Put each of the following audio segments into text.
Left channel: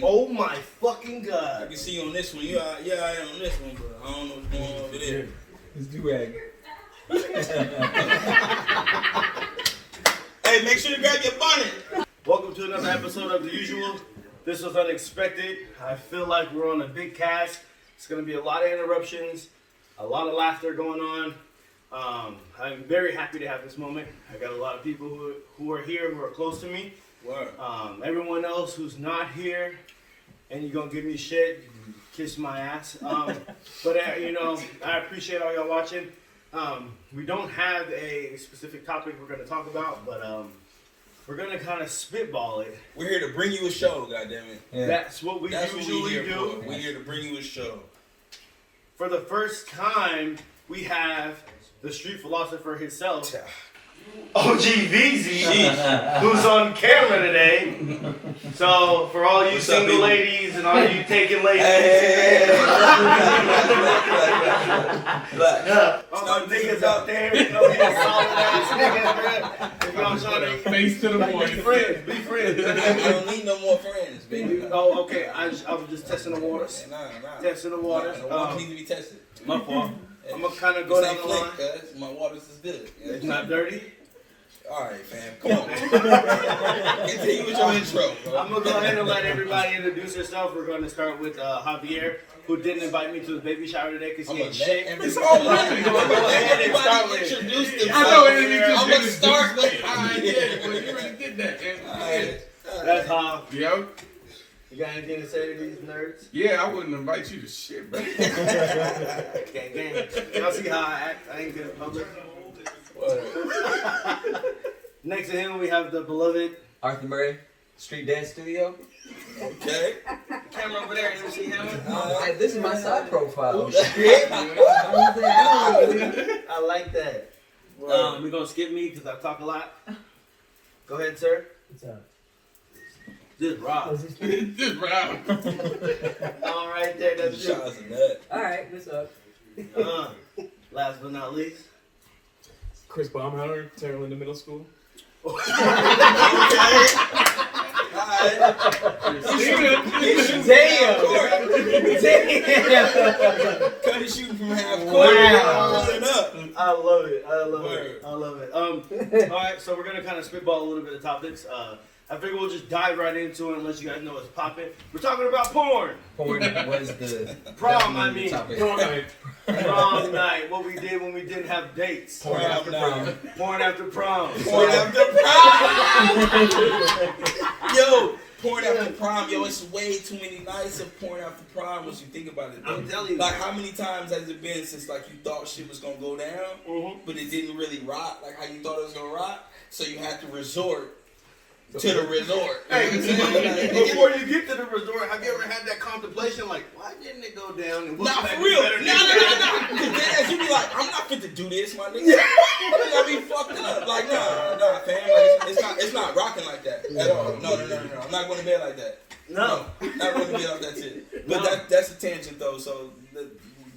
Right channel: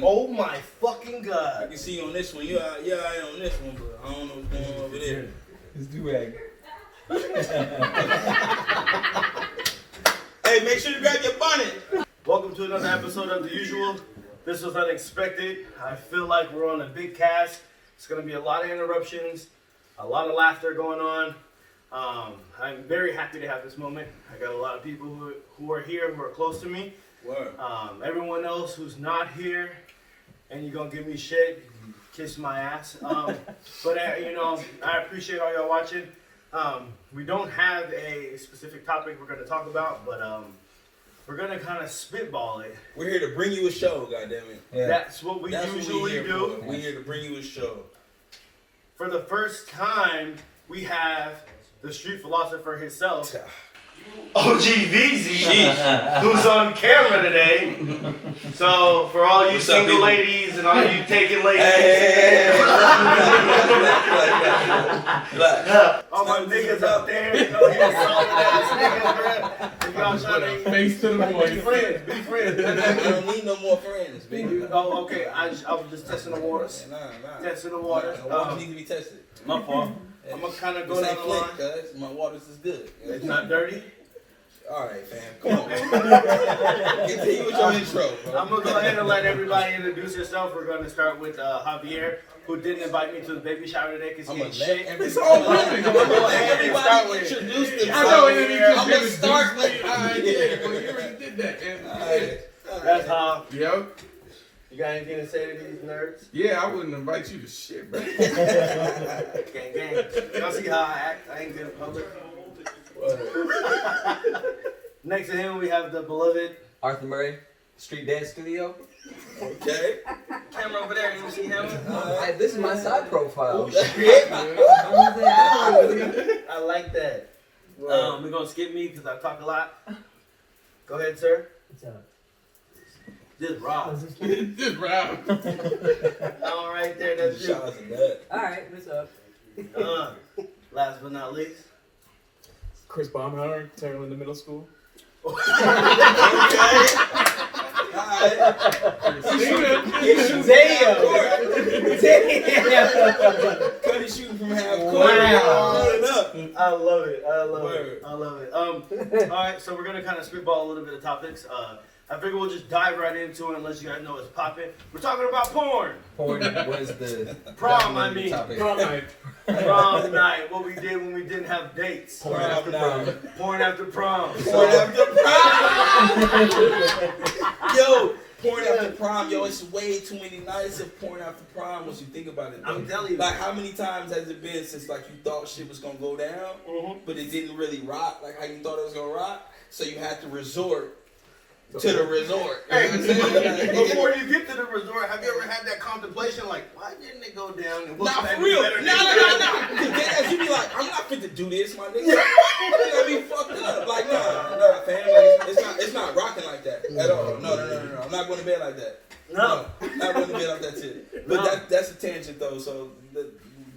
Oh my fucking god. I can see you on this one. Yeah, I am on this one, but I don't know what's going on over there. It's do-rag. Hey, make sure to grab your bonnet. Welcome to another episode of The Usual. This was unexpected. I feel like we're on a big cast. It's going to be a lot of interruptions, a lot of laughter going on. I'm very happy to have this moment. I got a lot of people who are here, who are close to me. Word. Everyone else who's not here, and you're going to give me shit, kiss my ass. But I appreciate all y'all watching. We don't have a specific topic we're going to talk about, but we're going to kind of spitball it. We're here to bring you a show, goddammit. Yeah. That's what we usually do. We're here to bring you a show. For the first time, we have the street philosopher himself, OG VZ, who's on camera today. So for all you single ladies and all you taken ladies, all my niggas out there, you know, these solid ass niggas, man. If y'all trying to Face to the point. be friends. I don't need no more friends, baby. Oh, okay. I was just testing the waters. Nah. Testing the waters. The waters need to be tested. My fault. I'm gonna kind of go It's down not the line. clean, cuz my waters is good. It's not dirty. Alright, fam. Come on, man. Continue with your intro, bro. I'm gonna go ahead and let everybody introduce herself. We're gonna start with Javier, who didn't invite me to the baby shower today because he ain't shit. It's all good. I'm gonna let everybody introduce themselves. I know, and then you I'm gonna start like, alright, yeah, well, you already did that. Alright. That's how. Yo, You got anything to say to these nerds? yeah, I wouldn't invite you to shit, bro. Gang. Y'all see how I act? I ain't good in public. Next to him, we have the beloved Arthur Murray, Street Dance Studio. Okay. camera over there. You see him? This is my side profile. I like that. We're gonna skip me because I talk a lot. Go ahead, sir. What's up? This is Rob. Just Rob. All right, there. That's you. Shout out to that. Alright, what's up? Last but not least. Chris Baumhauer, Terrell in the middle school. Cuddy shooting from half court. Wow. Pulling up. I love it. Word. All right, so we're gonna kind of spitball a little bit of topics. I figure we'll just dive right into it and let you guys know it's popping. We're talking about porn. Porn was the Prom, I mean. topic. Prom night. What we did when we didn't have dates. Porn after prom. Porn after prom. Porn after prom. Yo, porn after prom. Yo, it's way too many nights of porn after prom once you think about it. I'm telling you. Like, how many times has it been since, like, you thought shit was gonna go down, but it didn't really rock like how you thought it was gonna rock, so you had to resort to the resort. Hey, You know what I'm saying? before you get to the resort, have you ever had that contemplation, like, why didn't it go down? And Nah, could I for do real. better No. next time? Because then as you be like, I'm not fit to do this, my nigga. I be fucked up. Like, nah, fam. Like, it's not rocking like that at all. No. I'm not going to bed like that. No. Not going to bed like that too. But No. that's a tangent though. So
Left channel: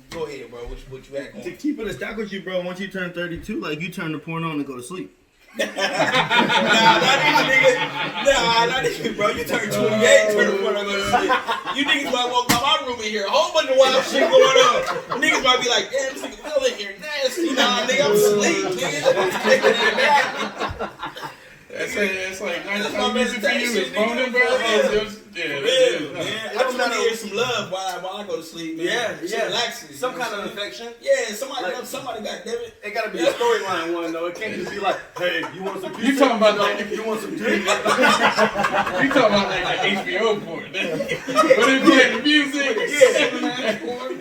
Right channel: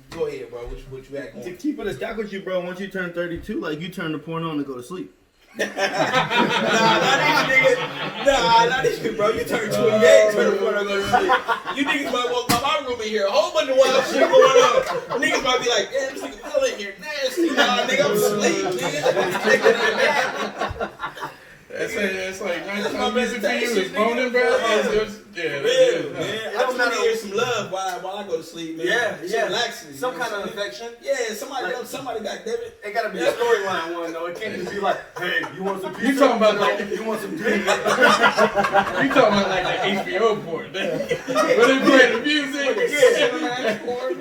go ahead, bro. What you got To going? keep it a stack with you, bro, once you turn 32, like, you turn the porn on and go to sleep. Nah, not these niggas, bro. You turn 28, turn the corner, go to sleep. You niggas might walk by my room in here, a whole bunch of wild shit going on. Niggas might be like, damn, this nigga fell in here nasty. Nah, nigga, I'm asleep, nigga. It's like That's my 19 music meditation, videos, boning, bro. Real, man. I just want to hear some love while I go to sleep, man. Yeah. Relaxing. Some kind of affection. Yeah, somebody Like- love somebody, goddammit. It gotta be a storyline one, though. It can't just be like, hey, you want some pizza? You talking about like You want some dick? you talking about like HBO porn? When you play the music,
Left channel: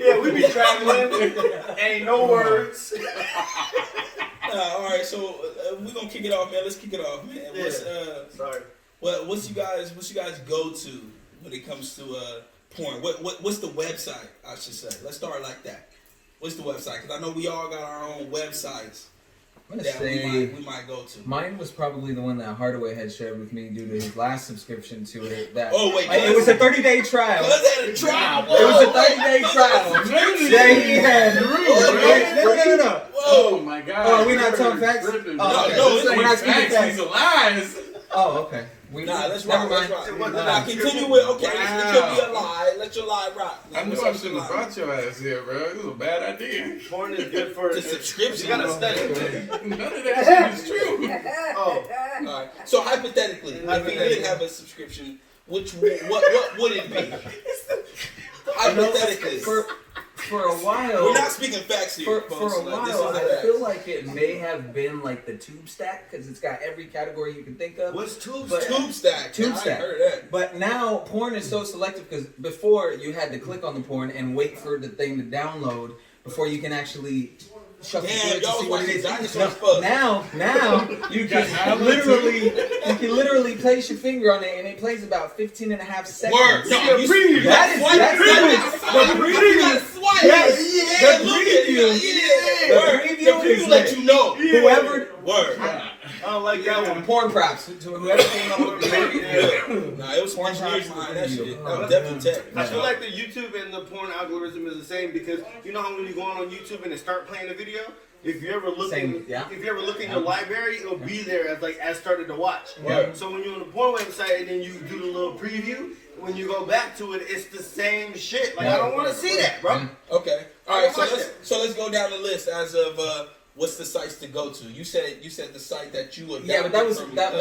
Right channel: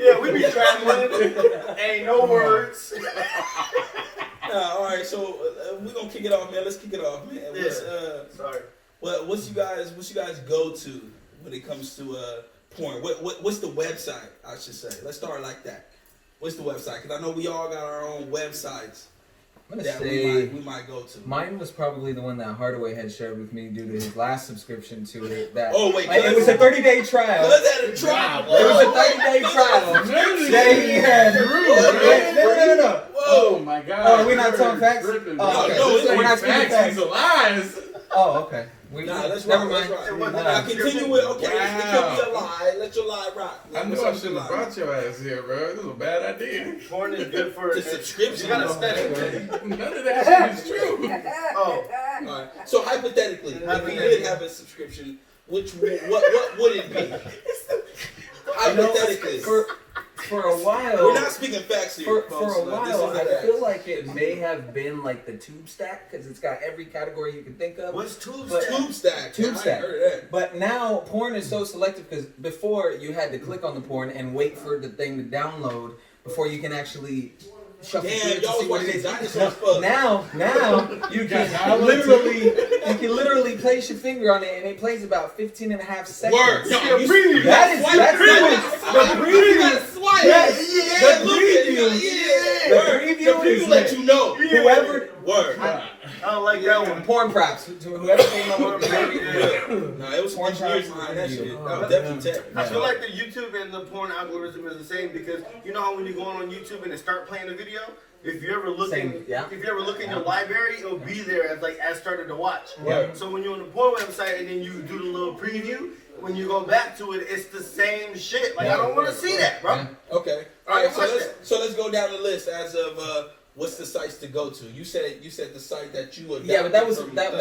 Yeah, we be traveling. Ain't no words. All right, so we're gonna kick it off, man. Let's kick it off, man. Yeah. Sorry. What's you guys go to when it comes to porn? What's the website? I should say. Let's start like that. What's the website? Because I know we all got our own websites I'm gonna that say we might go to. mine was probably the one that Hardaway had shared with me due to his last subscription to it. That Oh, wait, it was a 30-day trial. Cuz had a trial. It was a 30-day trial that he had. No. Oh my God! Oh, we're not talking facts? Oh, okay. No, We're not speaking facts. facts. These are lies. Oh, okay. Nah, let's never rock. mind. Nah, continue with, okay, it could be a lie. Let your lie rock. I knew I shouldn't have brought your ass here, bro. This was a bad idea. Porn is good for The subscription. You gotta study it. None of that shit is true. Oh, Alright. So hypothetically, if we did have a subscription, what would it be? Hypothetically. For a while, We're not speaking facts here. for a while, I feel like it may have been like the tube stack because it's got every category you can think of. what's tube But- stack? Tube stack. Tube I ain't stack. heard of that. But now porn is so selective because before you had to click on the porn and wait for the thing to download before you can actually shuffle Damn, through it to y'all see what it watching is. dinosaurs fuck. Now you can literally place your finger on it and it plays about 15 and a half seconds. Word. No, Yeah, you preview. That's the preview. Yes, the preview let you know. whoever. Word. I don't like that one. Porn props to whoever came up with the preview. Nah, it was Porn engineers props behind that for shit. video. That was definitely tech. I feel like the YouTube and the porn algorithm is the same because you know how when you go on YouTube and it start playing a video, if you ever look Same, yeah. if you ever look in your library, it'll be there as started to watch. Yeah. So when you're on the porn website and then you do the little preview, when you go back to it, it's the same shit. Like I don't want to see that, bro. Okay. All right. Watch So let's go down the list as of what's the sites to go to. You said the site that you adopted. Yeah, but that was from that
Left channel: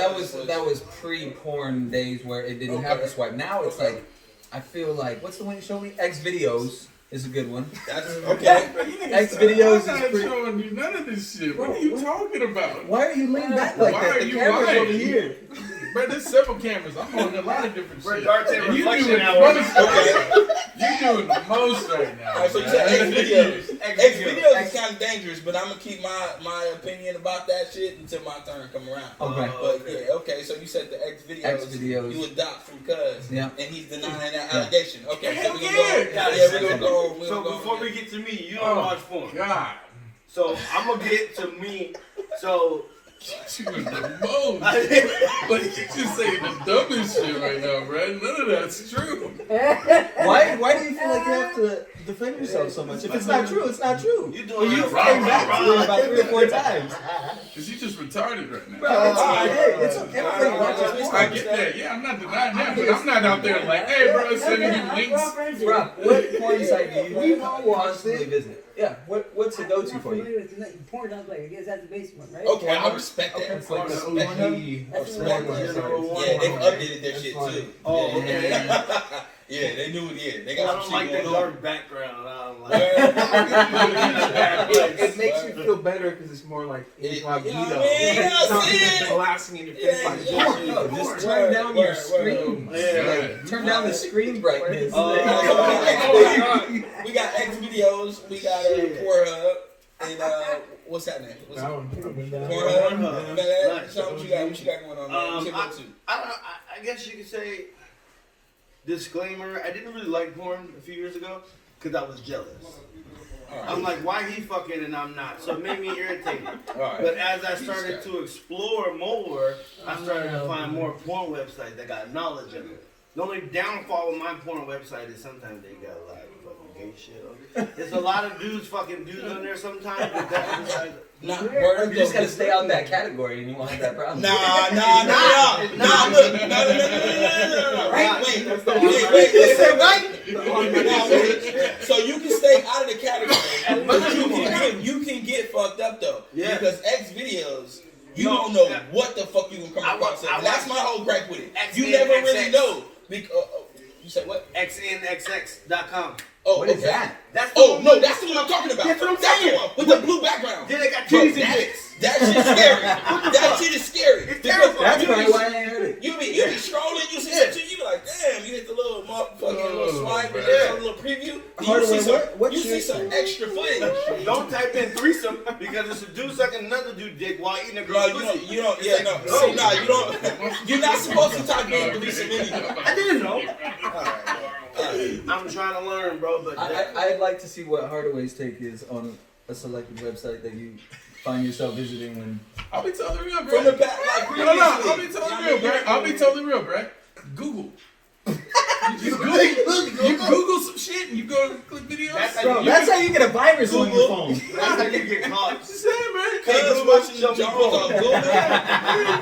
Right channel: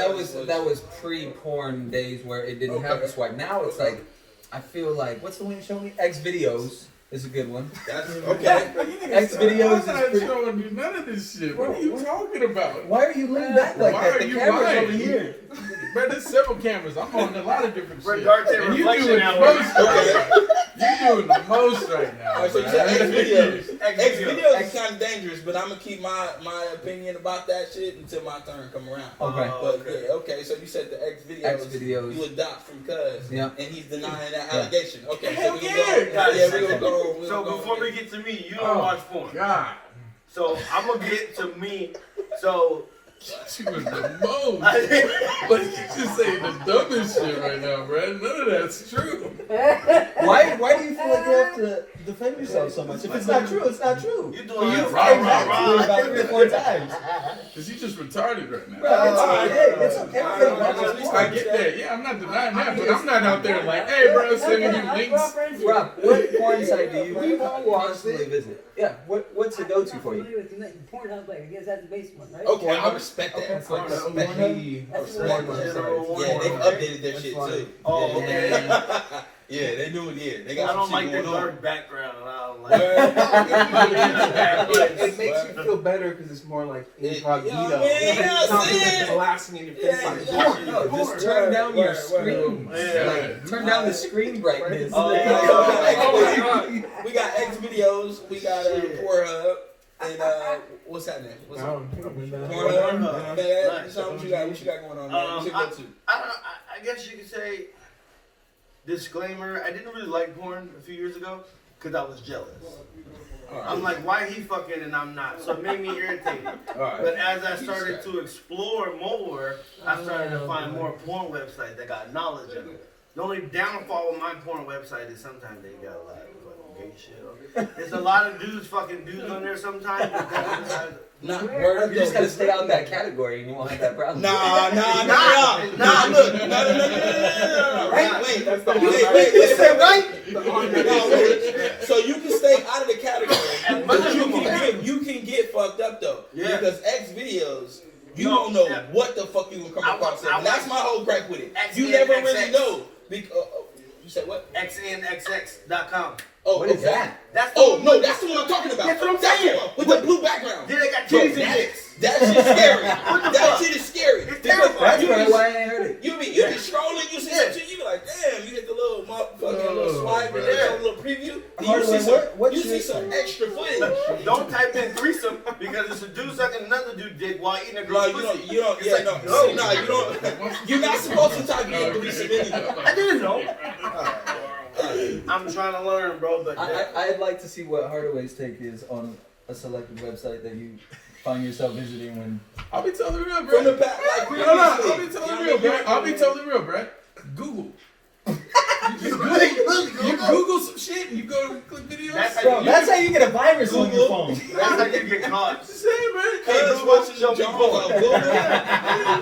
was pre-porn days where it didn't have the swipe. Now it's like, I feel like, what's the one you showed me? X videos is a good one. That's okay. X videos I'm not is pretty. showing you none of this shit. What are you talking about? Why are you leaning back like Why that? are The you camera's lying? over here. Bro, there's several cameras. I'm on a lot of different We're shit. dark and And you reflection doing now. the most right now. You doing the most right now. All right, so you man. said X videos. X X videos. videos is kind of dangerous, but I'm gonna keep my opinion about that shit until my turn come around. Okay. But yeah, okay. So you said the X videos. X videos. You adopt from Cuz. Yeah. And he's denying that allegation. Okay. Hell So we gonna yeah. go. Yeah, we're gonna go. We're So gonna go. before we get to me, you don't Oh, watch porn. God. So I'm gonna get to me. So She was the most. I did. But you just saying the dumbest shit right now, bro. None of that's true. Why do you feel like you have to defend yourself so much? If it's not true, it's not true. You doing You it right, came back right, to it right. about 3 or 4 times. Because you just retarded right now. Bro, it's okay. It's okay. Everybody watches I porn. get that. Yeah, I'm not denying that, but I'm not out there like, hey, bro, sending you links. Bro, what porn site do you constantly visit? Yeah, what's the go-to for you? Pornhub, like, I guess that's the basic one, right? Okay, I respect that. It's like I the respect Pornhub? that. I respect that. Yeah, they updated their shit too. Oh, Yeah. okay. Yeah, they knew it. Yeah, they I got don't some like shit the going on. dark background. I don't like. It makes you feel better because it's more like incognito. Yeah, man, It's not yeah. just blasting in your face. Yeah, like, yeah. porn. No, just turn down your screen. Yeah. Turn down the screen brightness. We got X videos. We got Pornhub. And what's that name? What's that? Pornhub. Pornhub. Man, Nice. so what you got going on, man? What's your go-to? I don't know. I guess you could say disclaimer. I didn't really like porn a few years ago because I was jealous. I'm like, why he fucking and I'm not? So it made me irritated. But as I started to explore more, I started to find more porn websites that got knowledge in them. The only downfall with my porn website is sometimes they got a lot of fucking gay shit on it. There's a lot of fucking dudes on there sometimes. But that's Not word. You just gotta stay out of that category and you won't have that problem. Nah, look. No. Wait. You said right? Nah, wait. So you can stay out of the category, but you can get fucked up though. Yeah. Because X videos, you No, don't know yeah. what the fuck you gonna come across. I And that's watch my whole gripe with it. X You and never XX. really know. You said what? xnxx.com. Oh, What is okay. that? That's the Oh one no, that's the one I'm talking about. That's what I'm That's the saying. one with the blue background. Then they got Bro, titties and that- dicks. That shit's scary. the That fuck? shit is scary. It's Because terrifying. That's you probably be- why I ain't heard it. You be scrolling, you see some shit, you be like, damn, you hit the little motherfucking little swipe and there's a little preview. And you see some, you see some extra footage. Don't type in threesome because it's a dude sucking another dude dick while eating a Bro, girl's you pussy. don't, It's yeah, like, no, no. see, nah, you don't, you're not supposed to type in threesome anyway. I didn't know. I'm trying to learn, bro, but I'd like to see what Hardaway's take is on a selected website that you find yourself visiting when. I'll be telling you real, bro. From the back, like previously. No, I'll be telling you real, bro. I'll be telling you real, bro. Google. You just Google some shit and you go to click videos. That's how Bro, that's how you get a virus on your phone. that's how you get caught. Just saying, man. Hey, Google watching show me Jaws porn. on Google.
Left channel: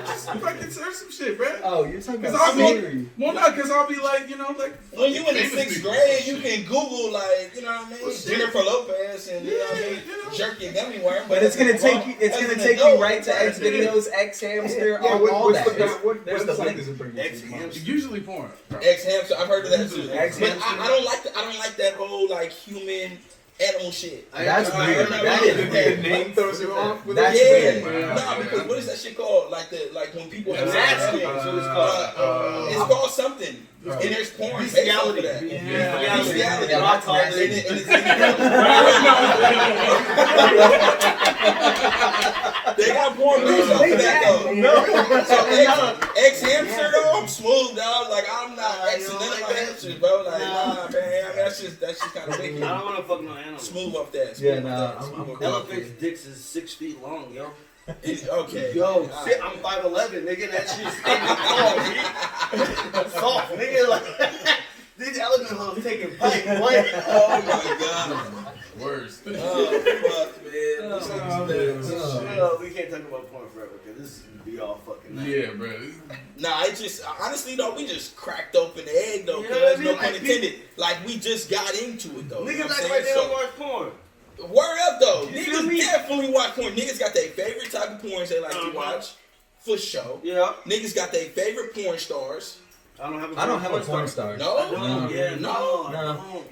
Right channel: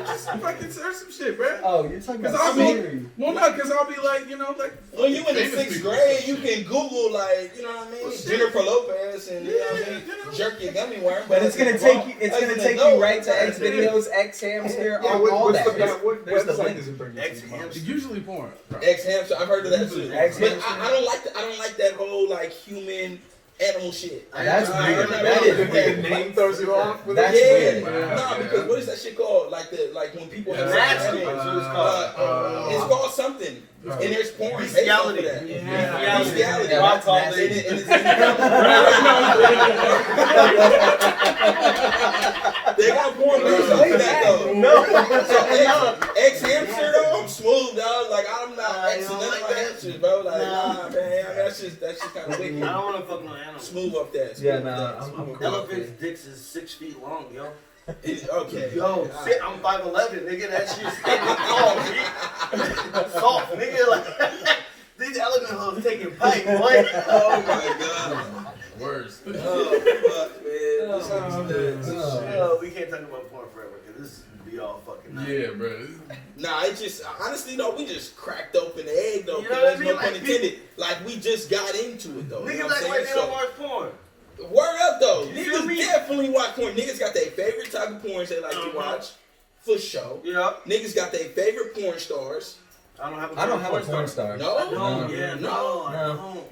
Just fucking search some shit, bro. Oh, you're talking Cause about I'll be, Siri. well, not because I'll be like, you know, like When you in the famous 6th people. grade, you can Google like, you know what I mean, Well, shit. Jennifer Lopez and you know what I mean, jerk your gummy worm. But it's gonna as take an you. It's adult- gonna as an take adult, you right to X Yeah. videos, X hamster, all what's that. what There's the website link. does it bring you X to? hamster. Usually porn. Right. X hamster. I've heard of that too. X But hamster. I don't like I don't like that whole like human animal shit. That's I weird. never That did is that. The name throws you off. With That's it? Yeah, weird. nah, because what is that shit called? Like when people have Nasty. sex. That's what it's called. It's called something. And there's porn based off of that. Bestiality. Bestiality. Yeah, that's called nasty. And it- they got porn based off of that though. No. So X hamster though, I'm smooth dog. Like I'm not X you and don't none like of my that? hamsters, bro. Like nah, man. I mean, that's just kind of I wicked. don't want to fuck no animal. Smooth up that. Yeah, Smooth nah, up that, I'm smooth cool. up that. Elephant's dicks is 6 feet long, yo. Okay. Yo, shit, I'm 5'11", nigga. That shit's standing tall, G. Soft, nigga. Like, these elephant hoes taking pipe, boy. Oh my god. Worst. Oh fuck, man. We can't talk about porn forever because this is be all fucking night. Yeah, bro. Nah, it just honestly though, we just cracked open the egg though, You know what I cuz mean? no Like, pun intended. Like we just got into it though. You know Niggas what act I'm like saying? they don't watch porn. Word up though. You feel Niggas me? definitely watch porn. Niggas got their favorite type of porn they like to watch. For sure. Yeah. Niggas got their favorite porn stars. I don't have a I don't have a porn star. No? I don't. No. Yeah, no. I No. don't.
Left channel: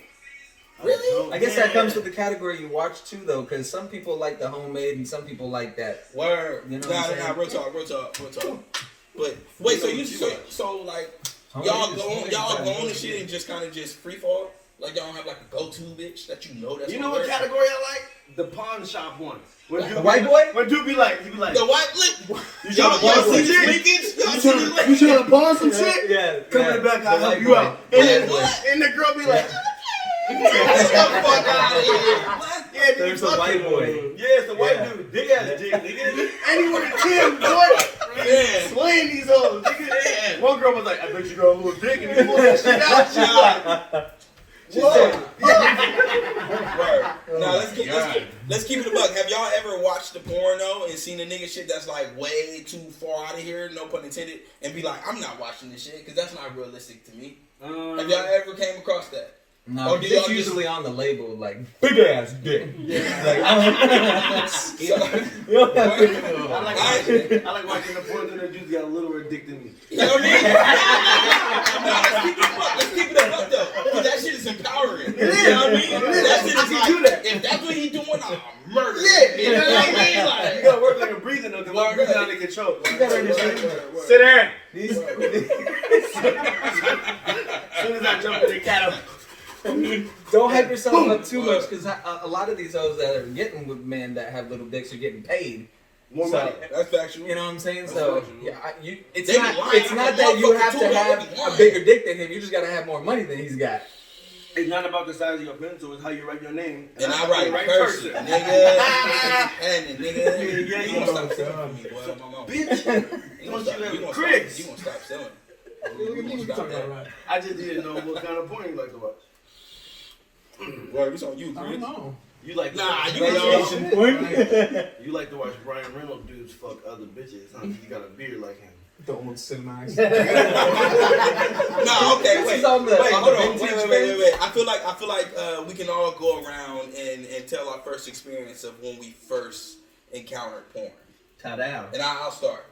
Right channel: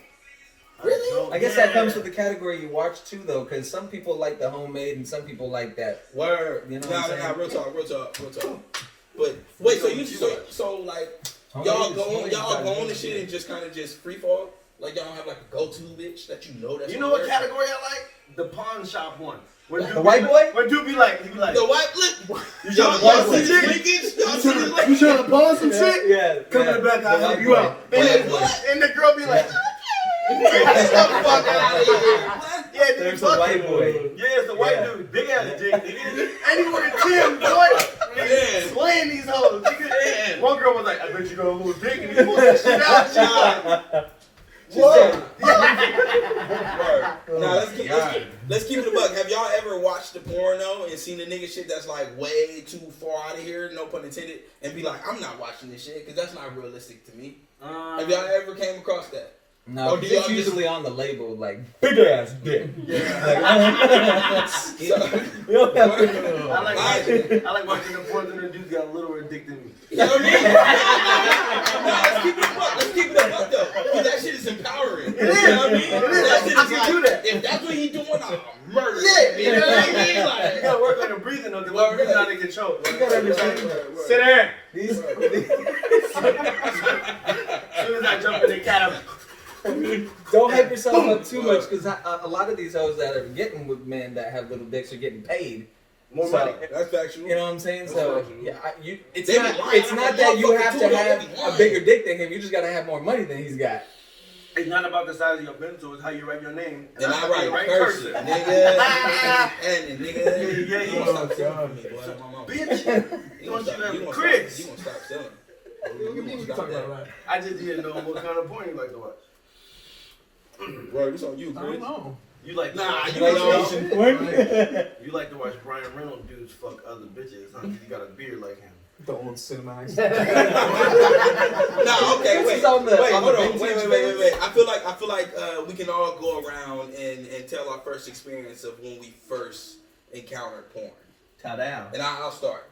Really? I guess that comes with the category you watch too, though, because some people like the homemade and some people like that. Word. You know what I'm saying? Nah, real talk. But wait, so like y'all go on and shit and just kind of just free fall? Like y'all don't have like a go-to bitch that you know that's You know what category I like? The pawn shop one. When The white boy? When dude be like, he be like, The white lip. y'all see see this this? linkage? Y'all see this linkage? You trying to pawn some shit? Yeah. Come in the back, I'll help you out. White And boy. the girl be like, get the fuck out of here. Yeah, dude, There's fuck a white him. boy. Yeah, it's the white Yeah. dude. Big ass dick, nigga. And he wearing Tim, boy. Yeah. Slaying these hoes, nigga. One girl was like, I bet you got a little dick. And he pulled that shit out. She was like, whoa. Now let's keep it a buck. Have y'all ever watched the porno and seen a nigga shit that's like way too far out of here, no pun intended, and be like, I'm not watching this shit because that's not realistic to me. Have y'all ever came across that? No, Or do it's y'all usually on the label, like, big ass dick. I Right. like watching the porn and the dudes got a littler dick than me. You know what I mean? No, let's keep it a buck. Let's keep it a buck though, because that shit is empowering. It is. You know what I mean? It is. That shit I is can like, do that. if that's what he doing, I'm murder. Yeah, You know what I mean? You Like, gotta work like a breathing though, because we're breathing out of control. You gotta understand. Sit there. These, As soon as I jump in the cat, don't hype yourself up too much, because a lot of these hoes that are getting with men that have little dicks are getting paid. more So, money. That's factual. You know what I'm saying? So yeah, it's They be not lying. it's not that you have to Motherfucker, have too, a bigger dick than him. You just gotta have more money than he's got. It's not about the size of your pencil, it's how you write your name. And I I'm write the right person, person. nigga. And nigga. Yeah, You you gonna know. stop selling for me, boy. My mama. Bitch, You don't you have gonna Chris? You gonna stop selling. What you talking about, right? I just didn't know what kind of porn you like to watch. Word, it's on you, I Chris. don't know. You like to Nah, watch, you know. you like to watch Brian Reynolds dudes fuck other bitches, huh? You got a beard like him. Don't want cinemax. Nah, okay, This wait. is on the- Wait, on hold the on. vintage Wait. I feel like we can all go around and tell our first experience of when we first encountered porn. Cow down. And I'll start.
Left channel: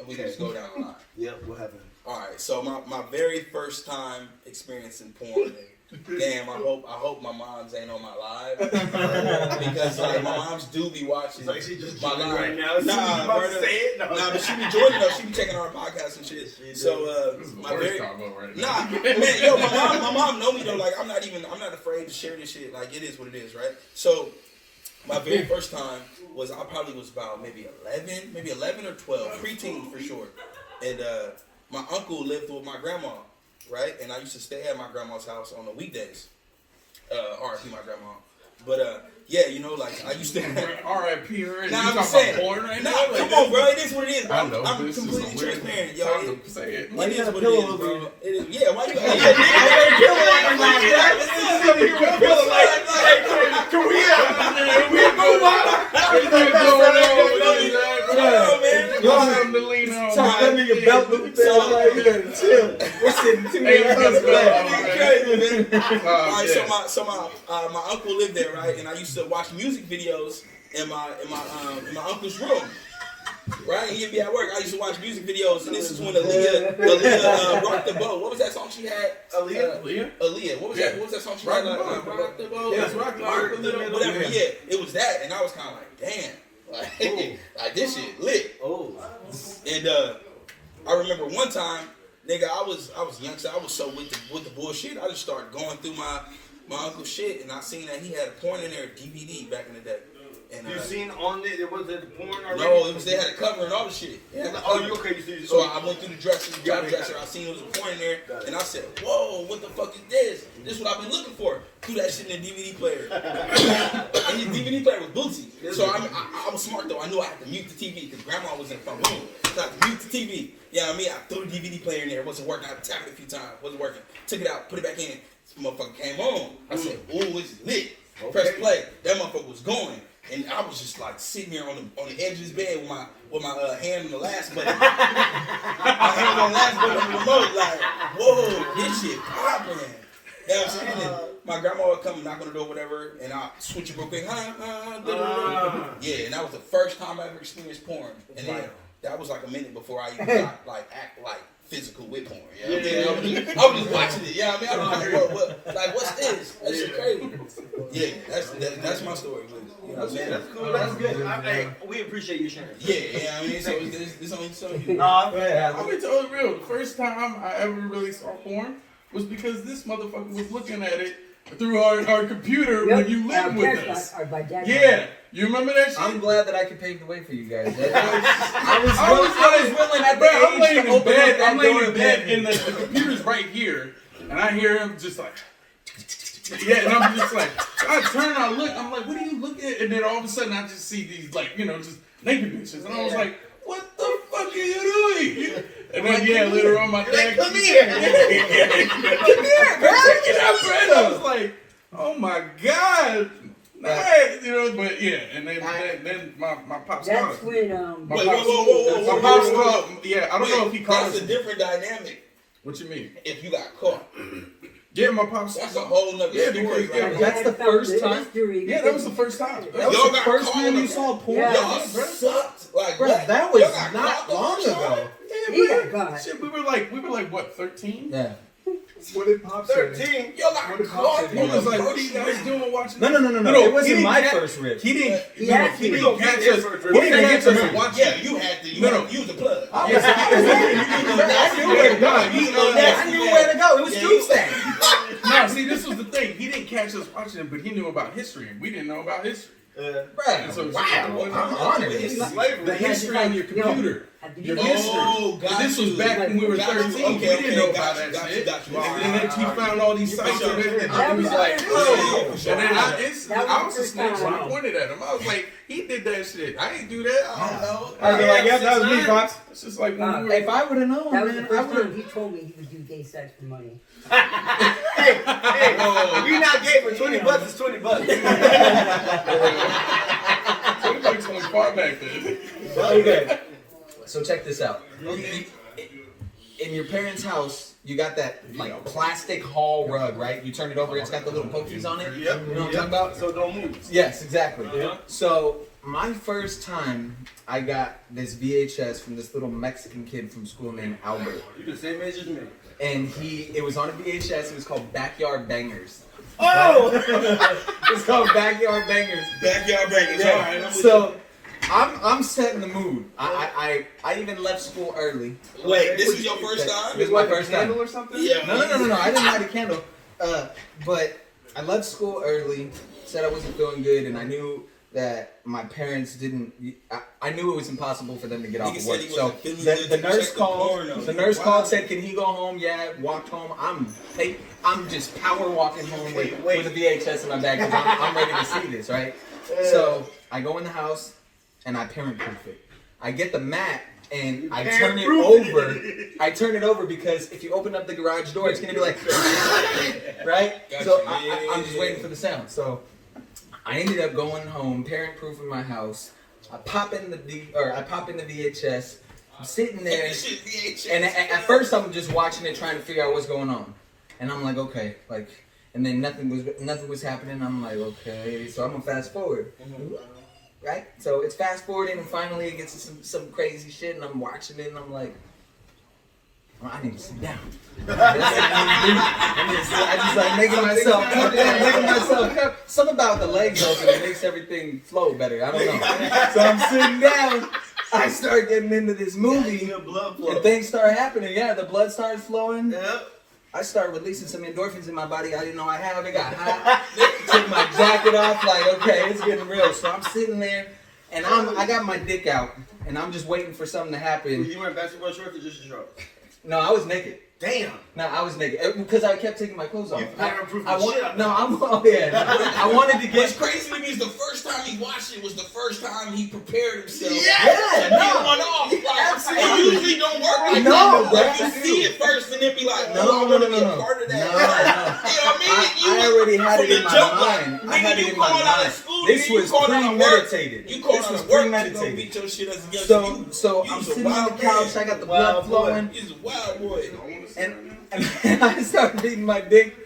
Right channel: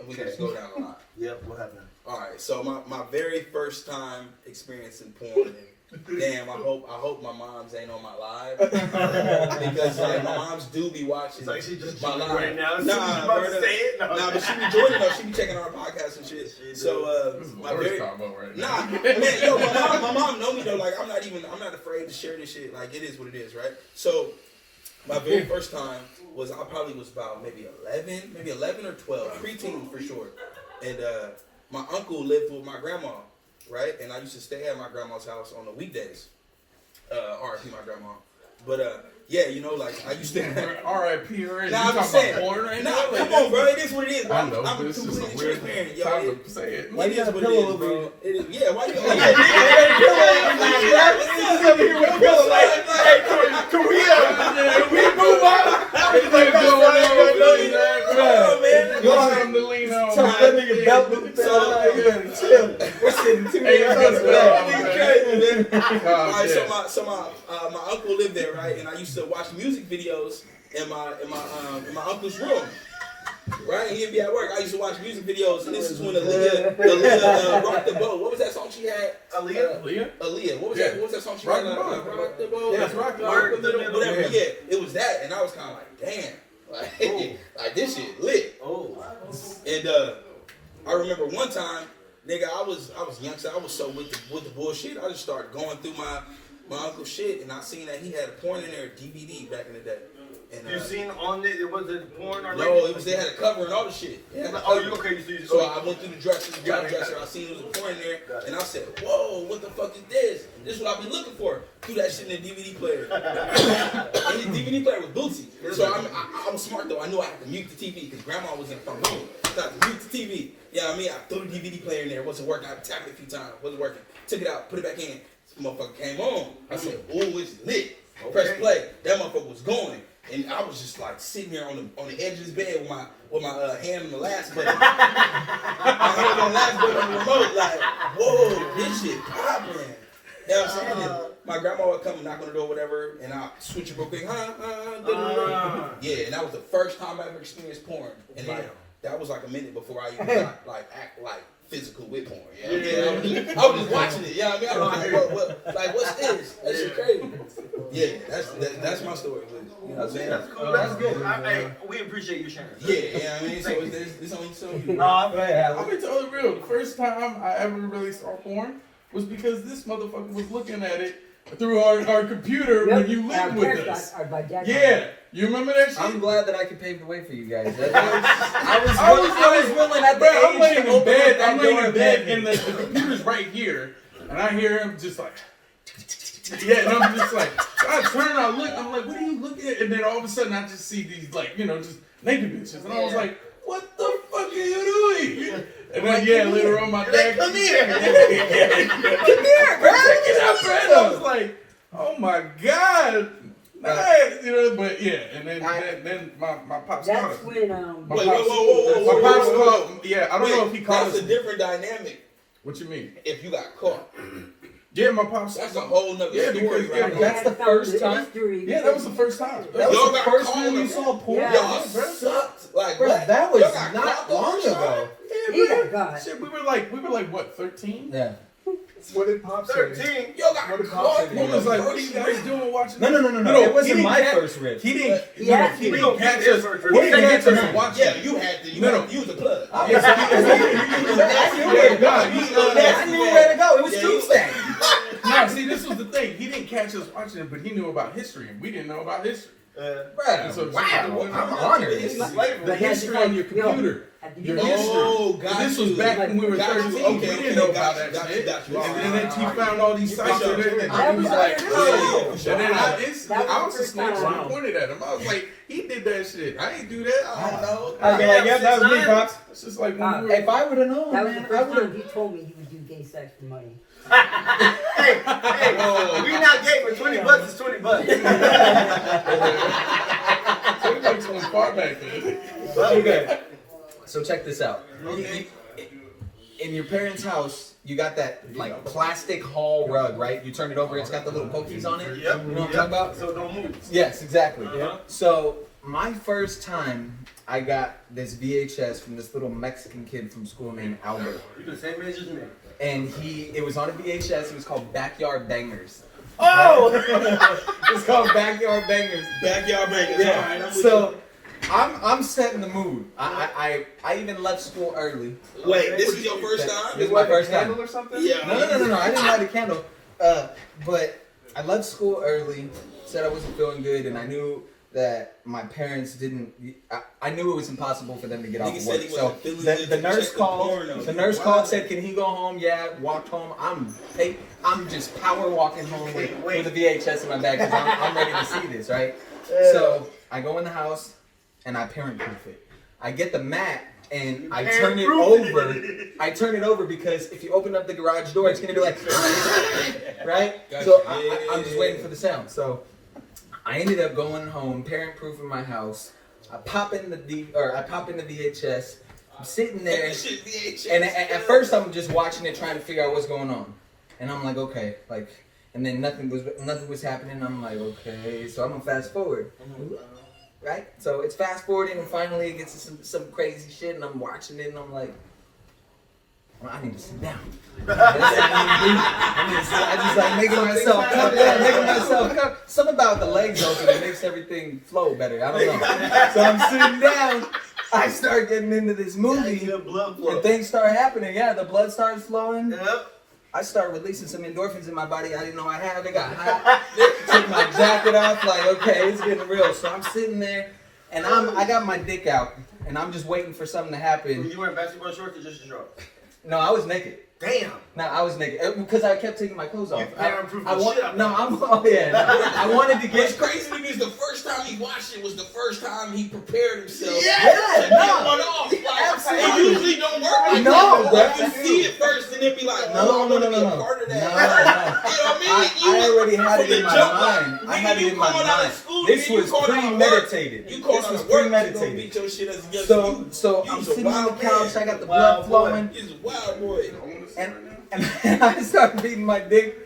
And we can just go down the line. Yep, what happened? All right, so my very first time experiencing porn, and damn, I hope my mom's ain't on my live because like my moms do be watching. It's like she just my joined live. right now. She's Nah, about brother. to say it. No. Nah, but she be joining us. She be checking our podcast and shit. So This is the my worst very combo right now. nah, man, yo, my mom know me though. Like I'm not afraid to share this shit. Like it is what it is, right? So my very first time was I probably was about maybe 11 or 12, preteen for sure, and my uncle lived with my grandma, right? And I used to stay at my grandma's house on the weekdays. R.I.P. my grandma. But yeah, you know, like I used to. R.I.P. already. Nah, You I'm talking saying. about porn right Nah, now? come on, bro. It is what it is. I know, I'm but it's just completely a weird transparent. Yo, time to say it. Why it you got is a what pillow it is, over bro. you? It is, yeah, why you? Oh, Pillow here with pillow. Hey, can we move on? Everything going on. belt loop. Chill. We're sitting 2 Hey, days let's after go. that. Crazy, man. Oh, All right, yeah. so my uncle lived there, right? And I used to watch music videos in my uncle's room. Right, he'd be at work. I used to watch music videos, and this is when Aaliyah rocked the boat. What was that song she had? Aaliyah? Aaliyah. What was that? What was that song she Rock had? the boat. Rock the boat. Yeah, it's rock the boat. Whatever. Yeah, it was that, and I was kind of like, damn, like this shit lit. Oh. And I remember one time, nigga, I was young, so I was so with the bullshit. I just started going through my uncle's shit, and I seen that he had a porn in there, DVD back in the day. And You seen on it? Was it porn or? no, it was they had a cover and all the shit. Oh, you okay? You see? So I went through the dresser, I seen it was a porn in there, and I said, "Whoa, what the fuck is this? This is what I've been looking for." Threw that shit in the DVD player, and his DVD player was Bootsy. So I was smart though. I knew I had to mute the TV because Grandma was in the phone room. So I had to mute the TV. You know what I mean? I threw the DVD player in there. It wasn't working. I tapped it a few times. Wasn't working. Took it out, put it back in. This motherfucker came on. I said, "Ooh, it's lit." Press play. That motherfucker was going. And I was just like sitting here on the edge of his bed with my hand on the last button. My hand on the last button on the remote, like, whoa, this shit popping. You know what I'm saying? And my grandma would come and knock on the door, whatever, and I switch it real quick. Yeah, and that was the first time I ever experienced porn. And then that was like a minute before I even got like act like physical with porn. You know what I mean? I was just watching it. You know what I mean? I was like, what's this? That shit crazy. Yeah, that's my story. You know what I'm saying? That's cool. That's good. We appreciate you sharing. Yeah, you know what I mean? So it's only so you. Go ahead, I'll be totally real. The first time I ever really saw porn was because this motherfucker was looking at it through our computer when you lived with us. Yeah, you remember that shit? I'm glad that I could pave the way for you guys. I was willing at the I'm laying age to in open bed. up that I'm laying door in of bed, heaven. and the computer's right here, and I hear him just like, yeah, and I'm just like, I turn, I look, I'm like, what are you looking at? And then all of a sudden, I just see these like, just naked bitches, and I was like, what the fuck are you doing? And then later on, my dad, come here. Come here, bro. I was like, oh my god. Nice, but yeah, and then my pops called That's us. when My Wait, pops, whoa. my pops called. Yeah, I don't know if he called That's us. a different dynamic What you mean? if you got caught. Yeah, my pops. That's a whole nother Yeah, story, because- right? That's the first time? Yeah, that was the first time. That was Y'all the got first caught time on you the- saw porn? Yeah. Y'all sucked. Like, Bro, what? that was Y'all got not caught on long the show? ago. He got caught. Shit, we were like what, 13? Yeah. What did Pop say? 13. Y'all got What did caught Pop say? He on was the like, what are first you guys night? doing watching? No. he It wasn't didn't my catch- first rip. He didn't. Yeah, He he didn't catch us. He didn't catch us watching. Yeah, you had to. You No. had to use the plug. I knew where to go. I knew where to go. It was Tuesday. No, see, this was the thing. He didn't catch us watching it, but he knew about history, and we didn't know about history. Bro, So- wow. I'm honored. The history on your computer. Your history. Oh, got This was you. back when we were Got you. 13. Okay, We didn't know about that got shit. you. And then he found all these sites on there, and That he was was- like, yeah, "Oh." for sure. And then I That was was the a snitch, first and I time. pointed at him. I was like, he did that shit. I ain't do that. I don't know. I'd be like, yep, that was me, Pops. It's just like when we were. If I would have known, That was the man, I first would time have. he told me he would do gay sex for money. Hey, we not gay for $20. It's $20. 20 bucks went far back then. Okay. So check this out. In your parents' house, you got that like plastic hall rug, right? You turn it over, it's got the little pokies on it. Yep. You know what I'm talking about? So don't move. Yes, exactly. Uh-huh. So my first time, I got this VHS from this little Mexican kid from school named Albert, You're the same age as me. and it was on a VHS. It was called Backyard Bangers. Oh! It's called Backyard Bangers. Backyard breakers. Yeah. All right, I'm with So I'm setting the mood. I even left school early. you. Wait, this is your first time? This is my first time. Candle or something? Yeah. No. I didn't light a candle. But I left school early. Said I wasn't feeling good, and I knew that my parents didn't. I knew it was impossible for them to get off Nigga of said work. he So wasn't feeling the good to nurse check the called. porn on The you. nurse Wow. called. Said, "Can he go home?" Yeah. Walked home. I'm just power walking home with a VHS in my bag because I'm ready to see this, right? So I go in the house and I parent proof it. I get the mat and I turn it over. I turn it over because if you open up the garage door, it's gonna be like, right? Gotcha. So I'm just waiting for the sound. So I ended up going home, parent proofing my house. I pop in the VHS, I'm sitting there, This shit VHS. and at first I'm just watching it, trying to figure out what's going on. And I'm like, okay, like, and then nothing was happening. I'm like, okay, so I'm gonna fast forward, right? So it's fast forwarding, and finally it gets to some crazy shit, and I'm watching it, and I'm like, well, I need to sit down. I just like making myself come. Something about the legs open, it makes everything flow better. I don't know. So I'm sitting down. I start getting into this movie, blood flow. and things start happening. Yeah, the blood starts flowing. Yep. I start releasing some endorphins in my body I didn't know I had. It got hot. Took my jacket off, like, okay, it's getting real. So I'm sitting there, and I got my dick out, and I'm just waiting for something to happen. You wearing basketball shorts or just a shorts? No, I was naked. Damn. No, I was naked because I kept taking my clothes off. You parent-proof the shit out of No, I'm. Oh yeah. I wanted to What's get. crazy to me is the first time he watched it was the first time he prepared himself. Yeah, to no. get one off. Like, Absolutely. it usually don't work like No, that. bro. Like, you see it first and then be like, No, I want to be no. a part of that. No. You know what I mean? I already had From it in the my jump, mind. like, I had nigga, it you in my called out of mind. school, This nigga, was you called out of work. premeditated. You called This out was of work to go premeditated. beat your shit as a young So dude. so You I'm was a sitting on the wild couch. man. I got the Wild blood flowing, He's a wild boy. and I started beating my dick.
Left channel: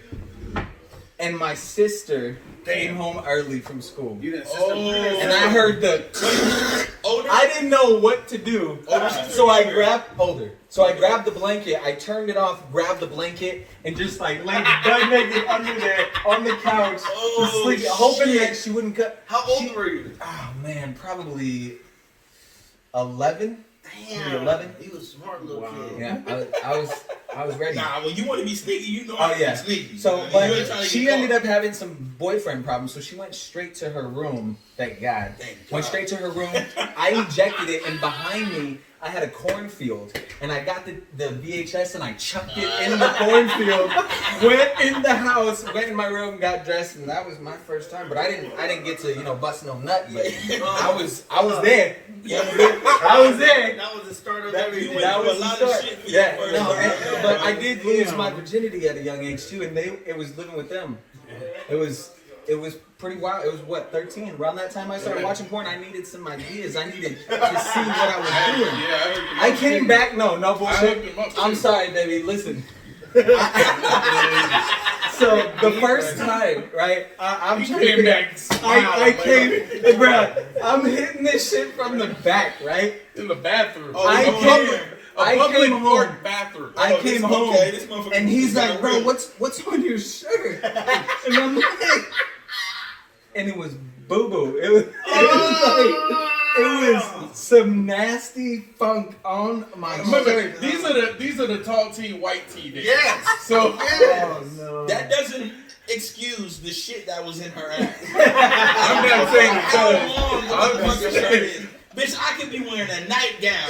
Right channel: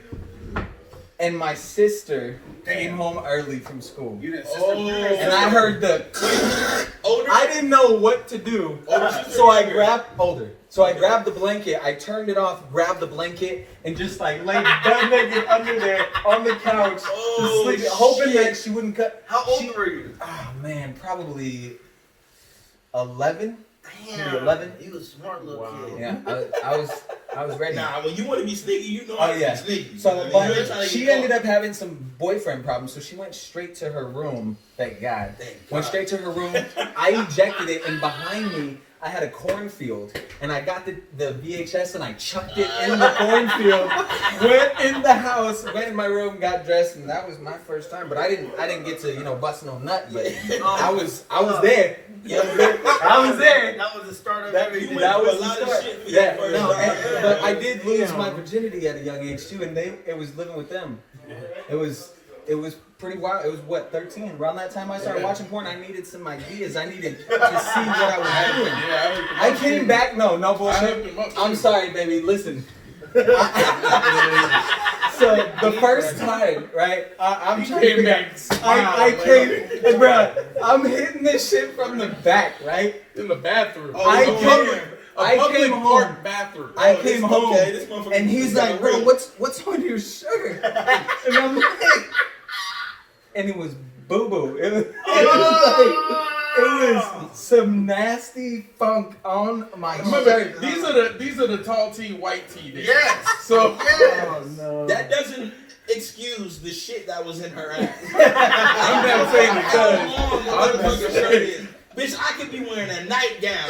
And my sister came home early from school. You didn't And I heard the. Older? I didn't know what to do. So I grabbed the blanket, I turned it off, grabbed the blanket, and just like laid butt naked under there on the couch, Oh, sleeping, hoping shit. that she wouldn't cut. How old were you? Oh man, probably 11. Damn. 11? You was a smart little kid. Yeah, I was ready. Nah, when you want to be sneaky, you know Oh how to yeah. be sneaky. So, You ain't but trying to she get ended caught. up having some boyfriend problems, so she went straight to her room. Thank God. Went straight to her room. I ejected it, and behind me, I had a cornfield, and I got the VHS and I chucked it in the cornfield. Went in the house, went in my room, got dressed, and that was my first time. But I didn't get to bust no nut, but I was there. I was there. That was the start of You everything. went That through was a the lot of start. shit for Yeah, your no, first time. but I did lose my virginity at a young age too, and it was living with them. It was pretty wild. It was what, 13? Around that time I started watching porn. I needed some ideas. I needed to see what I was doing. Yeah, I came back. No I hooked bullshit. him up, I'm too. sorry, baby. Listen. So the first time, right? I'm He trying to came think. back. I came, bro. I'm hitting this shit from the back, right? in the bathroom. I Oh, came. A I public came park home. bathroom. I Oh, came this- home, okay, this motherfucker and he's got like, "Bro, real." what's on your shirt?" And I'm like, and it was boo boo. It was some nasty funk on my Remember, shirt. these are the tall tee, white tee days. Yes. So Oh no! That doesn't excuse the shit that was in her ass. I'm not saying it How does. long the I'm just motherfucker shirt is. Bitch, I could be wearing a nightgown.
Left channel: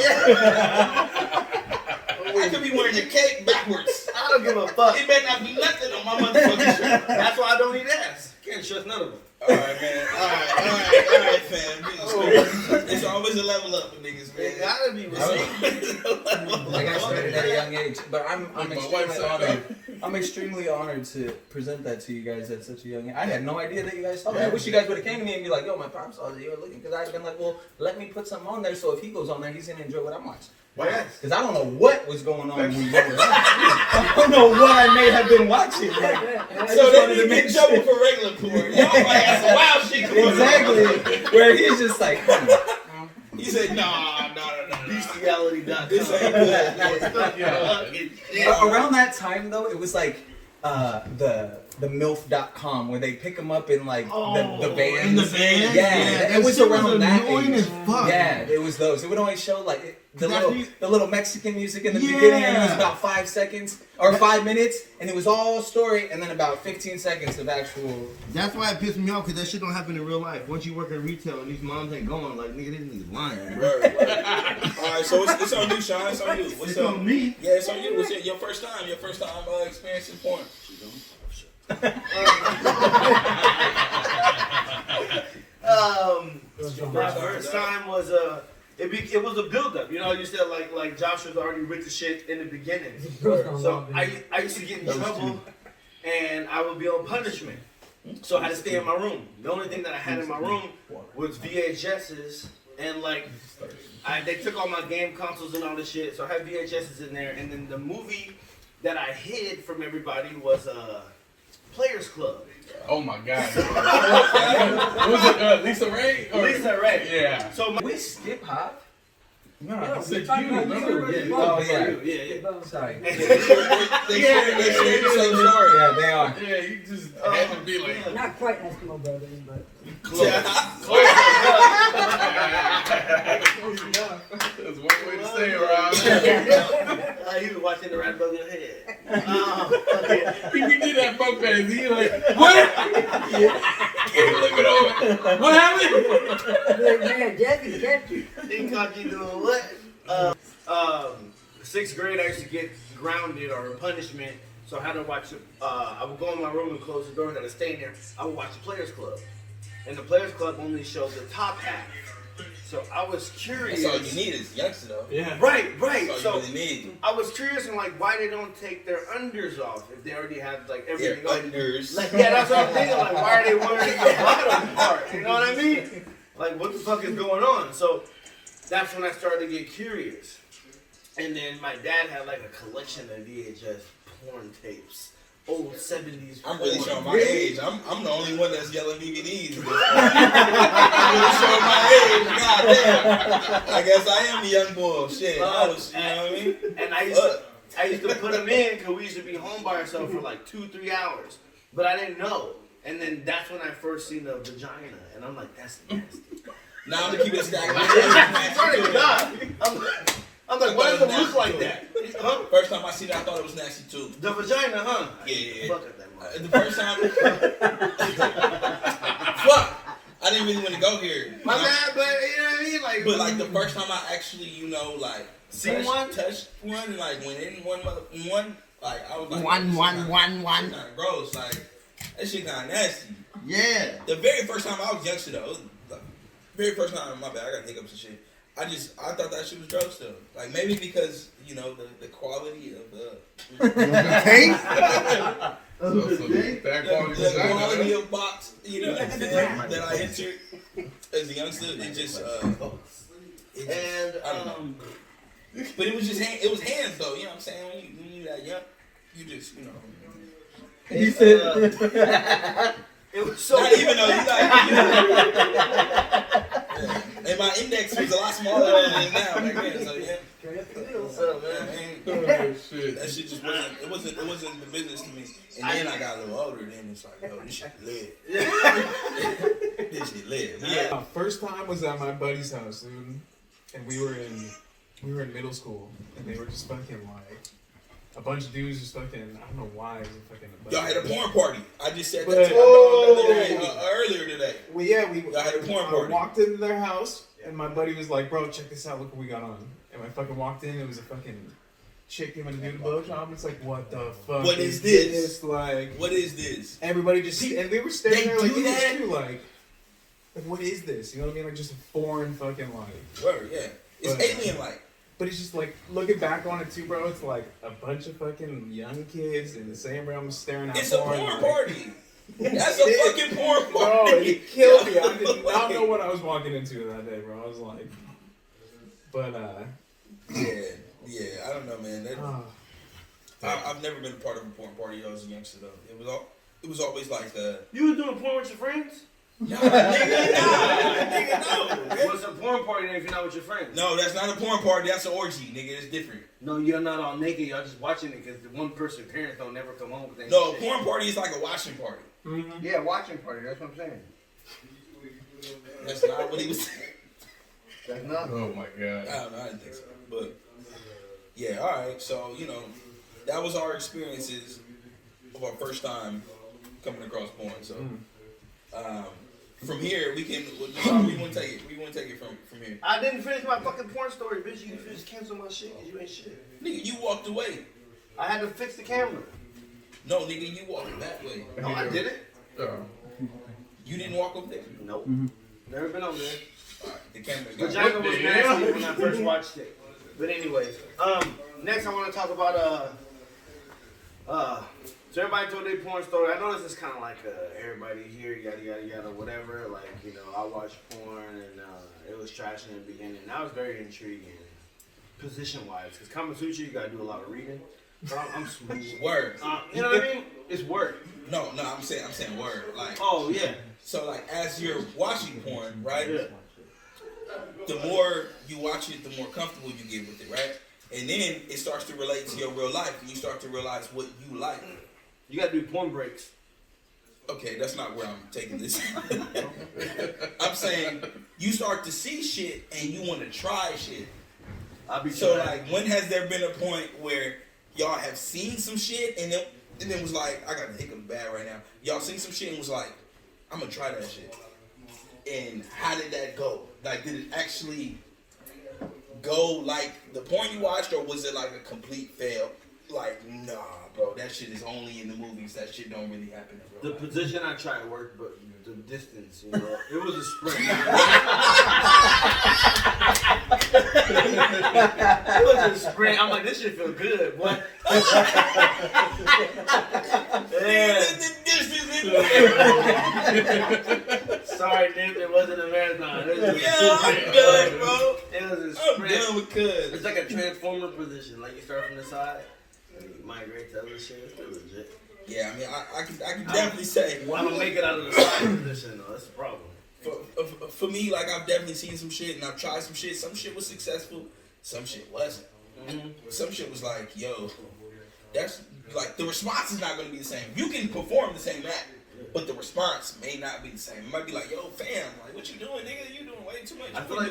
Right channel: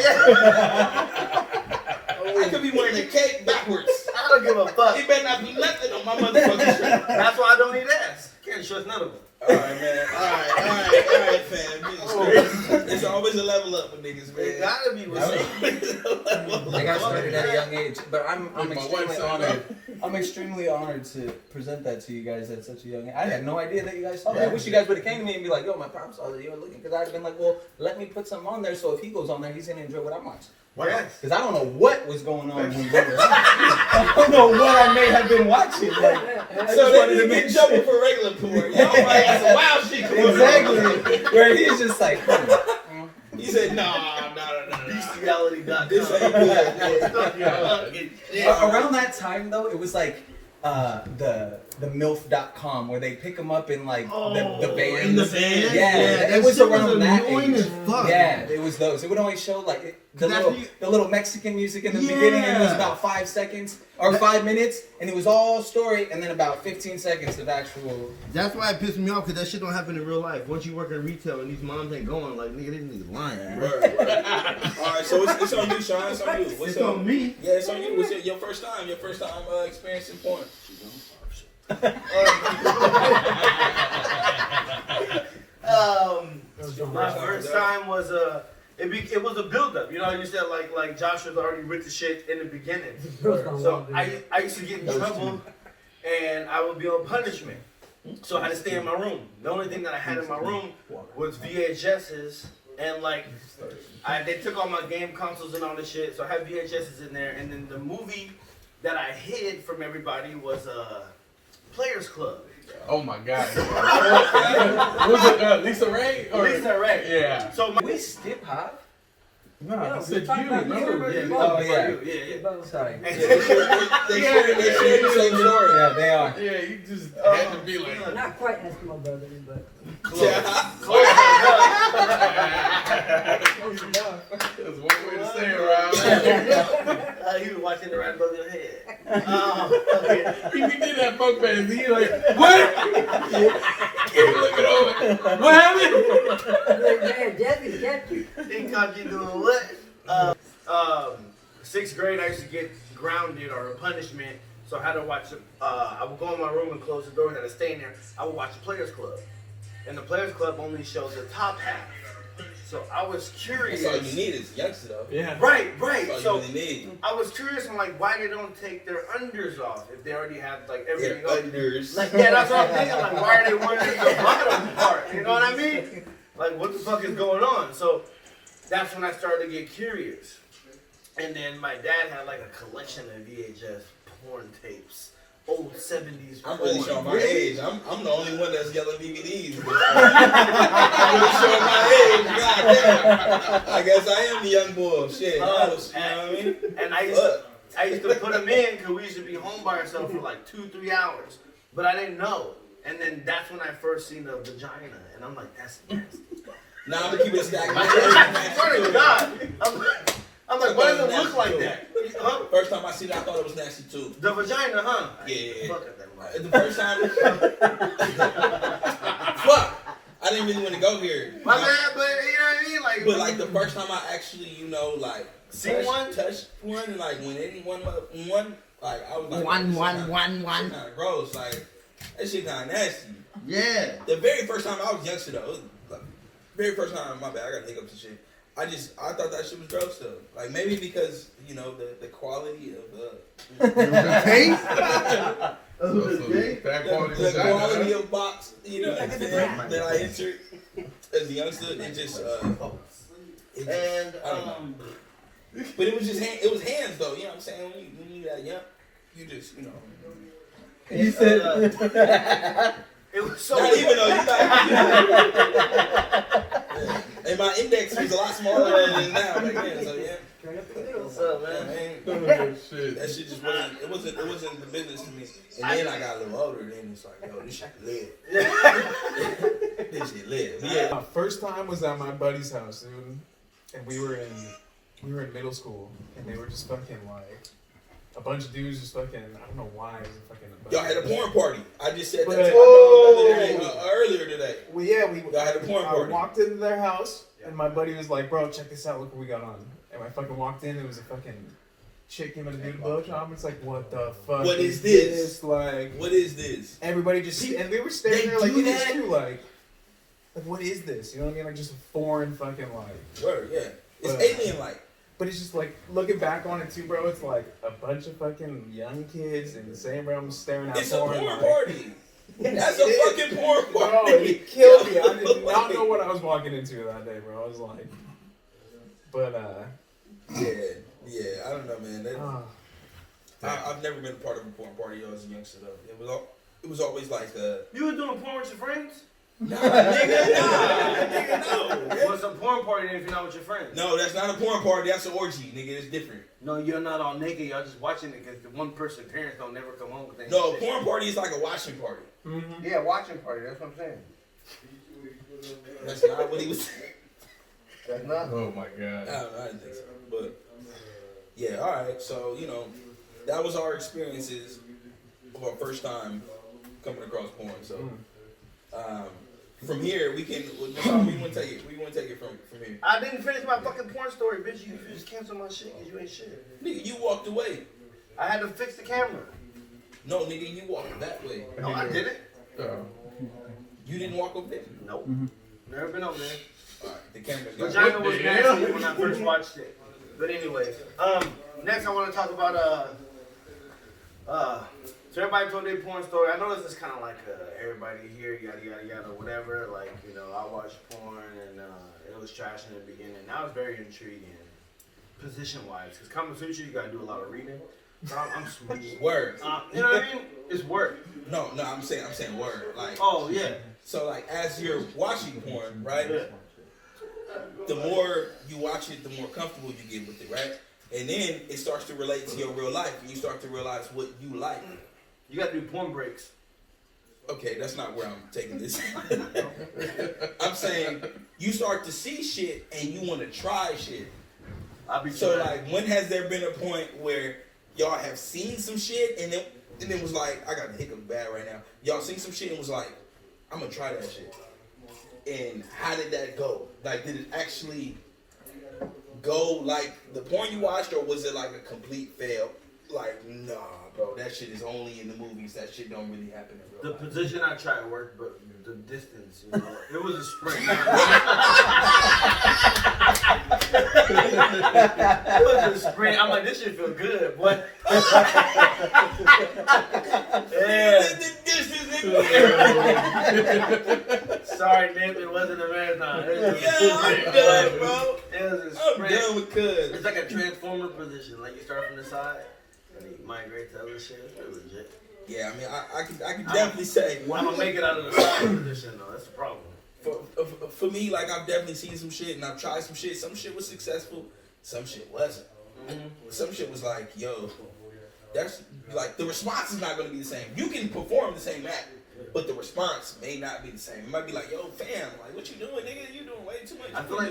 I could be wearing a cape backwards. I don't give a fuck. It better not be nothing on my motherfucking shirt. That's why I don't eat ass. Can't trust none of them. Alright, man. Alright, fam. It's always a level up for niggas, It man. gotta be with me. I got started at a young age, but I'm My extremely wife said honored. I'm extremely honored to present that to you guys at such a young age. I had no idea that you guys saw that. I wish you guys would have came to me and be like, "Yo, my pops saw that you were looking," because I'd have been like, "Well, let me put something on there so if he goes on there, he's gonna enjoy what I'm watching." Yes. Because I don't know what was going on when we were I don't know what I may have been watching. Like, I So just they wanted to didn't make get trouble sure. for regular porn. Y'all might have some wild shit going on. Exactly. Where he's just like, He said, nah. Bestiality.com. This ain't good. around that time though, it was like the MILF.com where they pick them up in like the vans. in the van? Yeah, it was around that annoying age. as fuck. Yeah, it was those. It would always show like the That's little when the little Mexican music in the beginning, and it was Yeah. about 5 seconds or 5 minutes, and it was all story, and then about 15 seconds of actual. That's why it pissed me off, because that shit don't happen in real life. Once you work in retail and these moms ain't going, like, nigga, this nigga's lying, bro. Word. Alright, so it's on you, Sean. It's on you. What's It's up? on me. Yeah, it's on you. What's your first time experiencing porn? My first time was it was a build up. You know, you said like Josh was already with the shit in the beginning. So I used to get in trouble, and I would be on punishment. So I had to stay in my room. The only thing that I had in my room was VHSs and like They took all my game consoles and all this shit, so I had VHSs in there. And then the movie that I hid from everybody was Players Club. Oh my god. Was it Lisa Ray? Or? Lisa Ray. Yeah. So We skip hop. No, I No, said we're talking you. about Remember? you. yeah, Oh, yeah. yeah. Sorry. They share the same story. Yeah, they are. Yeah, you just had to be like. Not quite Eskimo brothers, but close enough. That's one way to stay around. You been watching the right above your head. He did that poke at his. He like, what? Can't look it over. What happened? Man, Jesse, Jesse. He caught you doing what? Sixth grade, I used to get grounded or a punishment. So I had to watch. I would go in my room and close the door and had to stay in there. I would watch the Players Club, and the Players Club only showed the top half. So I was curious. That's all you need is youngster though. Yeah. Right. That's all you really need. I was curious and like why they don't take their unders off if they already have like everything Their on. unders. Like yeah, that's what I'm thinking. Like why are they wearing the bottom part? You know what I mean? Like what the fuck is going on? So that's when I started to get curious. And then my dad had like a collection of VHS porn tapes. Old 70s I'm really porn. showing my age. I'm the only one that's yelling DVDs. I'm really showing my age. God damn. I guess I am the young boy. Shit. I was, you know what I mean? And I used to put them in because we used to be home by ourselves for like 2-3 hours. But I didn't know. And then that's when I first seen the vagina. And I'm like, that's nasty. Now I'm gonna keep it a stack. I swear to God. I'm like, why does it look like that? Huh? First time I seen it, I thought it was nasty too. The vagina, huh? Yeah. Fuck it, then, man. The first time, fuck, I didn't really want to go here. My bad, but you know what I mean? Like, But like the first time I actually, you know, like seen one? touched one, like when anyone one, like I was like, One. kind of gross, like that shit kind of nasty. Yeah. The very first time I was youngster though, it was, like, very first time, my bad, I got hiccups and shit. I thought that shit was gross though. Like maybe because you know the quality of the Taste? Bad quality the vagina. quality of box, you know, that I entered as a youngster, it just And, I don't know. But it was just it was hands though, you know what I'm saying? When you that young, you just, you know. You said. it was so Not even though you like, and my index was a lot smaller than now back then, so yeah. What's up, man? Oh, shit. That shit just wasn't, it wasn't the business to me. And then I got a little older, then it's like, yo, this shit lit. This shit lit. Yeah. My first time was at my buddy's house, dude, and we were in middle school, and they were just fucking like a bunch of dudes just fucking. I don't know why. Fucking. Y'all had a porn party. I just said that But- to earlier today. Well, yeah, Y'all had a porn I party. walked into their house, and my buddy was like, "Bro, check this out. Look what we got on." And I fucking walked in. It was a fucking chick giving a dude a blowjob. It's like, what the fuck? What is this? Like, What is this? everybody just and they were standing They there like do this that? too, like what is this? You know what I mean? Like just a foreign fucking like. Word, yeah. It's alien-like. But it's just like looking back on it too, bro. It's like a bunch of fucking young kids in the same room staring at It's a porn like, party. That's a fucking porn Bro, party. it killed me. I did not know what I was walking into that day, bro. I was like, but Yeah. I don't know, man. I've never been a part of a porn party as a youngster though. It was always like You was doing porn with your friends? nah, nigga, no. What's a porn party then if you're not with your friends? No, that's not a porn party. That's an orgy, nigga. It's different. No, you're not all naked. Y'all just watching it because the one person parents don't never come home with any No, a shit. porn party is like a watching party. Yeah, watching party. That's what I'm saying. That's not what he was saying. That's not. Oh my god. I don't know. I didn't think so. But yeah, all right. So you know, that was our experiences of our first time coming across porn. So from here, we want to take it. We want to take it from here. I didn't finish my fucking porn story, bitch. You just canceled my shit because you ain't shit. Nigga, you walked away. I had to fix the camera. No, nigga, you walked that way. No, I didn't. Oh. You didn't walk over there. Nope. Never been over there. All right, the camera's gone. Vagina was nasty when I first watched it. But anyways, next I want to talk about So everybody told their porn story. I know this is kind of like everybody here, yada yada yada, whatever. Like, you know, I watched porn and it was trash in the beginning. That was very intriguing, position wise. Because Kama Sutra, you gotta do a lot of reading. But I'm smooth. Word. You know what I mean? It's work. No, I'm saying word. Like, Oh yeah. so like as you're watching porn, right? Yeah. The more you watch it, the more comfortable you get with it, right? And then it starts to relate to your real life, and you start to realize what you like. You gotta do porn breaks. Okay, that's not where I'm taking this. I'm saying you start to see shit and you want to try shit. I'll be So trying. like, when has there been a point where y'all have seen some shit and then was like, I got a hiccup bad right now. Y'all seen some shit and was like, I'm gonna try that shit. And how did that go? Like, did it actually go like the porn you watched, or was it like a complete fail? Like, nah, bro, that shit is only in the movies. That shit don't really happen in real The life. position I tried worked, but the distance, you know, it was a sprint. It was a sprint. I'm like, this shit feel good, boy. Yeah. Sorry, Nip, it wasn't a marathon. It was a I'm sprint. done, bro. It was a I'm sprint. done with cuz. It's like a transformer position. Like you start from the side and you migrate to other shit. It's legit. Yeah, I mean, I can definitely say I'm gonna make it out of the side position though. That's the problem. for me, like, I've definitely seen some shit and I've tried some shit. Some shit was successful, some shit wasn't. Some shit was like, yo, that's like the response is not gonna be the same. You can perform the same act, but the response may not be the same. It might be like, yo, fam, like, what you doing, nigga? You doing way too much. I feel like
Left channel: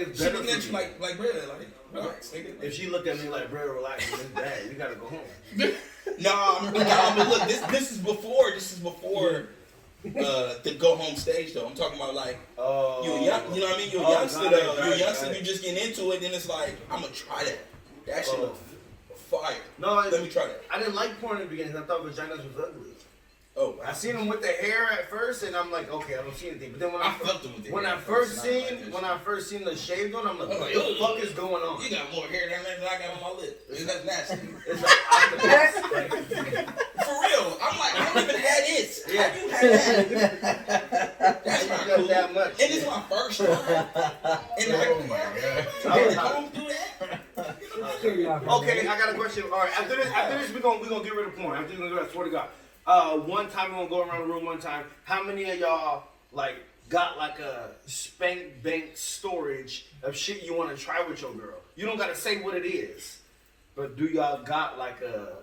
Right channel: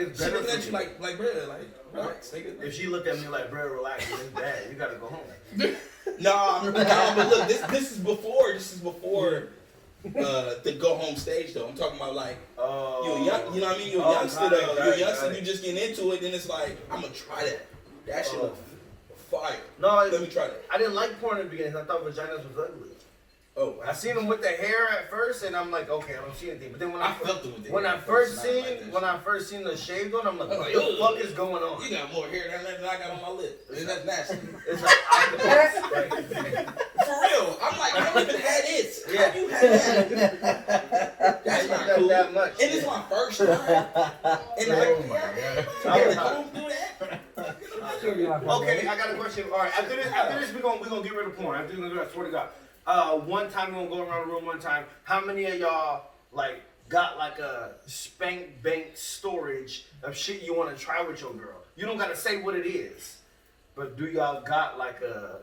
it's she better looking for at you like, bro, like, relax, nigga. if she looked at me like, bro, relax, it's bad. You gotta go home. Nah, but look, this is before the go home stage though. I'm talking about like you a young, you know what I mean? You're a youngster got though. it, You're a got youngster, it. you just getting into it, then it's like, I'm gonna try that. That shit look fire. No, Let me try that. I didn't like porn in the beginning. I thought vaginas was ugly. Oh, I seen them with the hair at first, and I'm like, okay, I don't see anything. But then when I felt them with the when hair I at first first, and I seen like that when I first seen the shaved one, I'm like, I was what like, the fuck is going on? You got more hair than I got on my lip. That's nasty. It's like octopus. For real. I'm like, I don't even had it. Yeah. How you had that? That's not Not cool. that much. And it's my first time. And like, Oh my god. I'm do that. Okay, I got a question. All right, after this, we're gonna get rid of porn. After this, we're gonna go. I swear to God. One time we're gonna go around the room. One time, how many of y'all like got like a spank bank storage of shit you want to try with your girl? You don't gotta say what it is, but do y'all got like a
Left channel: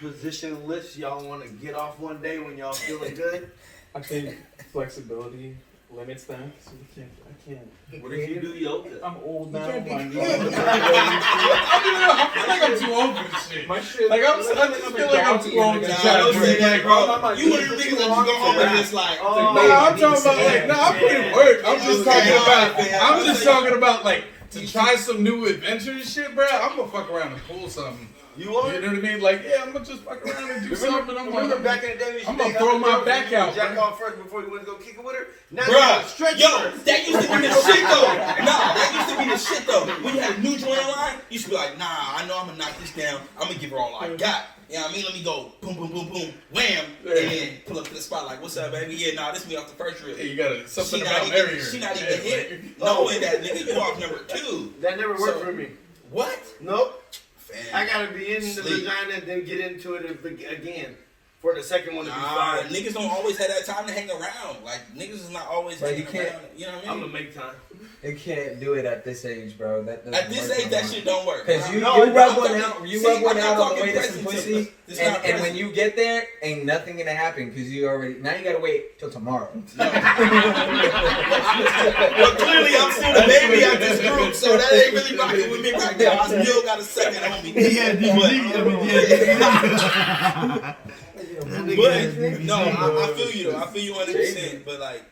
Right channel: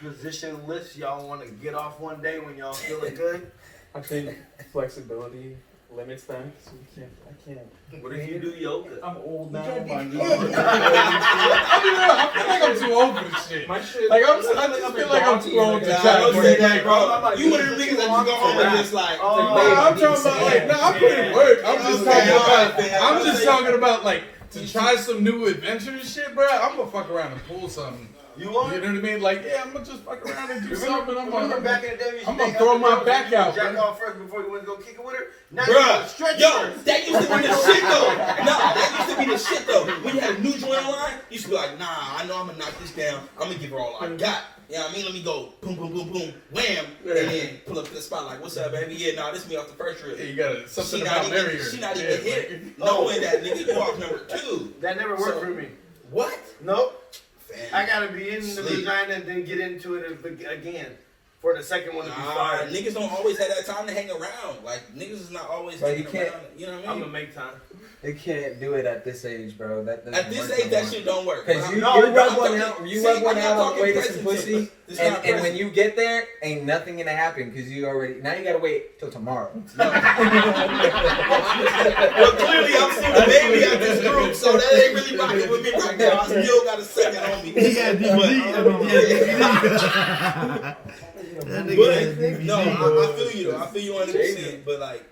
position list y'all want to get off one day when y'all feeling good? I think flexibility limits that, so I can't. What if you do yoga? I'm old now. can't be My too knees old. I feel like I'm too old for this shit. My shit. Like I just feel like I'm too old to Nah, try don't to say work. that, bro. I'm like, You one of the niggas that just go home and just like, Oh, I'm talking about like, no, I'm putting work. I'm just talking about, Yeah. I'm just talking about like to try some new adventurous shit, bro. I'm gonna fuck around and pull something. You are? You know what I mean? Like, yeah, I'm gonna just fuck around and do something. Remember back in the day, we used to I'm gonna take throw other my girls back and you out, jack bro. off first before you went to go kick it with her. Now you gotta bruh, stretch yo, first. that used to be the shit though. Nah, that used to be the shit though. When you had a new joint line, you used to be like, nah, I know I'm gonna knock this down. I'm gonna give her all I got. You know what I mean? Let me go boom, boom, boom, boom, wham, and then pull up to the spot like, what's up, baby? Yeah, nah, this me off the first rip. Hey, you got something She about not marrying even, her. she not Yeah, even hit, knowing that nigga you off number 2. That never worked So- for me. What? Nope. Fam. I gotta be in the Sleep. vagina and then get into it again for the second one to be Nah, fine. niggas don't always have that time to hang around. Like, niggas is not always But hanging you can't- around. You know what I I'm mean? gonna make time. You can't do it at this age, bro. That doesn't At this work age, no that more. shit don't work. Cause you, No, you I'm rub talking- one out, you see, rub one I'm not out on the talking way to some present pussy, it's and not when present. you get there, ain't nothing gonna happen because you already now you gotta wait till tomorrow. But clearly, I'm still the baby out this group, so that ain't really rocking with me right now. I still got a second on me. But no, I feel you though. I feel you 100%. But like,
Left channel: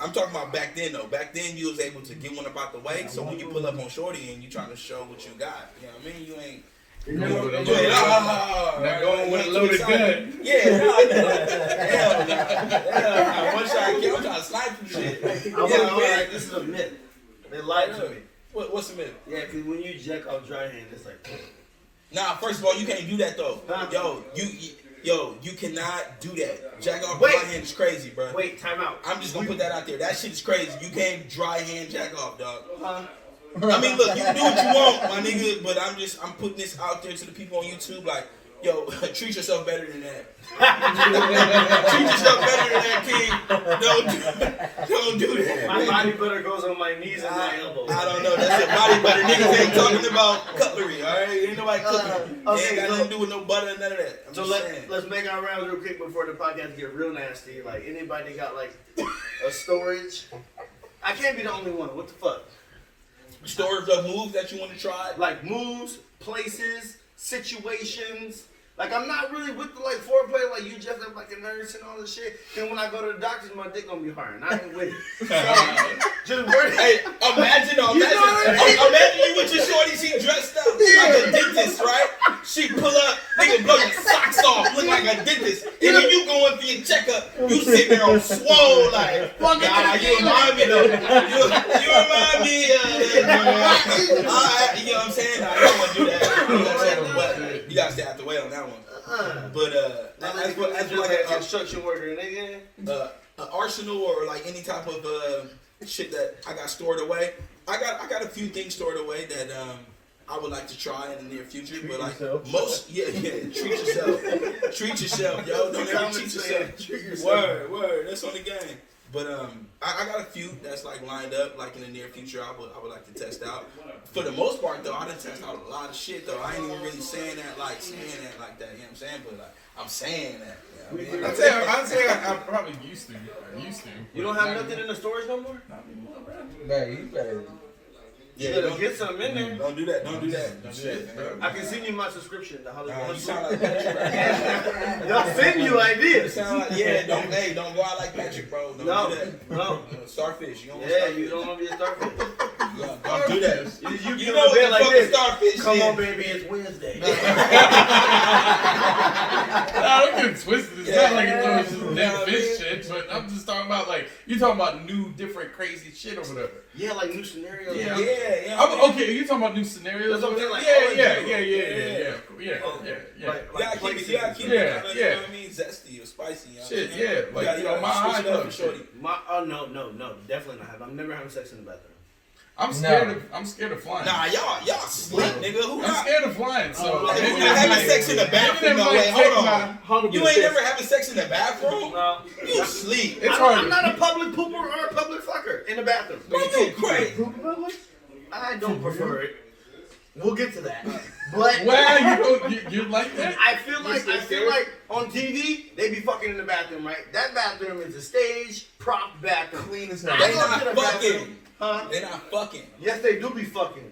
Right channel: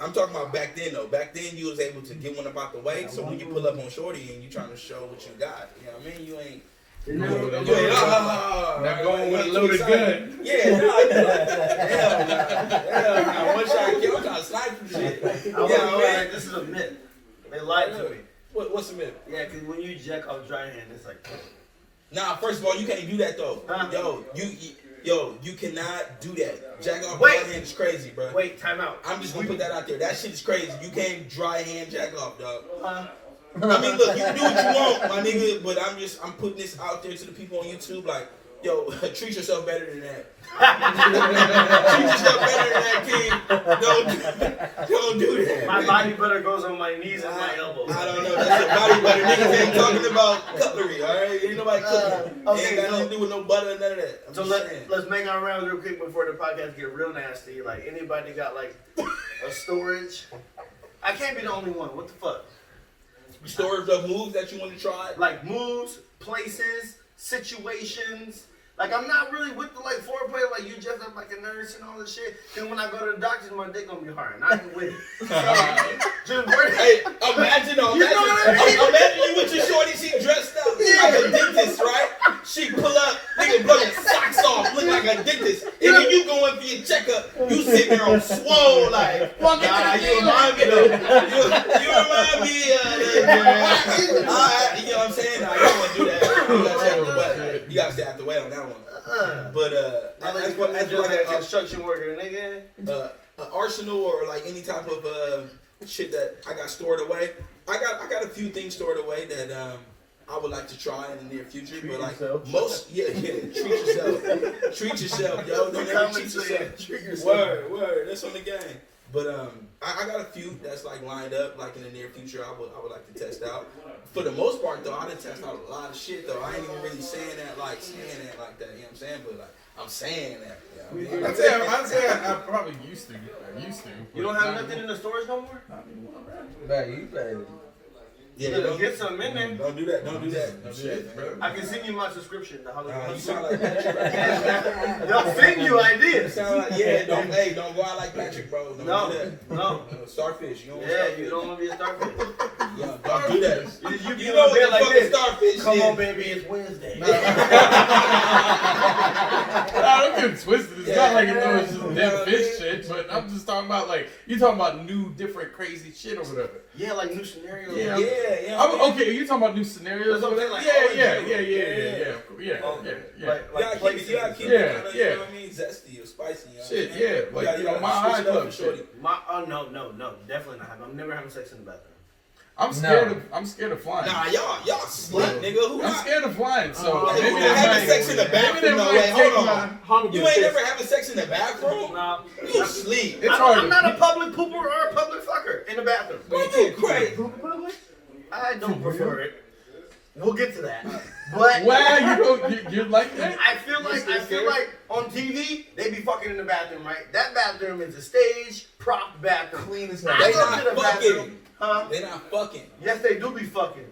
I'm talking about back then though. Back then, you was able to get one about the way. So when you pull up on Shorty and you trying to show what you got, you know what I mean? You ain't. Not You ain't going with a loaded gun. Yeah, no. Hell no. One shot kill. I'm trying to slide some shit. I was like, this is a myth. They lied to me. What's the myth? Yeah, because when you jack off dry hand, it's like, Nah, first of all, you can't do that though. You cannot do that. Jack off Wait. dry hand is crazy, bro. Wait, time out. I'm just gonna put that out there. That shit is crazy. You can't dry hand jack off, dog. Huh? I mean, look, you can do what you want, my nigga, but I'm putting this out there to the people on YouTube, like, yo, treat yourself better than that. Treat yourself better than that, kid. Don't do that. My body butter goes on my knees and my elbows. I don't know. That's your body butter. Niggas ain't talking about cutlery, all right? Ain't nobody cooking. Okay, Ain't got so- nothing to do with no butter and none of that. I'm So just saying. let's make our rounds real quick before the podcast get real nasty. Like, anybody got like a storage? I can't be the only one. What the fuck? Storage of moves that you want to try. Like moves, places, situations. Like, I'm not really with the like foreplay. Like, you just up like a nurse and all this shit. Then when I go to the doctor's, my dick gonna be hard, and I ain't with it. So, just worry. Hey, imagine you with your shorty, she dressed up like a dentist, right? She pull up, nigga, blow your socks off, look like a dentist. And then you going for your checkup, you sitting there on swole, like, fuck it, you remind me of, you remind me of, alright, you know what I'm saying? I don't want to do that. You know what I'm saying? But you gotta stay out the way on that one. But, as for like a construction worker, nigga. an arsenal or like any type of shit that I got stored away. I got a few things stored away that I would like to try in the near future. But like most, treat yourself, yo. Don't ever cheat yourself. Word. That's on the game. But I got a few that's like lined up like in the near future. I would like to test out. For the most part though, I done test out a lot of shit though. I ain't even really saying that like that. You know what I'm saying? But like I'm saying that. You know what I mean? I'd say I probably used to. You don't have nothing in the storage no more? Man, you better. Yeah, You don't get something in there. Don't do that. Don't do that. Shit, bro. I can send you my subscription to Hollywood. You sound like Patrick right now. They'll send you You ideas. sound like don't go out like Patrick, bro. Don't do that. No. Starfish. You don't want Yeah, starfish. you don't want to be a starfish. Don't do that. You You get know on what bed the like fucking this. starfish Come is. on, baby, it's Wednesday. Nah, don't get it twisted. It's not like it's just dead fish shit, but I'm just talking about like you talking about new, different, crazy shit or whatever. Yeah, like new scenarios. Yeah. Okay, you talking about new scenarios? That's what I'm saying, like, You gotta keep it, Yeah, you know yeah. what I mean? Zesty or spicy. You know Shit, what I'm saying? yeah, like, You gotta my switch high it up club for shorty. shit. No, definitely not. I'm never having sex in the bathroom. I'm scared of flying. Nah, y'all sleep, nigga. Who I'm not? scared of flying, so You're maybe not having sex in the bathroom, no way. Hold on. You ain't never having sex in the bathroom? No. You sleep. It's hard. I'm not a public pooper or a public fucker in the bathroom. You crazy. I don't prefer it. We'll get to that. But Well, you like that? I feel like on TV they be fucking in the bathroom, right? That bathroom is a stage prop bathroom. Clean as I hell. They go to not the fucking. bathroom. Huh? They not fucking. Yes, they do be fucking.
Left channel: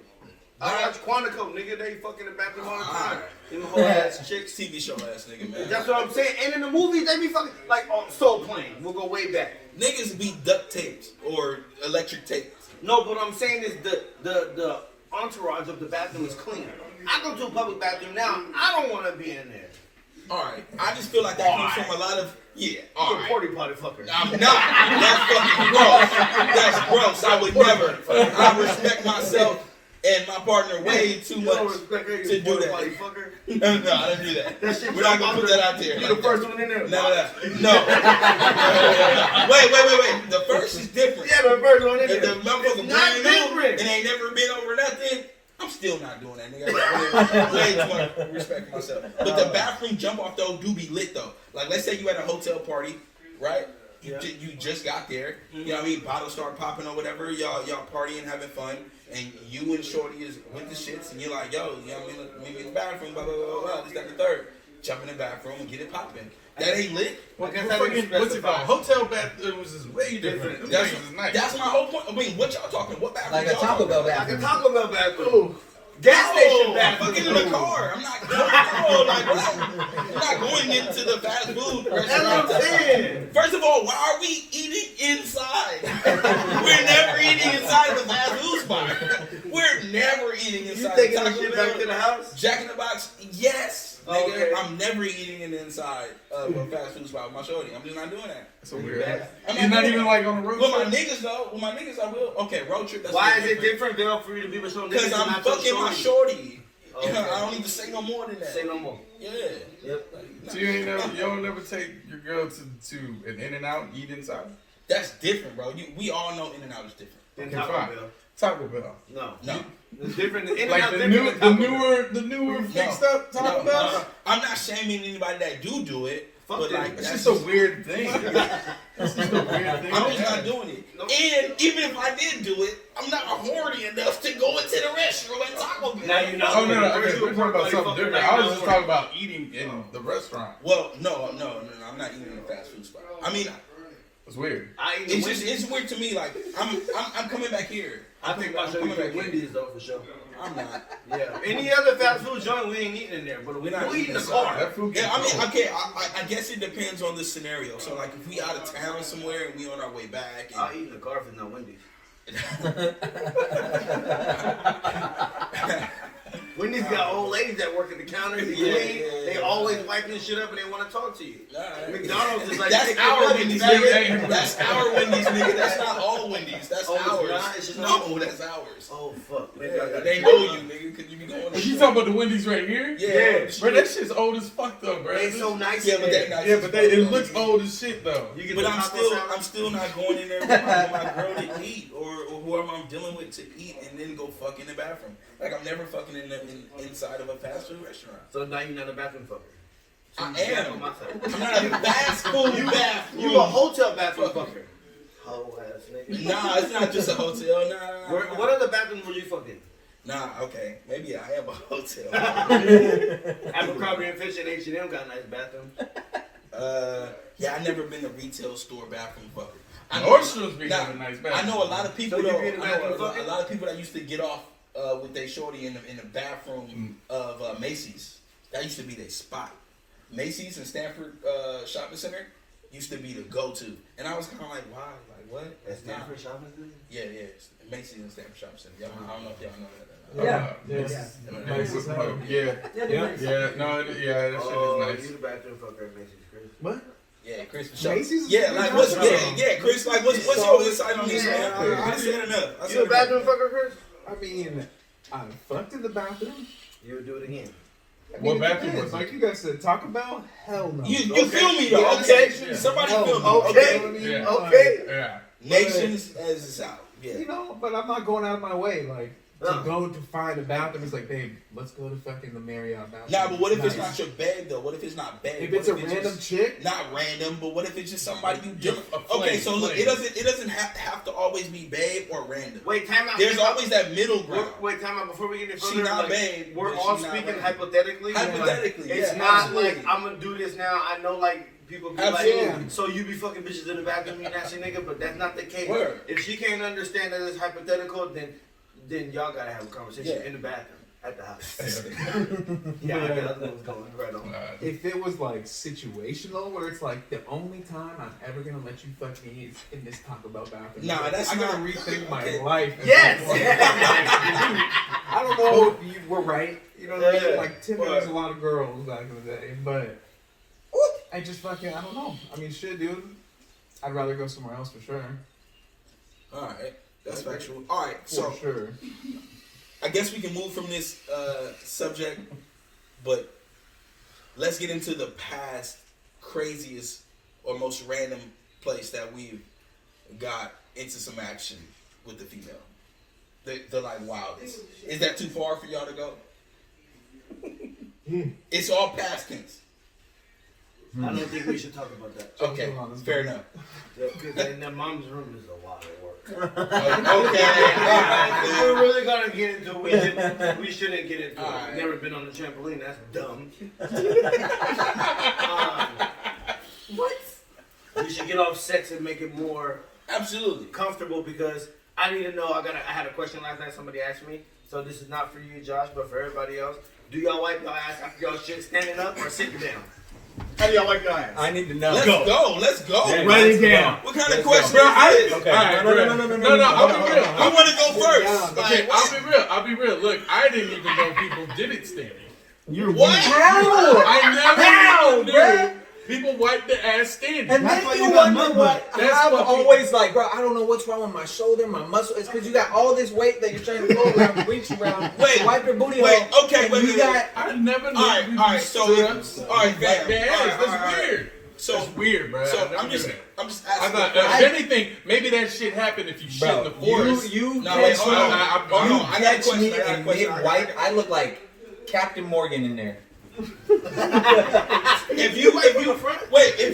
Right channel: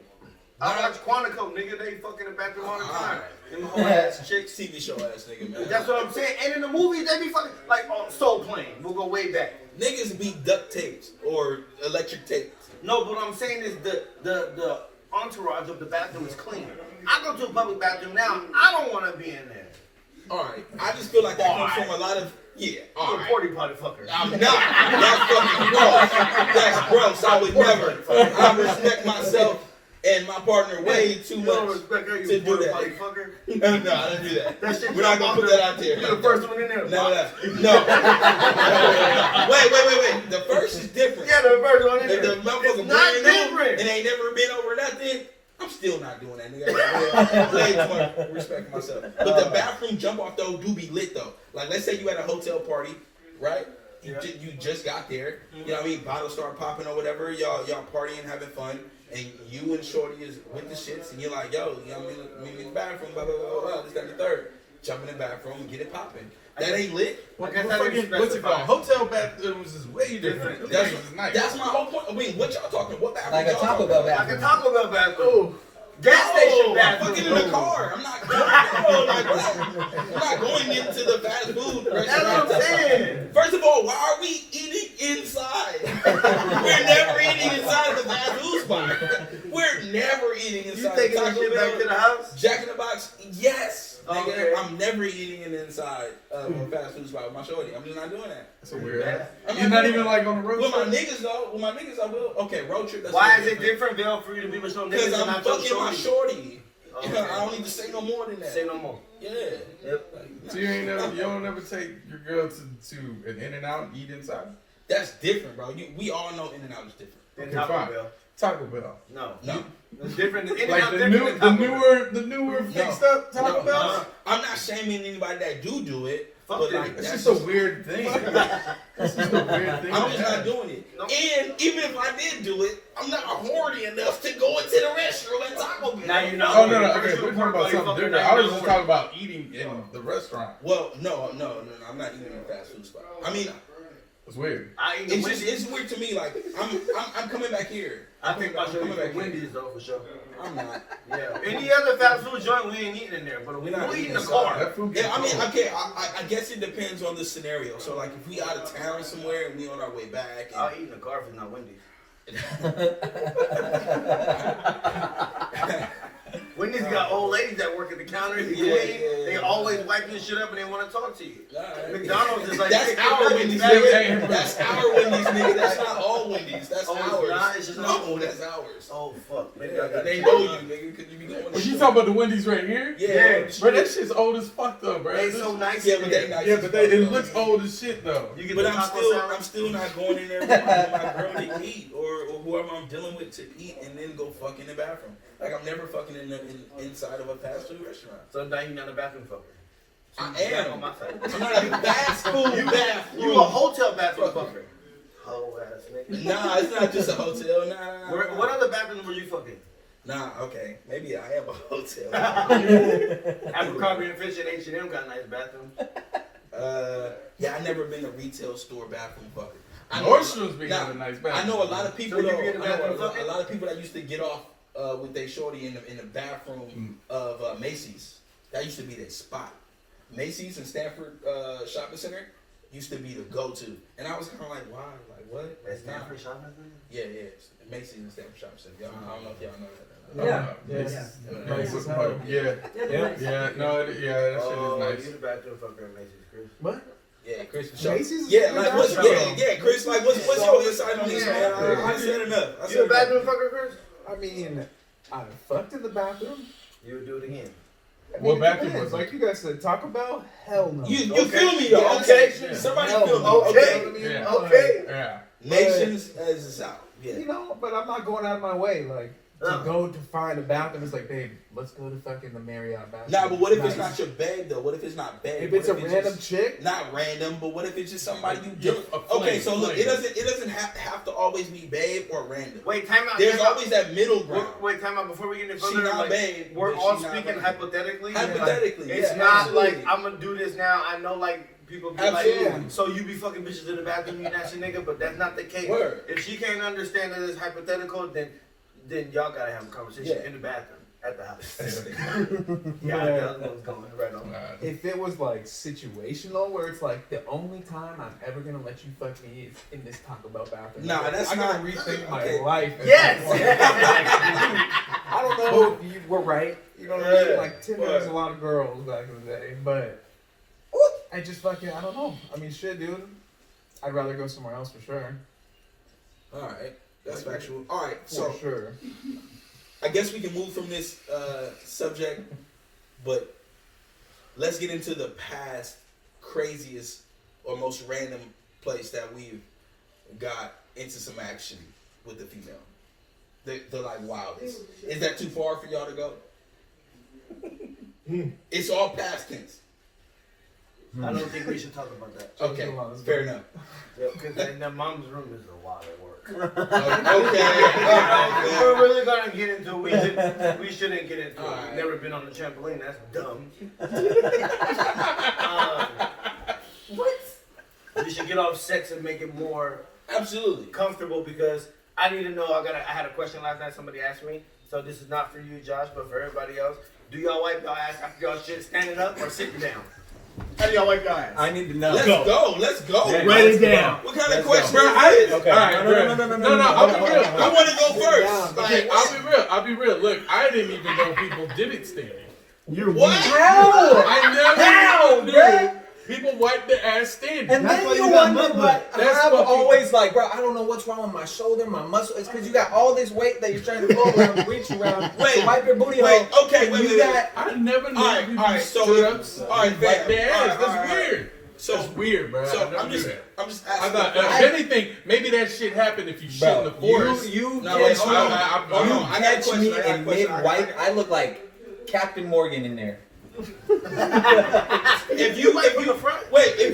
I watch Quantico, nigga. They fucking in the bathroom all the time. Alright. Them whole ass chicks. TV show ass nigga, man. That's what I'm saying. And in the movies, they be fucking like on Soul Plane. We'll go way back. Niggas be duct taped or electric taped. No, but what I'm saying is the entourage of the bathroom is clean. I go to a public bathroom now. I don't want to be in there. Alright. I just feel like that comes from a lot of You're a alright. porty potty fucker. I'm not. That's fucking gross. That's gross. I would never. I respect myself and my partner way too You don't much respect her, to you do porty that. potty fucker. No, I don't do that. That shit We're not gonna put that out there. You're the first one in there. None of that. No. Wait. The first is different. Yeah, the first one in If there. the motherfucker It's not brand new different. and ain't never been over nothing, I'm still not doing that, nigga. I got way too much respect for myself. But the bathroom jump off though do be lit though. Like let's say you at a hotel party, right? You just got there. You know what I mean? Bottles start popping or whatever. Y'all partying, having fun, and you and Shorty is with the shits, and you're like, yo, you know what I mean? Meet me in the bathroom, blah blah blah blah. This, that, and the third. Jump in the bathroom and get it popping. That ain't lit. I guess Well, that didn't what's it called? specify. Hotel bathrooms is way different. Them That's, things is nice. that's my whole point. I mean, what y'all talking? What bathroom? Like a y'all Taco talking Bell about? Like a bathroom. Taco Bell bathroom. Gas station I'm bathroom. fucking in the car. I'm not going into the fast food That's restaurant. what I'm saying. First of all, why are we eating inside? We're never eating inside of the fast food spot. We're never eating You inside. taking Taco this shit Bell, back to the house? Jack in the Box, yes. Nigga, Okay. I'm never eating in the inside of a fast food spot with my shorty. I'm just not doing that. So weird. I'm You're not doing even that. like on the road With my trip? niggas though, with my niggas I will. Okay, road trip. That's Why a is little it different, Bill, for you to be with some niggas Because and I'm not your fucking my shorty? shorty. Okay. I don't need to say no more than that. Say no more. Yeah. Yep. So you don't never take your girl to an In-N-Out and eat inside? That's different, bro. We all know In-N-Out is different. Then Okay, Taco fine. Bell. Taco Bell. No. It's different. In-N-Out Like the different than Taco Bell. newer fixed up Taco No, Bell. I'm not shaming anybody that do it. Fuck But that. like, It's that's just a weird thing. It's just a weird thing. I'm just not doing it. No. And even if I did do it, I'm not horny enough to go into the restroom at Taco Bell. Now you know. Oh no, First okay, you we're were talking about fucking something different. now I you was know just what. talking about eating in the restaurant. Well, no, I'm not eating in a fast food spot. I mean, It's weird. I eat it's Wendy's. just it's weird to me. Like I'm coming back here. I think I should coming eat back here. Wendy's though for sure. I'm not. Yeah. Any other fast food joint, we ain't eating in there, but We're not we eat in the eating car. That food Yeah, I mean, cold. okay. I guess it depends on the scenario. So like, if we out of town somewhere and we on our way back, I'll and eat in the car if it's not Wendy's. Wendy's got old ladies that work at the counter. They Yeah, clean. yeah, They yeah. always wipe your shit up and they want to talk to you. Alright. McDonald's is like That's chicken our nuggets, Wendy's, nigga. nigga. That's our Wendy's, nigga. That's not all Wendy's. That's Oh, it's ours. not? It's just no, ours? that's ours. Oh fuck, maybe I Yeah, got they it. know you, nigga, because you be going. But you talking about the Wendy's right here? Yeah, Bro, that shit's old as fuck though, bro. They so nice. Yeah, in but there. they nice. Yeah, but it looks old as shit though. You get But the I'm taco still, salad? I'm still not going in there with my girl to eat, or whoever I'm dealing with to eat, and then go fuck in the bathroom. Like I'm never fucking inside of a fast food restaurant. So now you're not a bathroom fucker. So I you back am. on my side. I'm not a fast food bathroom. You a hotel bathroom fucker. Hoe ass nigga. Nah, it's not just a hotel. Nah. What other bathrooms were you fucking? Nah, okay. Maybe I am a hotel. Abercrombie and Fitch and H&M got nice bathrooms. Yeah, I never been to retail store bathroom fucker. I know- Nordstrom's be having nice bathroom. I know a lot of people. So you though, be in the I know bathroom a fucking? lot of people that used to get off with their shorty in the bathroom of Macy's. That used to be their spot. Macy's and Stanford Shopping Center used to be the go-to, and I was kind of like, why? Like what? That's Nah. Stanford Shopping Center? Yeah. Macy's and Stanford Shopping Center. Y'all, I don't know if y'all know that. Yeah, no, that shit Oh, is you nice. the bathroom fucker at Macy's, Chris. What? Yeah, Chris for sure. Macy's is Yeah, a like good what's bathroom. yeah, Chris. Like what's your insight on this, man? I said enough. I You said a enough. bathroom fucker, Chris? I mean, I fucked in the bathroom. You would do it again. I What mean, it bathroom depends. was it? Like you guys said, Taco Bell? Hell no. You Okay. feel me though? Yeah, Okay, yeah. somebody Hell feel me. no. Okay. You know what I mean? Yeah. Okay. Yeah. Nations as it's out. Yeah. You know, but I'm not going out of my way, like, to Uh. go to find a bathroom. It's like, babe, let's go to fucking the Marriott bathroom. Nah, but what if it's Nice. not your babe though? What if it's not babe? If What it's a random just- chick? Not random, but what if it's just somebody you Yeah, dealing? a Okay, flame, so look, flame. it doesn't have to always be babe or random. Wait, time out. There's time out. always that middle ground. Wait, time out. Before we get any She further, not like, babe, we're but all she not speaking babe. hypothetically. Hypothetically, It's yeah, not absolutely. like I'm gonna do this now. I know like people be Absolutely. like, so you be fucking bitches in the bathroom, you nasty nigga, but that's not the case. Word. If she can't understand that it's hypothetical, then y'all gotta have a conversation Yeah. in the bathroom at the house. Yeah, I got what's going right on. If it was like situational, where it's like the only time I'm ever gonna let you fuck me is in this Taco Bell bathroom. Nah, that's I gotta not- rethink my okay. life. Yes. I don't know if you were right. You know what I mean? Yeah. Like Tim was a lot of girls back in the day, but I just fucking I don't know. I mean, shit, dude. I'd rather go somewhere else for sure. All right, that's factual. All right, For so sure. I guess we can move from this subject, but let's get into the past craziest or most random place that we've got into some action with the female. The like wildest. Is that too far for y'all to go? It's all past tense. I don't think we should talk about that. Okay, fair enough. Because in the mom's room is a lot of work. Okay. If we're really gonna get into it, we shouldn't get into it. Alright. Never been on a trampoline, that's dumb. What? We should get off sex and make it more Absolutely. comfortable because I need to know. I had a question last night. Somebody asked me. So this is not for you, Josh, but for everybody else. Do y'all wipe y'all ass after y'all shit standing up or sitting down? How do y'all wipe y'all ass? I need to know. Let's go. Let's go. Yeah, Write it down. What kind of Let's question Bro, is this? Okay. Alright, No, bro. No, I'll be real. I want to go first. Okay, Like, I'll be real. Look, I didn't even know people did it standing. You're what? How? I never How, knew. bruh? People wipe their ass standing. And That's then why you you got wonder mud what butt. That's I'm fucking- always like, bro, I don't know what's wrong with my shoulder, my muscle. It's because you got all this weight that you're trying to go around, reach around, Wait, to wipe your booty wait, hole. okay, and wait, you wait, got I never knew Alright, you alright, stood so up. alright, Wipe fam. their ass. Alright, That's alright. weird. So That's weird, bro. So I never I'm just knew that. asking. I thought, the if question. anything, maybe that shit happened if you shit bro, in the forest. you No, wait, catch hold me, on. I Hold you on. I got a catch question. me I got a in question. mid-wipe, I look like Captain Morgan in there. If you wait, I'm getting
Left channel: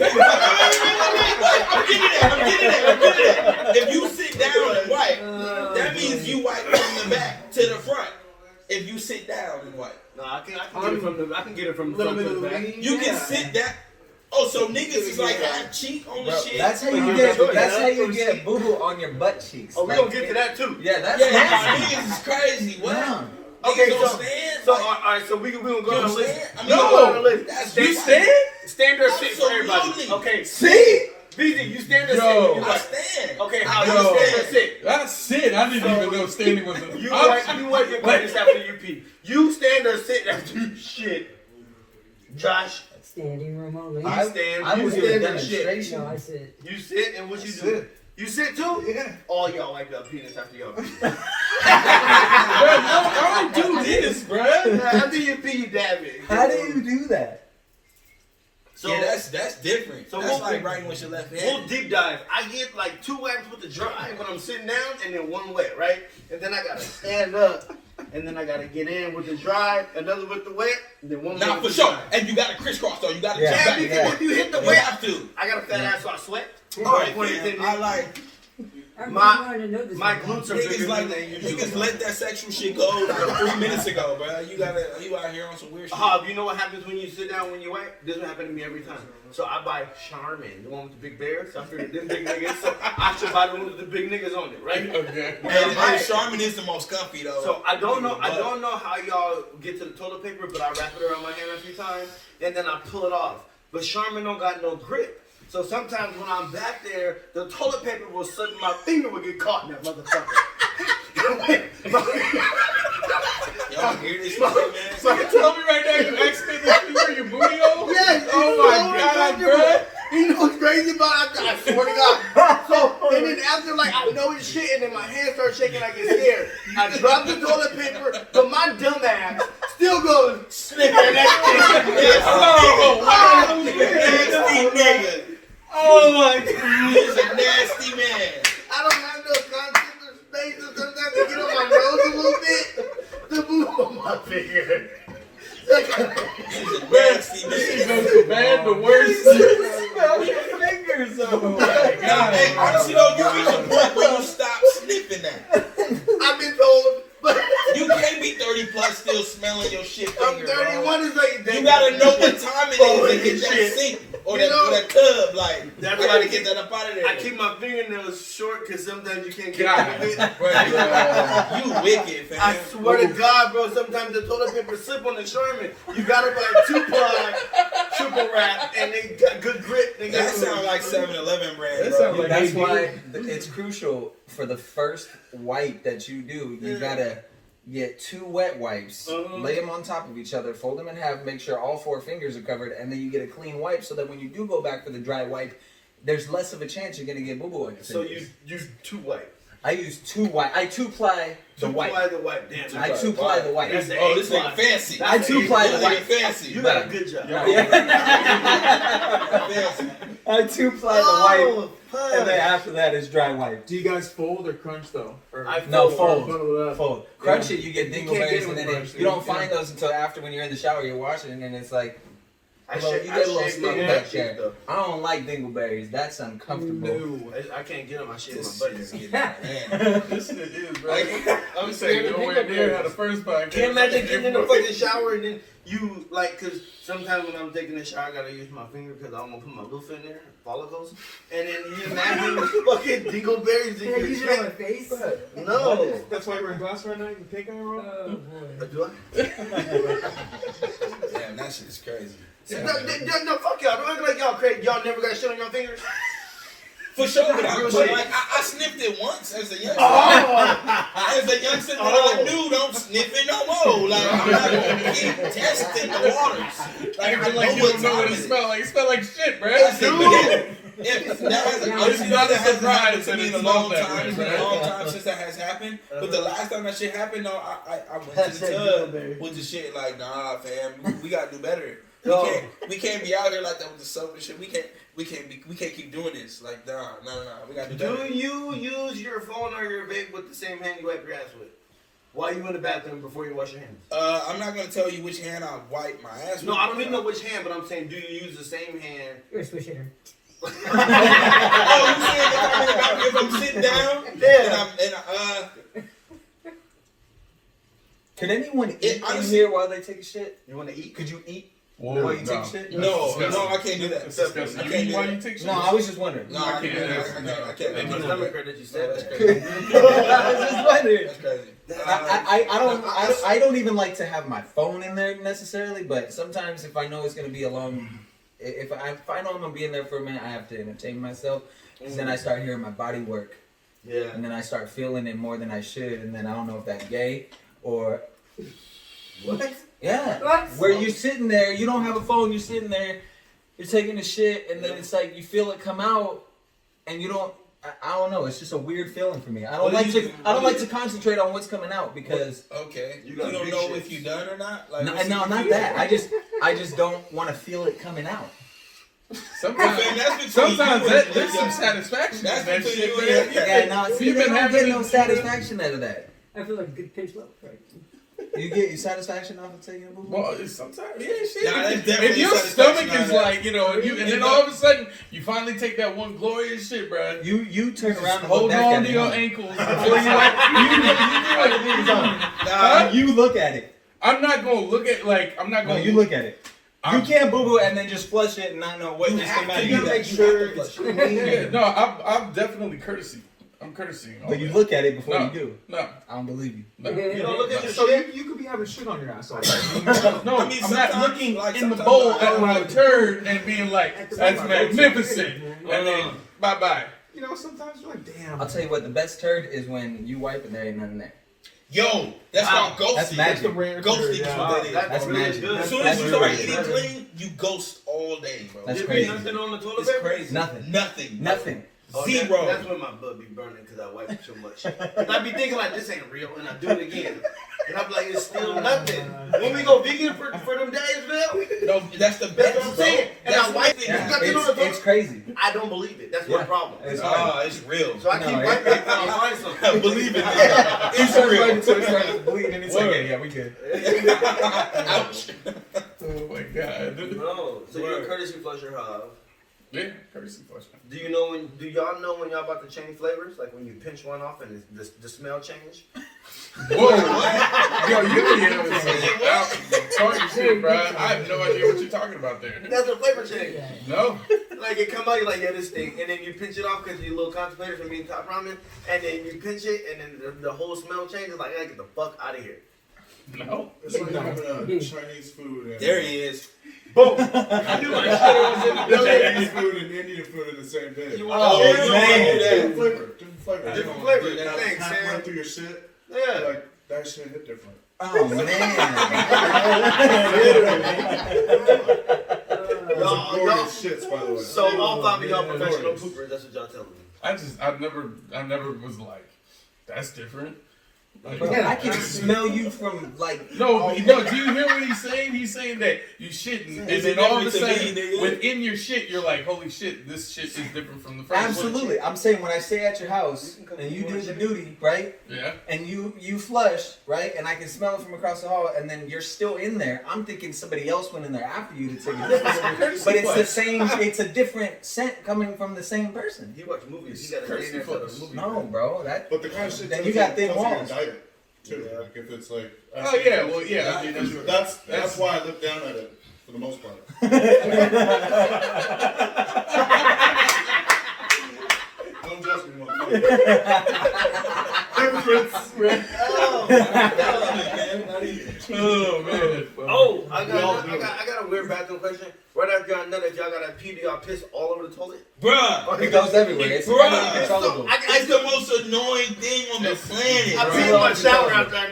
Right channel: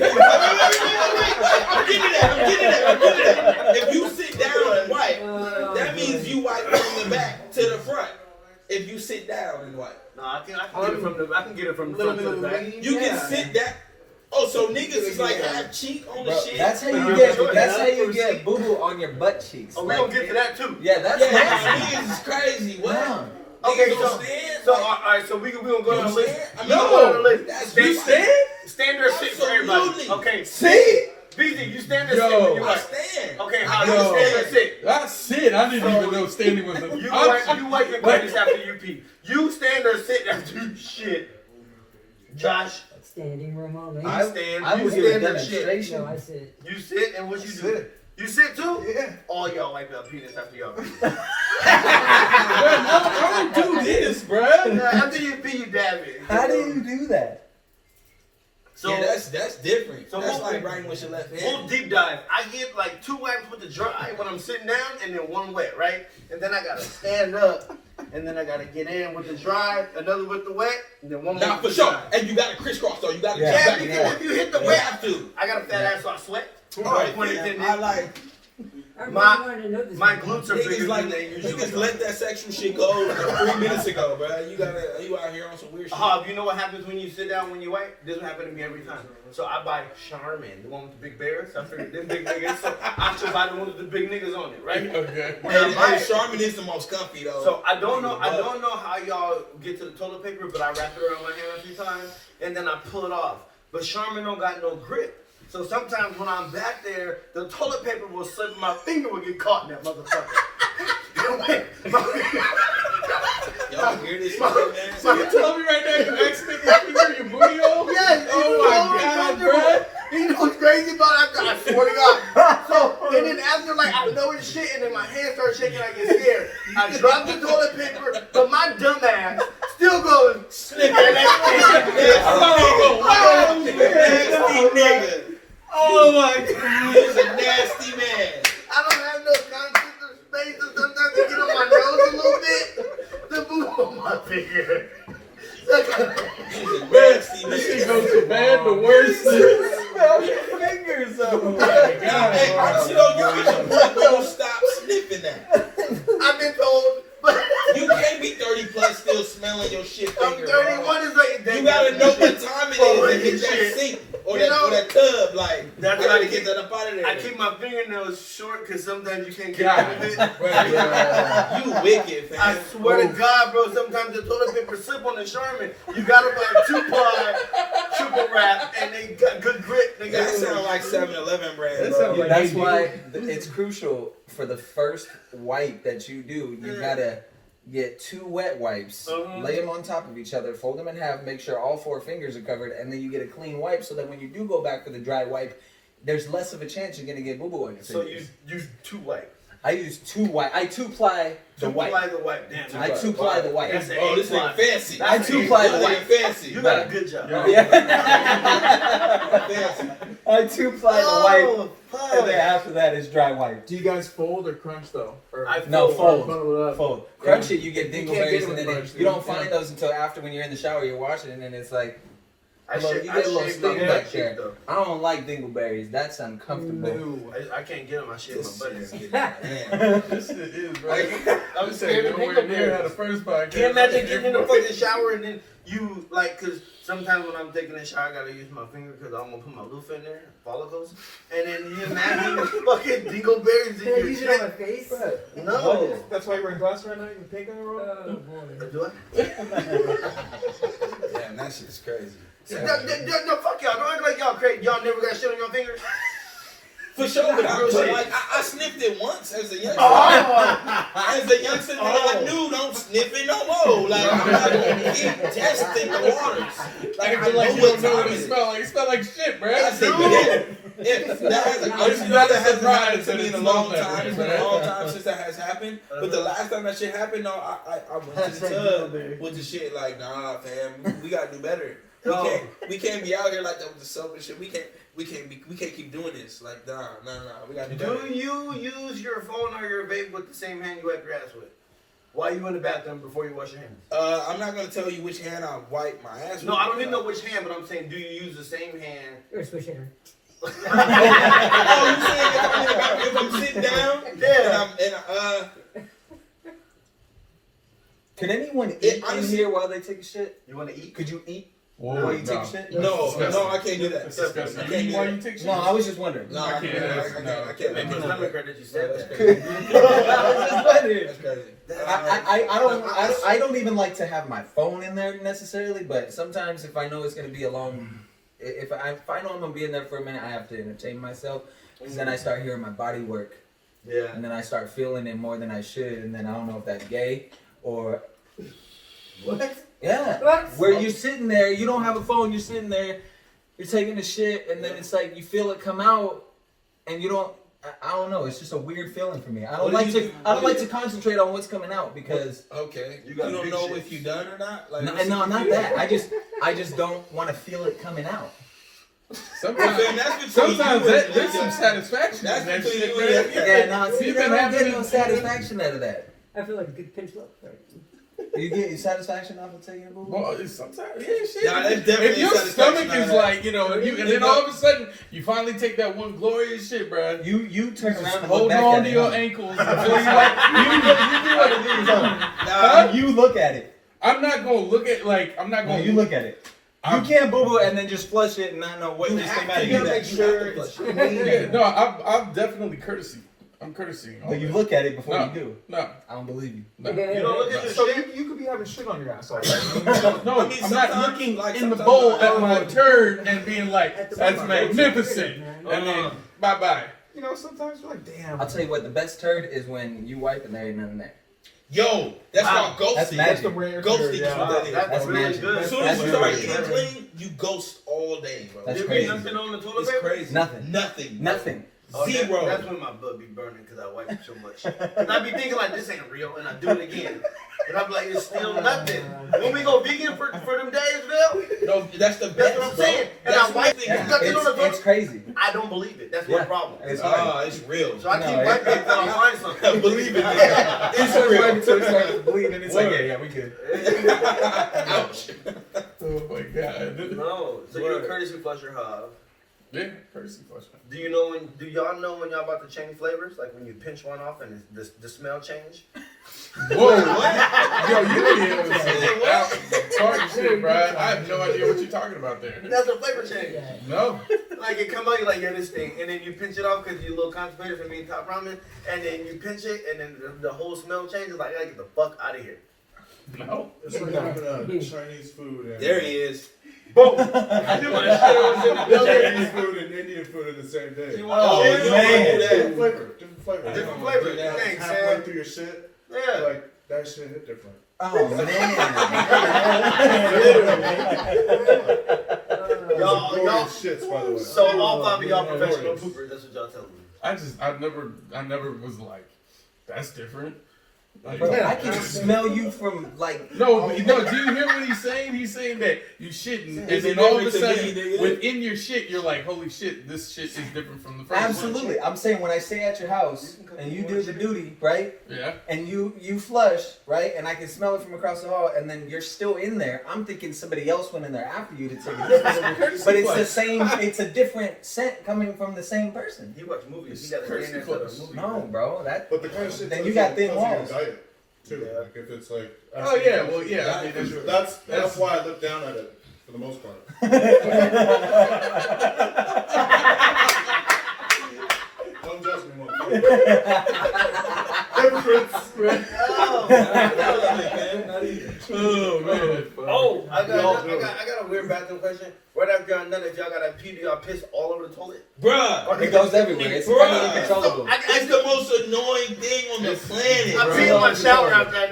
that. If you sit down and wipe, that means you wipe from the back to the front. If you sit down and wipe, No, I can get it from the front to the back. you can sit that. Oh, so niggas is like half cheek on the Bro, shit. that's how But you I'm get. sure That's you how know. you get boo boo on your butt cheeks. Oh, we Like, gonna get to that too. Yeah, that's Yeah, nasty. niggas is crazy. What? Yeah. Okay, Niggas so don't stand. so Like, all right, so we gonna go you on know the what I'm list. saying? I mean, We gonna go on the list. That's You stand. stand? Stand or sit for everybody. Absolutely. Okay, See? BZ, you stand or sit Yo. when you I wipe. stand. Okay, how Yo. you stand or sit? That's it. I didn't even know standing was an You option. wipe your credits after you pee. You stand or sit after you shit. Josh, Standing room only. I stand. I You will give a stand and shit. demonstration. No, I sit. you sit and what you do? Sit. You sit too? Yeah. All y'all wipe your penis after y'all pee. Bro, no, I don't do this, bro. After you pee, you dab it. How do you do that? So Yeah, that's different. So That's we'll- like writing with your left we'll hand. deep dive. I get like 2 wipes with the dry when I'm sitting down, and then 1 wet, right? And then I gotta stand up, and then I gotta get in with the dry, another with the wet, and then 1 more. Nah, with for the sure. dry. And you gotta crisscross though. You gotta Yeah. Yeah, jump because back and if you hit the forth. You wet, have to. I got a fat ass, so I sweat. All right, Point man. it in I me. like My glutes are bigger niggas like than they usually niggas are. let that sexual shit go like 3 minutes ago, bro. You out here on some weird shit. Hob, you know what happens when you sit down when you wipe? This will happen to me every time. So I buy Charmin, the one with the big bears. I figured them big niggas, so I should buy the one with the big niggas on it, right? Okay. And Charmin is the most comfy though. So I don't know how y'all get to the toilet paper, but I wrap it around my hand a few times and then I pull it off. But Charmin don't got no grip. So sometimes when I'm back there, the toilet paper will slip and my finger will get caught in that motherfucker. Y'all hear this shit, man? So you tell me right now you accidentally finger your booty hole? Yes, Oh my god, bro. You know what's crazy about it? I swear to God. So, and then after, like, I know it's shit, and then my hands start shaking, I get scared. I drop the toilet paper, but my dumb ass still goes, sniffing that shit. Nasty nigga. Oh my God. He's a nasty man. I don't have no conscience or space, and sometimes I get on my nose a little bit. The boo on my finger. He's a nasty It nigga. goes from bad to worse. Smell your fingers, though. Hey, honestly though, you reach a point where you stop sniffing that. I've been told, but You can't be 30 plus still smelling your shit I'm finger. 31 is like You gotta know what time it is to hit that Shit. sink or You that, know? or that tub. Like, That's I why I gotta keep- get that up out of there. I keep my fingernails short because sometimes you can't get God. rid of it. You wicked, fam. I swear to God, bro, sometimes the toilet paper slip on the Charmin. You gotta buy 2-ply, triple wrap, and they got good grip. They got That sounds like 7-Eleven brand, That bro. sounds like That's Hey, why it's crucial for the first wipe that you do. You gotta get 2 wet wipes, lay them on top of each other, fold them in half, make sure all 4 fingers are covered, and then you get a clean wipe so that when you do go back for the dry wipe, there's less of a chance you're gonna get boo boo on your So fingers. you use 2 wipe. I use 2 wipe. I 2-ply the 2-ply wipe. the wipe. Damn. I 2-ply the wipe. That's the Oh, this 8-ply. nigga fancy. That's I the 2-ply the 8-ply. wipe. fancy. You got a good job. fancy. I 2-ply the wipe, Oh, and then after that is dry wipe. Do you guys fold or crunch though? Or No, or fold. bundle it up? Fold. Crunch it, you get You can't dingleberries, get and them then crunched, you don't yeah. find those until after when you're in the shower, you're washing, and then it's like, I hello, shave you get a little my sting butt back cheek, there. though. I don't like dingleberries. That's uncomfortable. No. I can't get them. I shave This my shit butt. is getting man. This shit is, bro. I'm I'm scared saying of nowhere near how the dingleberries. first podcast. Can't imagine getting in the fucking shower and then you like, cause sometimes when I'm taking a shower, I gotta use my finger because I don't want to put my loofah in there, follicles, and then you imagine fucking dingleberries Can I in use your it on my chest. face? No. That's why you're wearing glasses right now. You pink on your Oh boy. Do I? Damn, that shit is crazy. No, fuck y'all. Don't act like y'all crazy. Y'all never got shit on your fingers. For sure, but Real but shit. like I sniffed it once as a youngster. Oh, As a youngster, I knew don't sniff it no more. Like I'm not gonna keep testing the waters. Like I Acting like know you what don't know time what it it is. smells like. It smells like shit, bro. That hasn't happened to me in a long That time. way, It's been right? a long time since that has happened. But the last time that shit happened, though, I went to the tub with the shit like, nah, fam, we gotta do better. We can't be out here like that with the soap and shit. We can't keep doing this. Like, nah, we gotta do better. do you use your phone or your vape with the same hand you wipe your ass with? While you in the bathroom before you wash your hands? I'm not gonna tell you which hand I wipe my ass with. No, I don't even know which hand, but I'm saying, do you use the same hand? You're switch hand. Oh, you saying if I'm sitting down? Yeah. Can anyone eat in honestly- here while they take a shit? You want to eat? Could you eat Whoa, while you no. take a shit? No, I can't do that. That's disgusting. I You can't eat do while that. you take shit? No, I was just wondering. No, I can't. I can't. Thank you for the credit you said That's that. crazy. I was just wondering. That's crazy. I don't even like to have my phone in there necessarily, but sometimes if I know it's gonna be a long, if I know I'm gonna be in there for a minute, I have to entertain myself, because then I start hearing my body work, Yeah. and then I start feeling it more than I should, and then I don't know if that's gay or What? yeah, What? where you're sitting there, you don't have a phone, you're sitting there, you're taking a shit, and then it's like you feel it come out, and you don't. I don't know. It's just a weird feeling for me. I don't like to concentrate on what's coming out because Okay. You You got don't big know shit. if you done or not. Like, no, not that. I just don't want to feel it coming out. Sometimes, Okay, that's between sometimes you that, and- there's some satisfaction That's in that between shit, you man. and- Yeah, no, see, You've I been don't having get no these- satisfaction out of that. I feel like a good pinch look. Right. You get your satisfaction off of taking a movie? Well, it's sometimes, yeah, shit. Nah, that's if definitely your satisfaction stomach out is of that. like, and then all of a sudden you finally take that one glorious shit, bro. You turn around and look Hold back on at to it. your huh? ankles until you like you do like Nah, You look at it. I'm not gonna look at I'm not No, gonna you look at it. You I'm- can't boo boo and then just flush it and not know what just came out of You you. gotta make sure it's clean. Yeah, no, I'm definitely courtesy. I'm courtesying. all But you that. look at it before No. you do. No, I don't believe you. no. You don't look at your So shit. you could be having shit on your ass all day. No, I mean, I'm not sometimes, looking like, in the sometimes bowl I- at my turd and being like, that's magnificent. And then, bye-bye. You know, sometimes you're like, damn. I'll tell you what, the best turd is when you wipe and there ain't nothing there. yo, that's Wow. called That's ghosting. magic. That's the rare Ghosting turd, is yeah. what that is. That's really really good. As soon That's as you really start good. eating clean, you ghost all day, bro. That's You crazy. be nothing on the toilet It's paper? crazy. Nothing. Nothing. Nothing. Oh, Zero. That's when my butt be burning because I wipe so much. And I be thinking like this ain't real, and I do it again. And I'm like, it's still nothing. When we go vegan for them days, Bill, No, that's the best. that's what I'm saying. And That's I wipe the it. thing. There's nothing on the It's toilet. crazy. I don't believe it. That's my Yeah. problem. It's hard. It's real. So I keep No, wiping until I find something. Believe it. It's real. So it's like bleeding and it's like, yeah, we good. Ouch. Oh my god. No. So you're a courtesy flusher hub. Yeah, courtesy flush. Do y'all know when y'all about to change flavors? Like when you pinch one off and the smell change? Whoa, yo, you be able to say out the target shit, bro. I have no idea what you're talking about there. That's a flavor change. No. Like it come out, you're like, yeah, this thing, and then you pinch it off because you're a little constipated from eating top ramen, and then you pinch it, and then the whole smell changes. Like, I gotta get the fuck out of here. No. It's like having Chinese food and There he is. Boom! I knew my shit was in the building. Chinese food and Indian food in the same day. You Oh, want you man. Different flavor. Different flavor. Different flavor. Yeah. Thanks, Halfway Sam. through your shit, Yeah. like that shit hit different. Oh, man. Y'all- Glorious shits, by the way. So all five of y'all Yeah, professional glorious. poopers. That's what y'all telling me. I never was like, that's different. Like, Bro, I can smell you from like. no, do you hear what he's saying? He's saying that you shitting, and then all of a sudden, within your shit, you're like, holy shit, this shit is different from the first one. Absolutely. I'm saying when I stay at your house and you do the duty, right? Yeah. And you flush, right? And I can smell it from across the hall, and then you're still in there. I'm thinking somebody else went in there after you to take a different. But it's the same. It's a different scent coming from the same person. He watch movies. He got to stay in there for the movie. No, bro. That. But the kind of shit Then that you got thin comes in your walls. diet too. Yeah. Like if it's like. Oh yeah, well yeah. I mean, That's why I look down at it for the most part. Don't judge me, motherfucker. Hypocrites. Oh, Oh man. Oh, I got a weird bathroom question. Right after y'all done, if y'all got a pee, do y'all piss all over the toilet? Bruh. It goes everywhere. It's uncontrollable. It's the most annoying thing on the planet. I pee in my shower after that.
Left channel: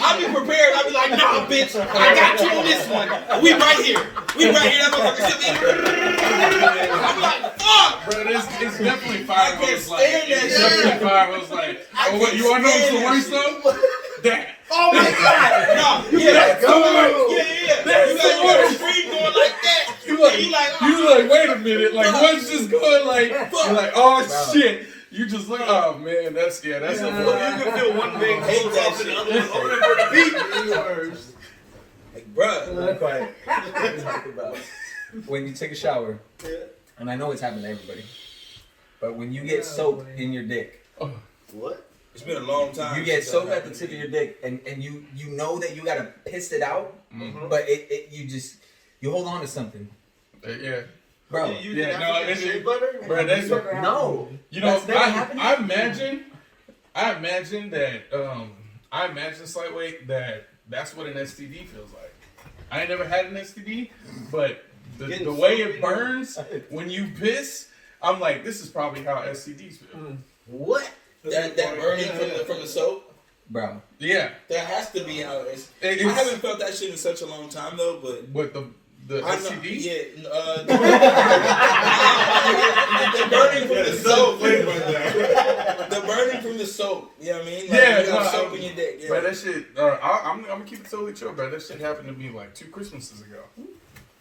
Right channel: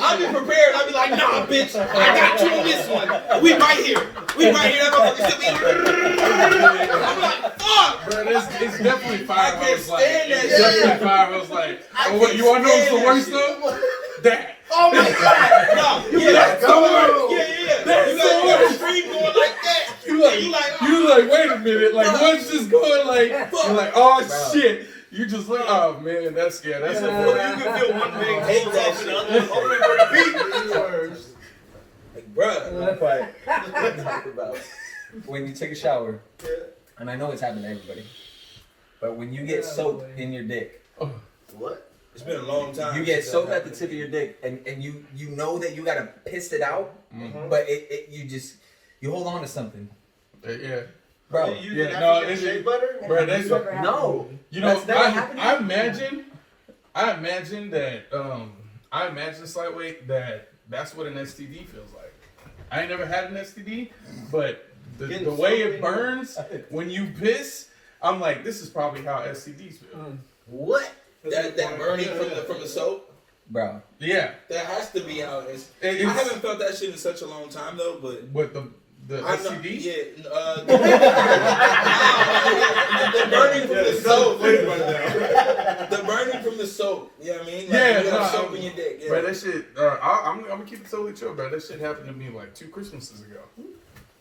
I'll be prepared. I'll be like, nah, bitch, I got you on this one. We right here. That motherfucker. I'm like, fuck. Bro, it's definitely fire. I can't stand that It's definitely fire. I was like, oh, what, you want to know what's the worst though? That. Oh my god! No, Yeah. You got the street going like that. You like, wait a minute. Like, one's just going like, you're like, oh shit. You just like, oh man, that's it. You can feel one big hate that and the other one open for the beat. Like, bruh. Not quite. When you take a shower, and I know it's happened to everybody, but when you get soap in your dick, What? It's been a long time. you get soap at the tip of your dick, and you know that you gotta piss it out, but you hold on to something, Yeah. bro. It's shea butter. Bro, that's No, you know. that's never happened. I imagine that. I imagine slightly that that's what an STD feels like. I ain't never had an STD, but the way it burns when you piss, I'm like, this is probably how STDs feel. What? That burning from the soap? bro. Yeah. That has to be how it is. I It's- haven't felt that shit in such a long time though, but What the I know, STD? yeah, the burning from the soap. The burning from the soap. You know what I mean? Like, Yeah, you have no, soap in your dick. Yeah. Bro, that shit. I'm gonna keep it totally chill, bro. That shit happened to me like 2 Christmases ago.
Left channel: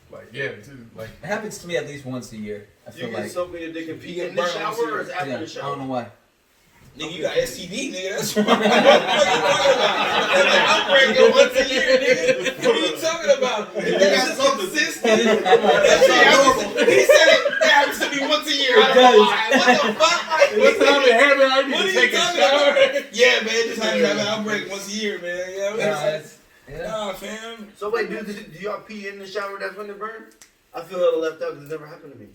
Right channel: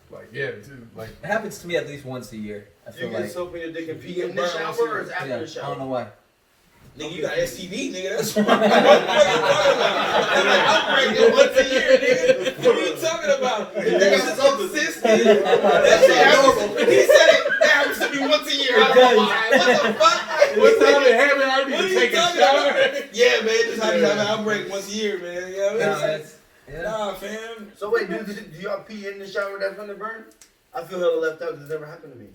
Like, yeah, dude, like. It happens to me at least once a year. I You feel get like. soap in your dick and pee You in the burn shower once or is after Yeah, the I shower? don't know why. Nigga, you got STD, nigga. That's what I'm talking about. That's like outbreak once a year, nigga. What are you talking about? That's just consistent. That's normal. He said it happens to me once a year. I don't know why. What the fuck? What's time it happened? I What need are to you take a talking shower. about? Yeah, man. Just how you have an outbreak once a year, man. You know what I'm saying? Yeah. Nah, fam. So wait, do y'all pee in the shower that's when it burn? I feel hella left out because it never happened to me.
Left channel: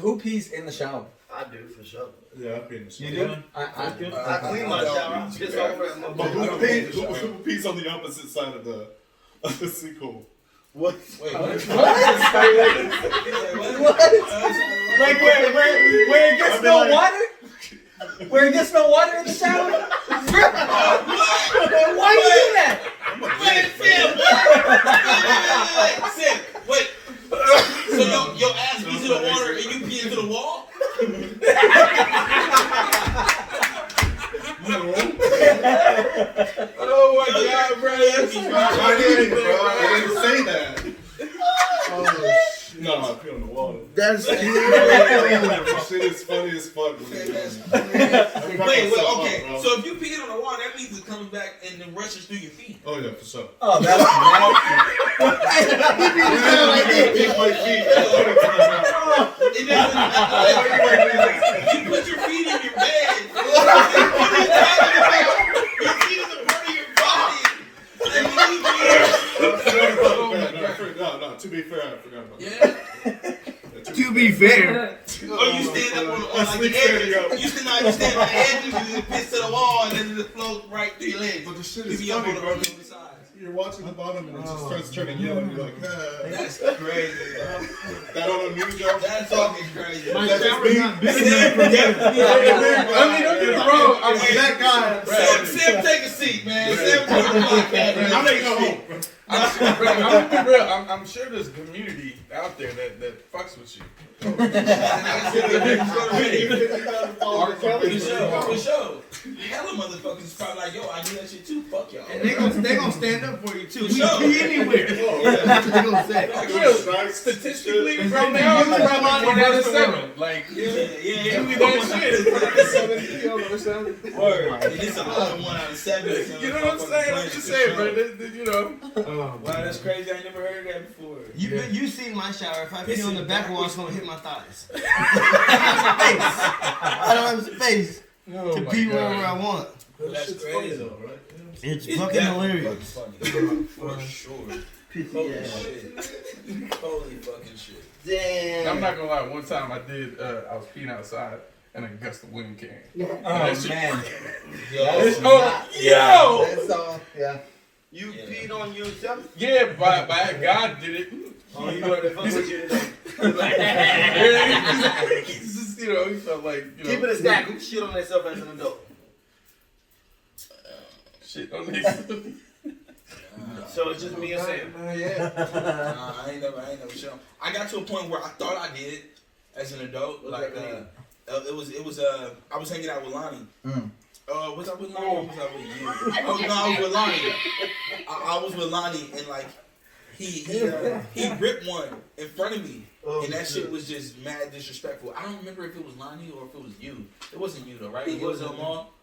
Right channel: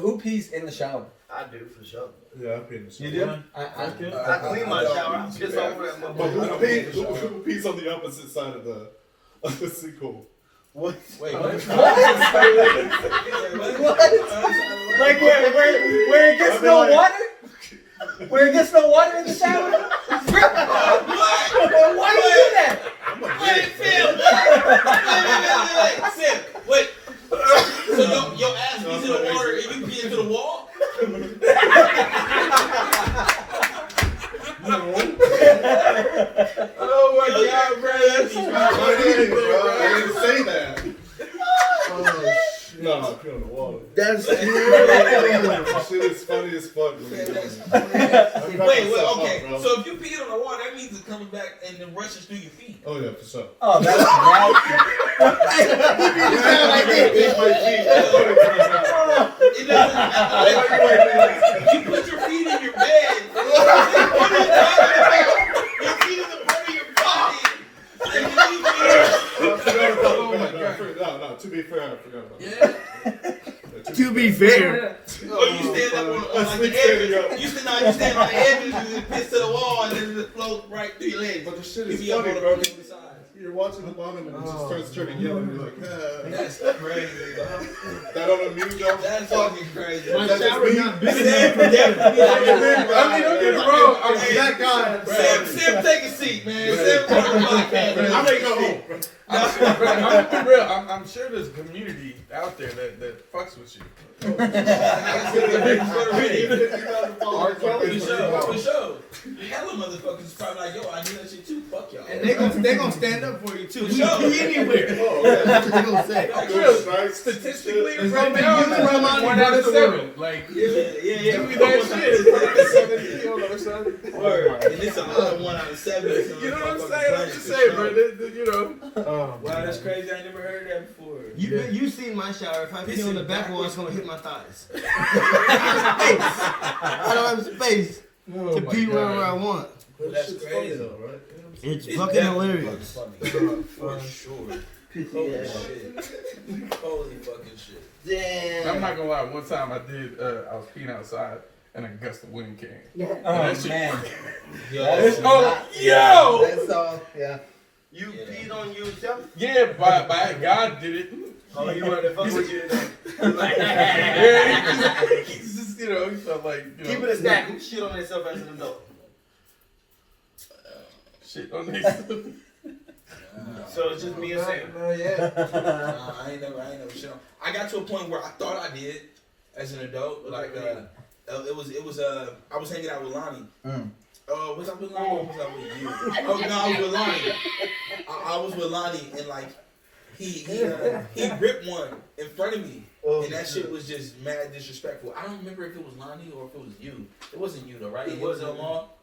Who pees in the shower? I do for sure. Yeah, I've been in the shower. You do? I clean my shower. I piss all over that But motherfucker. who pees on the opposite side of the sinkhole? What? Wait, what? Like where it gets no water? Where it gets no water in the shower? Why you do that? Wait, Phil. Wait. Wait. So your ass pees in the water and you pee into the wall? Oh my god, bro. That's I didn't say that. No, I pee on the wall. That's Shit is funny as fuck. Wait, well, okay. So if you pee on the wall, that means it's coming back and then rushes through your feet. Oh yeah, for sure. Oh, that's It doesn't. You put your feet in your bed. What are you talking about? Your feet is a part of your body. No, to be fair, I forgot about that. Yeah. To be fair, Oh, you stand up on like the edges. You stand on the edges and then piss to the wall and then it floats right through your legs. But the shit You is be up funny, on the bro. other side. You're watching the bottom and it just starts turning yellow. You're like, That's crazy. that on the news, y'all? That's fucking crazy. That's just me. I mean, don't get me wrong. I mean, That guy. Sam, take a seat, man. Sam, take a podcast. I'm gonna go home. I'm gonna be real. I'm sure there's a community out there that fucks with you. For sure. Hella motherfuckers probably like, yo, I do that shit too. Fuck y'all. and they gonna stand up for you too. For You sure. can be anywhere. That's what they gonna say. Statistically, from now, it's probably 1 out of 7. Like, Yeah. give me that shit. Word. And it's another 1 out of 7. You know what I'm saying? I'm just saying, bro. You know. Wow, that's crazy. I never heard that before. You seen my shower. If I pee on the back wall, it's gonna hit my thighs. I don't have space to pee wherever I want. That's crazy. It's fucking hilarious. Funny. For sure. Pissy Holy ass. shit. Holy fucking shit. Damn. I'm not gonna lie. One time I was peeing outside, and a gust of wind came. Oh man. Yo, Yo! That's all. Yeah. You peed on yourself? Yeah, by God did it. Oh, he wanted to fuck with you today. Yeah, he's just, you know, he felt like, you know, Keep it a stack. Who shit on themselves as an adult? shit on this. So it's just me and Sam. No, yeah. I ain't never shit on. I got to a point where I thought I did as an adult. Like, it was I was hanging out with Lonnie. Was I with Lonnie or was I with you? Oh no, I was with Lonnie. I was with Lonnie and like he ripped one in front of me. And that shit was just mad disrespectful. I don't remember if it was Lonnie or if it was you. It wasn't you though, right? It was Mall.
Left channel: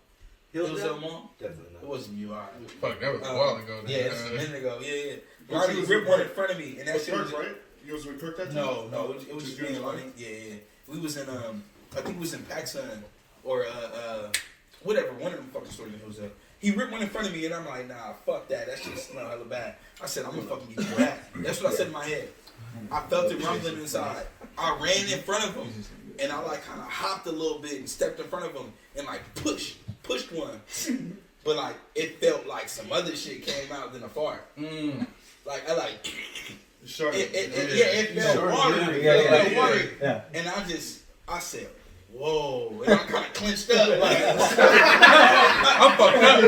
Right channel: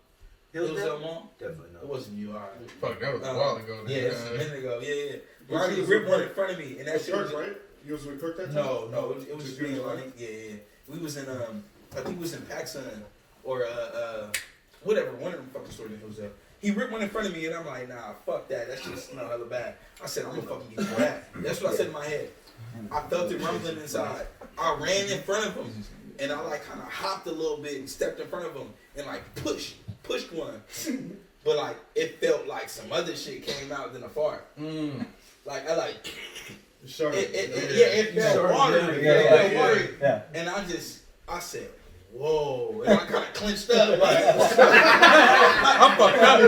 Hillsdale Mall? Definitely not. It wasn't you, alright. Fuck, that was a while ago. Yeah, it's a minute ago. Yeah. Lonnie ripped one in front of me and that shit was right? You was with Kirk that time? No, it was just me and Lonnie. Yeah. We was in I think we was in PacSun or whatever, one of them fucking stores in Hillsdale. He ripped one in front of me and I'm like, nah, fuck that. That shit smell hella bad. I said, I'm gonna fucking get you back. That's what I said in my head. I felt it rumbling inside. I ran in front of him and I like kind of hopped a little bit and stepped in front of him and like pushed one. But like it felt like some other shit came out than a fart. Like I like it felt watery. It felt watery. Yeah. And I said, whoa, and I kind of clenched up like I'm fucked up.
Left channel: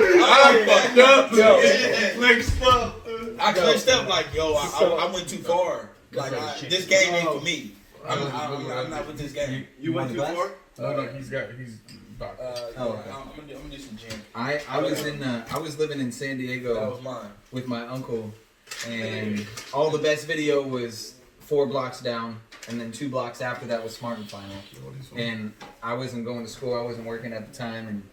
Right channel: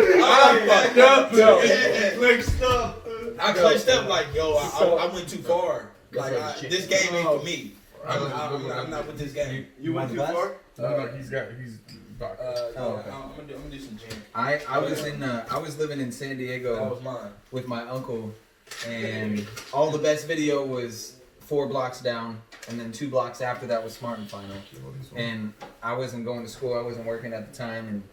I clenched up like, yo, I went too far. Like this game ain't for me. I'm not with this game. You went too far? No, he's doctor. I'm gonna do some gym. I was living in San That Diego was mine. with my uncle, and all the best video was 4 blocks down, and then 2 blocks after that was Smart and Final. And I wasn't going to school, I wasn't working at the time, and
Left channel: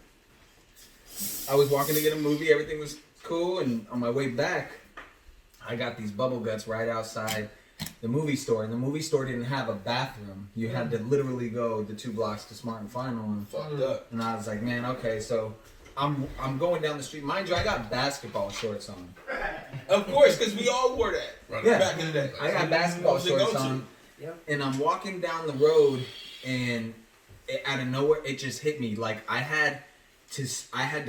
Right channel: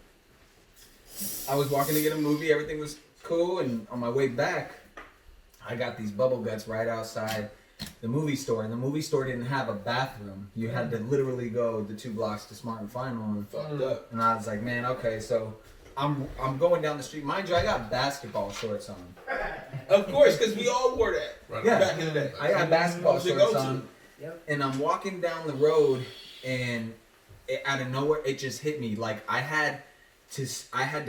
I was walking to get a movie, everything was cool, and on my way back, I got these bubble guts right outside the movie store, and the movie store didn't have a bathroom. You had to literally go the 2 blocks to Smart and Final, and I was like, man, okay, so I'm going down the street. Mind you, I got basketball shorts on. Of course, because we all wore that back in the day. I got basketball shorts on, and I'm walking down the road, and out of nowhere, it just hit me. Like I had to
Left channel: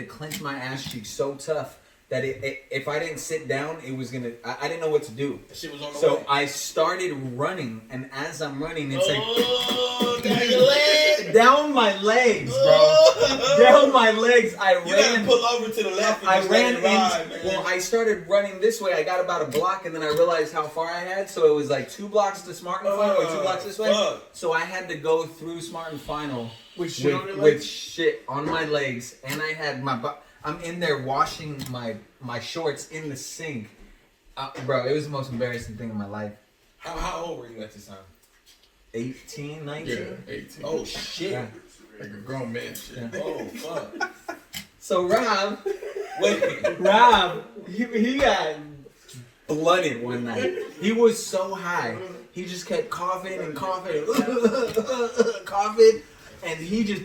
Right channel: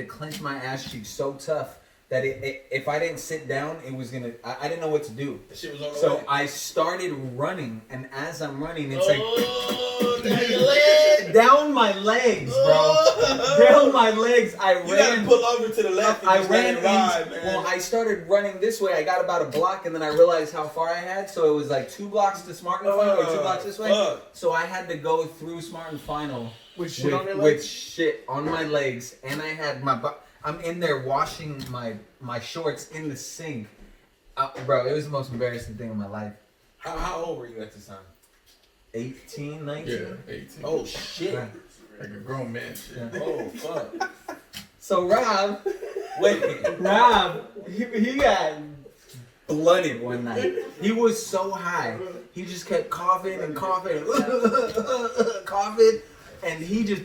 clench my ass cheeks so tough that if I didn't sit down, it was gonna. I didn't know what to do. That shit was on the So way. I started running, and as I'm running, it's down your leg. down my legs, bro. Down my legs. I You gotta ran. pull over to the left and I just ran let it ride, into, man. well, I started running this way. I got about a block, and then I realized how far I had. So it was like 2 blocks to Smart and Final, or 2 blocks this way. So I had to go through Smart and Final With shit on your legs? with shit on my legs, and I had I'm in there washing my shorts in the sink. Bro, it was the most embarrassing thing in my life. How old were you at this time? 18, 19? Yeah, 18. Oh shit. Yeah. Like a grown man shit. Oh fuck. So Rob, Wait. he got blooded one night. He was so high. He just kept coughing and coughing, coughing, and he just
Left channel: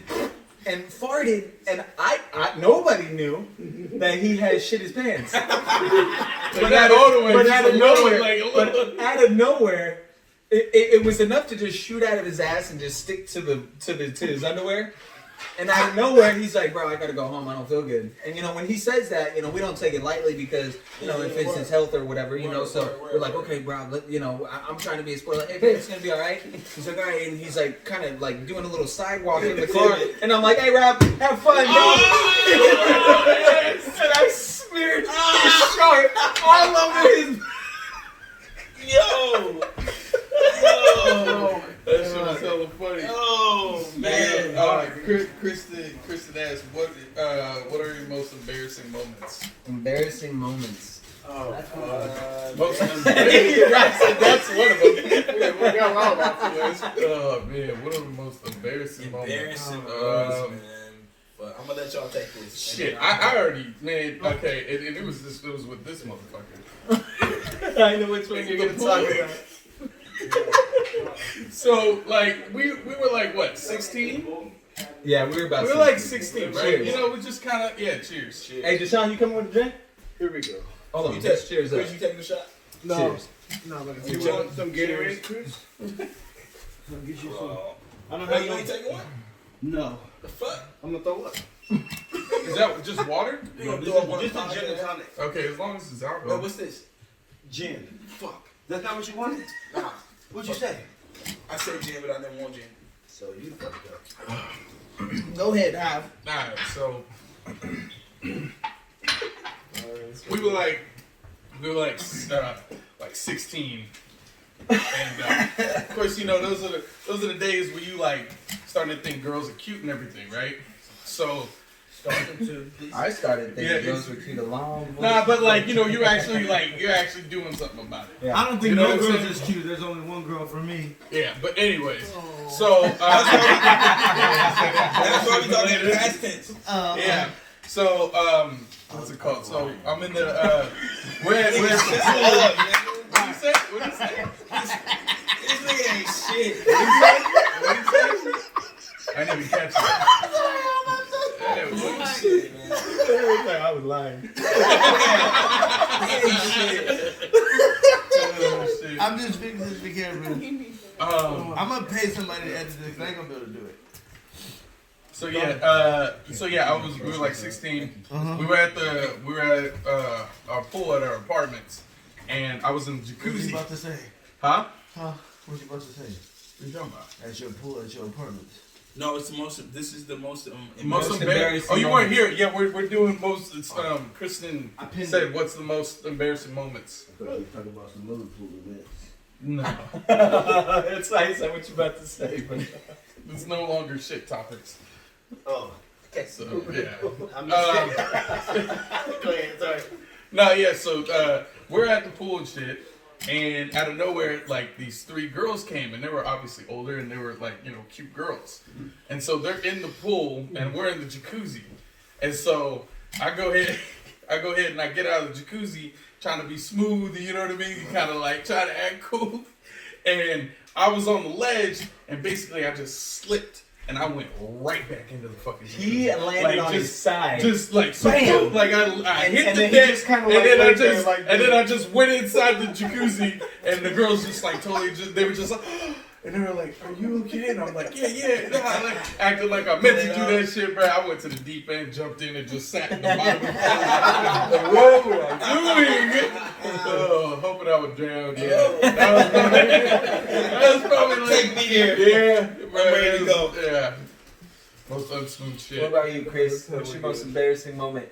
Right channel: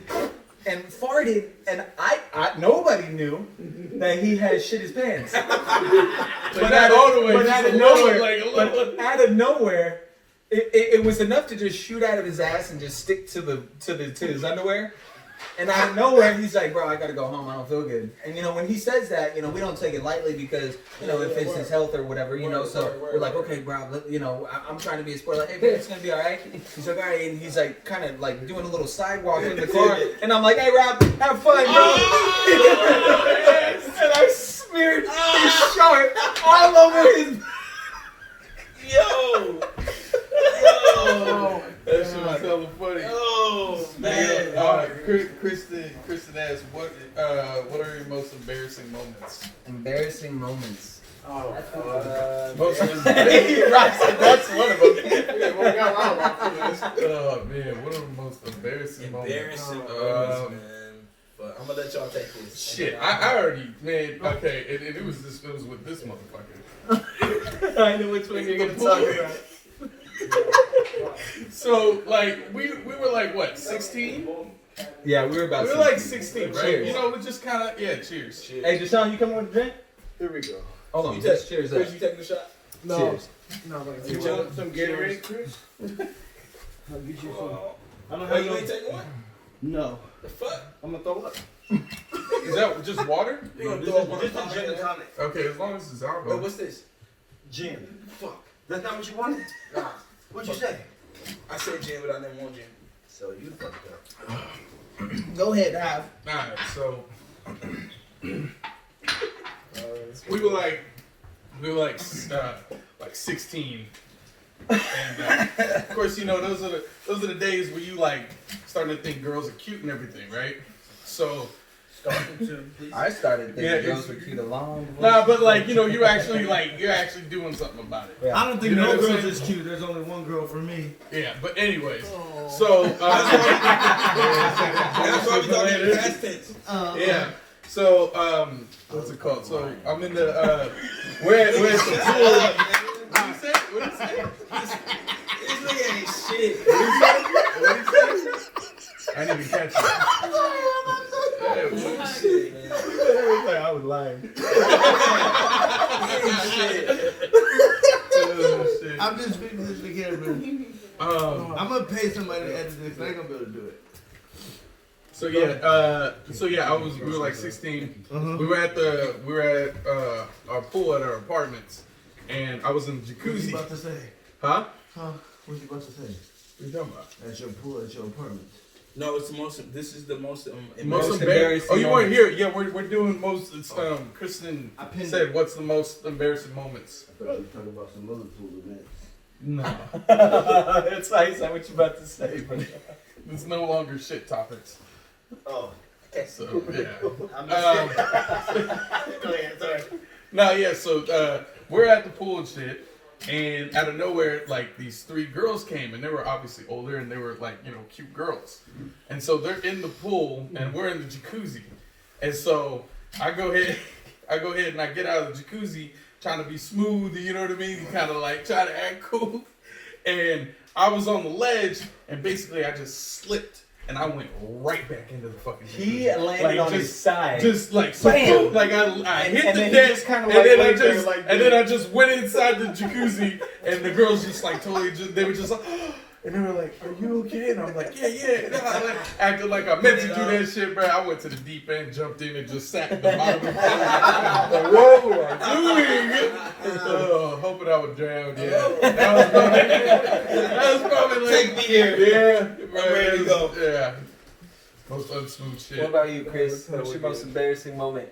farted. And I nobody knew that he had shit his pants. But out of nowhere, it was enough to just shoot out of his ass and just stick to his underwear. And out of nowhere, he's like, bro, I gotta go home. I don't feel good. And, when he says that, we don't take it lightly because, if it's his health or whatever, so we're like, okay, bro, I'm trying to be a sport. Like, hey, man, it's gonna be all right. He's like, all right. And he's like, kind of like doing a little sidewalk in the car. And I'm like, hey, Rob, have fun, bro. And I smeared his shark all over his. Yo. That shit was hella funny. Oh man. All right, Kristen asked, what are your most embarrassing moments? Embarrassing moments. Most Right, that's one of them. Oh man, what are the most embarrassing moments? Embarrassing moments, man. But I'm gonna let y'all take this. Shit, I already, man. Okay, it was with this motherfucker. I know which one you're gonna talk about. So like we were like what, 16? Yeah, we were about. We were like 16, right? Cheers. We just kind of cheers. Hey, Deshaun, you coming with a drink? Here we go. Hold on, You just cheers up. Chris, you taking a shot? No. Cheers. No, you want some Gatorade, Chris? I'll get you some. I don't Oh, have you no. ain't taking one? No. The fuck? I'm gonna throw up. Is that just water? You gonna Just throw up on a the gin and tonic. Okay, as long as it's Wait, alcohol. what's this? Gin. Fuck. That's not what you wanted? Nah. What'd you say? I said gin, but I never want gin. So you fucked it up. Go ahead, Dive. Alright, so we were like 16, and of course, you know, those are the days where you like starting to think girls are cute and everything, right? So I started thinking Yeah, girls were cute a long before. nah, but like, you know, you're actually doing something about it. Yeah. I don't think You know no what I'm girl saying? is cute. There's only one girl for me. Yeah, but anyways, so That's why we talking in past tense. yeah. So what's it called? So I'm in the we're at the pool. What you say? What you say? This nigga ain't shit. What you say? I didn't even catch it. Yeah, what- Shit, man. I was lying. He ain't shit. oh, shit. I'm just speaking to the camera. I'm gonna pay somebody to edit this. I ain't gonna be able to do it. So yeah, we were like 16. We were at our pool at our apartments, and I was in the What you jacuzzi. about to say? Huh? Huh? What you about to say? What you talking about? At your pool, at your apartment. No, it's the most. This is the most. Most embarrassing embarrassing. Oh, you weren't moment. here. Yeah, we're doing most. It's Kristen I pinned said, it. "What's the most embarrassing moments?" I thought you were talking about some other pool events. No, That's nice. That's what you about to say, but it's no longer shit topics. Oh. So yeah. I'm just kidding. Go ahead, sorry. No, yeah. So we're at the pool and shit, and out of nowhere, like these 3 girls came, and they were obviously older, and they were like, you know, cute girls, and so they're in the pool, and we're in the jacuzzi, and so I go ahead and I get out of the jacuzzi, trying to be smooth, you know what I mean, kind of like try to act cool, and I was on the ledge, and basically I just slipped. And I went right back into the fucking jacuzzi. he landed on his side. Just like so Bam! boom, like I hit and the then he deck, just kinda and like then I laid there just like and then I just went inside the jacuzzi, and the girls just like totally just they were just like, and they were like, "Are you okay?" And I'm like, "Yeah." And I like acting like I meant to do that shit, bro. I went to the deep end, jumped in, and just sat at the bottom. Like, whoa, I'm doing? Hoping I would drown. Yeah, that was probably like, Take me here. yeah, I'm ready to go. Yeah. Most unsmooth shit. What about you, Chris? What's your most embarrassing moment?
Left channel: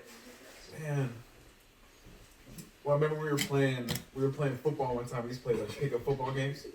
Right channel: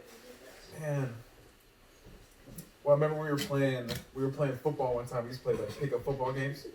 Man. Well, I remember we were playing football one time. We used to play like pickup football games.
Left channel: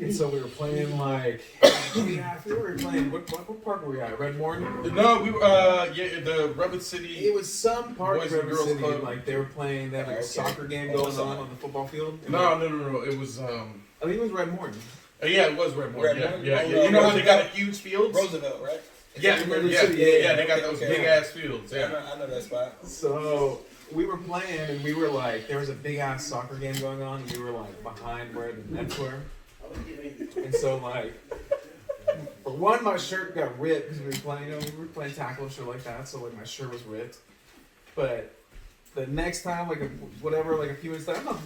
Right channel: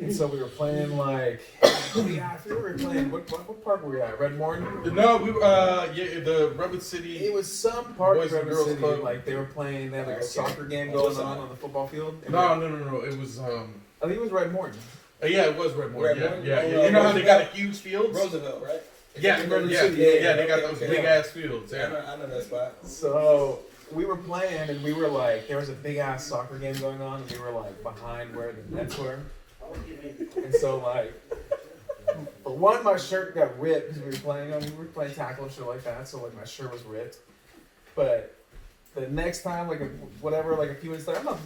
And so we were playing like, I think we were playing, what park were we at? Red Morton? No, we the Rebel City. It was some park Boys of and Rebel Girls City, Club. like they were playing, they had like a soccer game going on the football field. And No. It was I think it was Red Morton. yeah, it was Red Morton. Red Morton? Yeah. Oh, You know how they got Roosevelt? huge fields? Roosevelt, right? Yeah, Rebel yeah, City, yeah. They got okay, those okay. big ass fields. Yeah, Yeah. I know that spot. So we were playing and we were like, there was a big ass soccer game going on and we were like behind where the nets were. And so like, for one, my shirt got ripped because we were playing tackle and shit like that. So like my shirt was ripped. But the next time, like a few minutes later, I don't know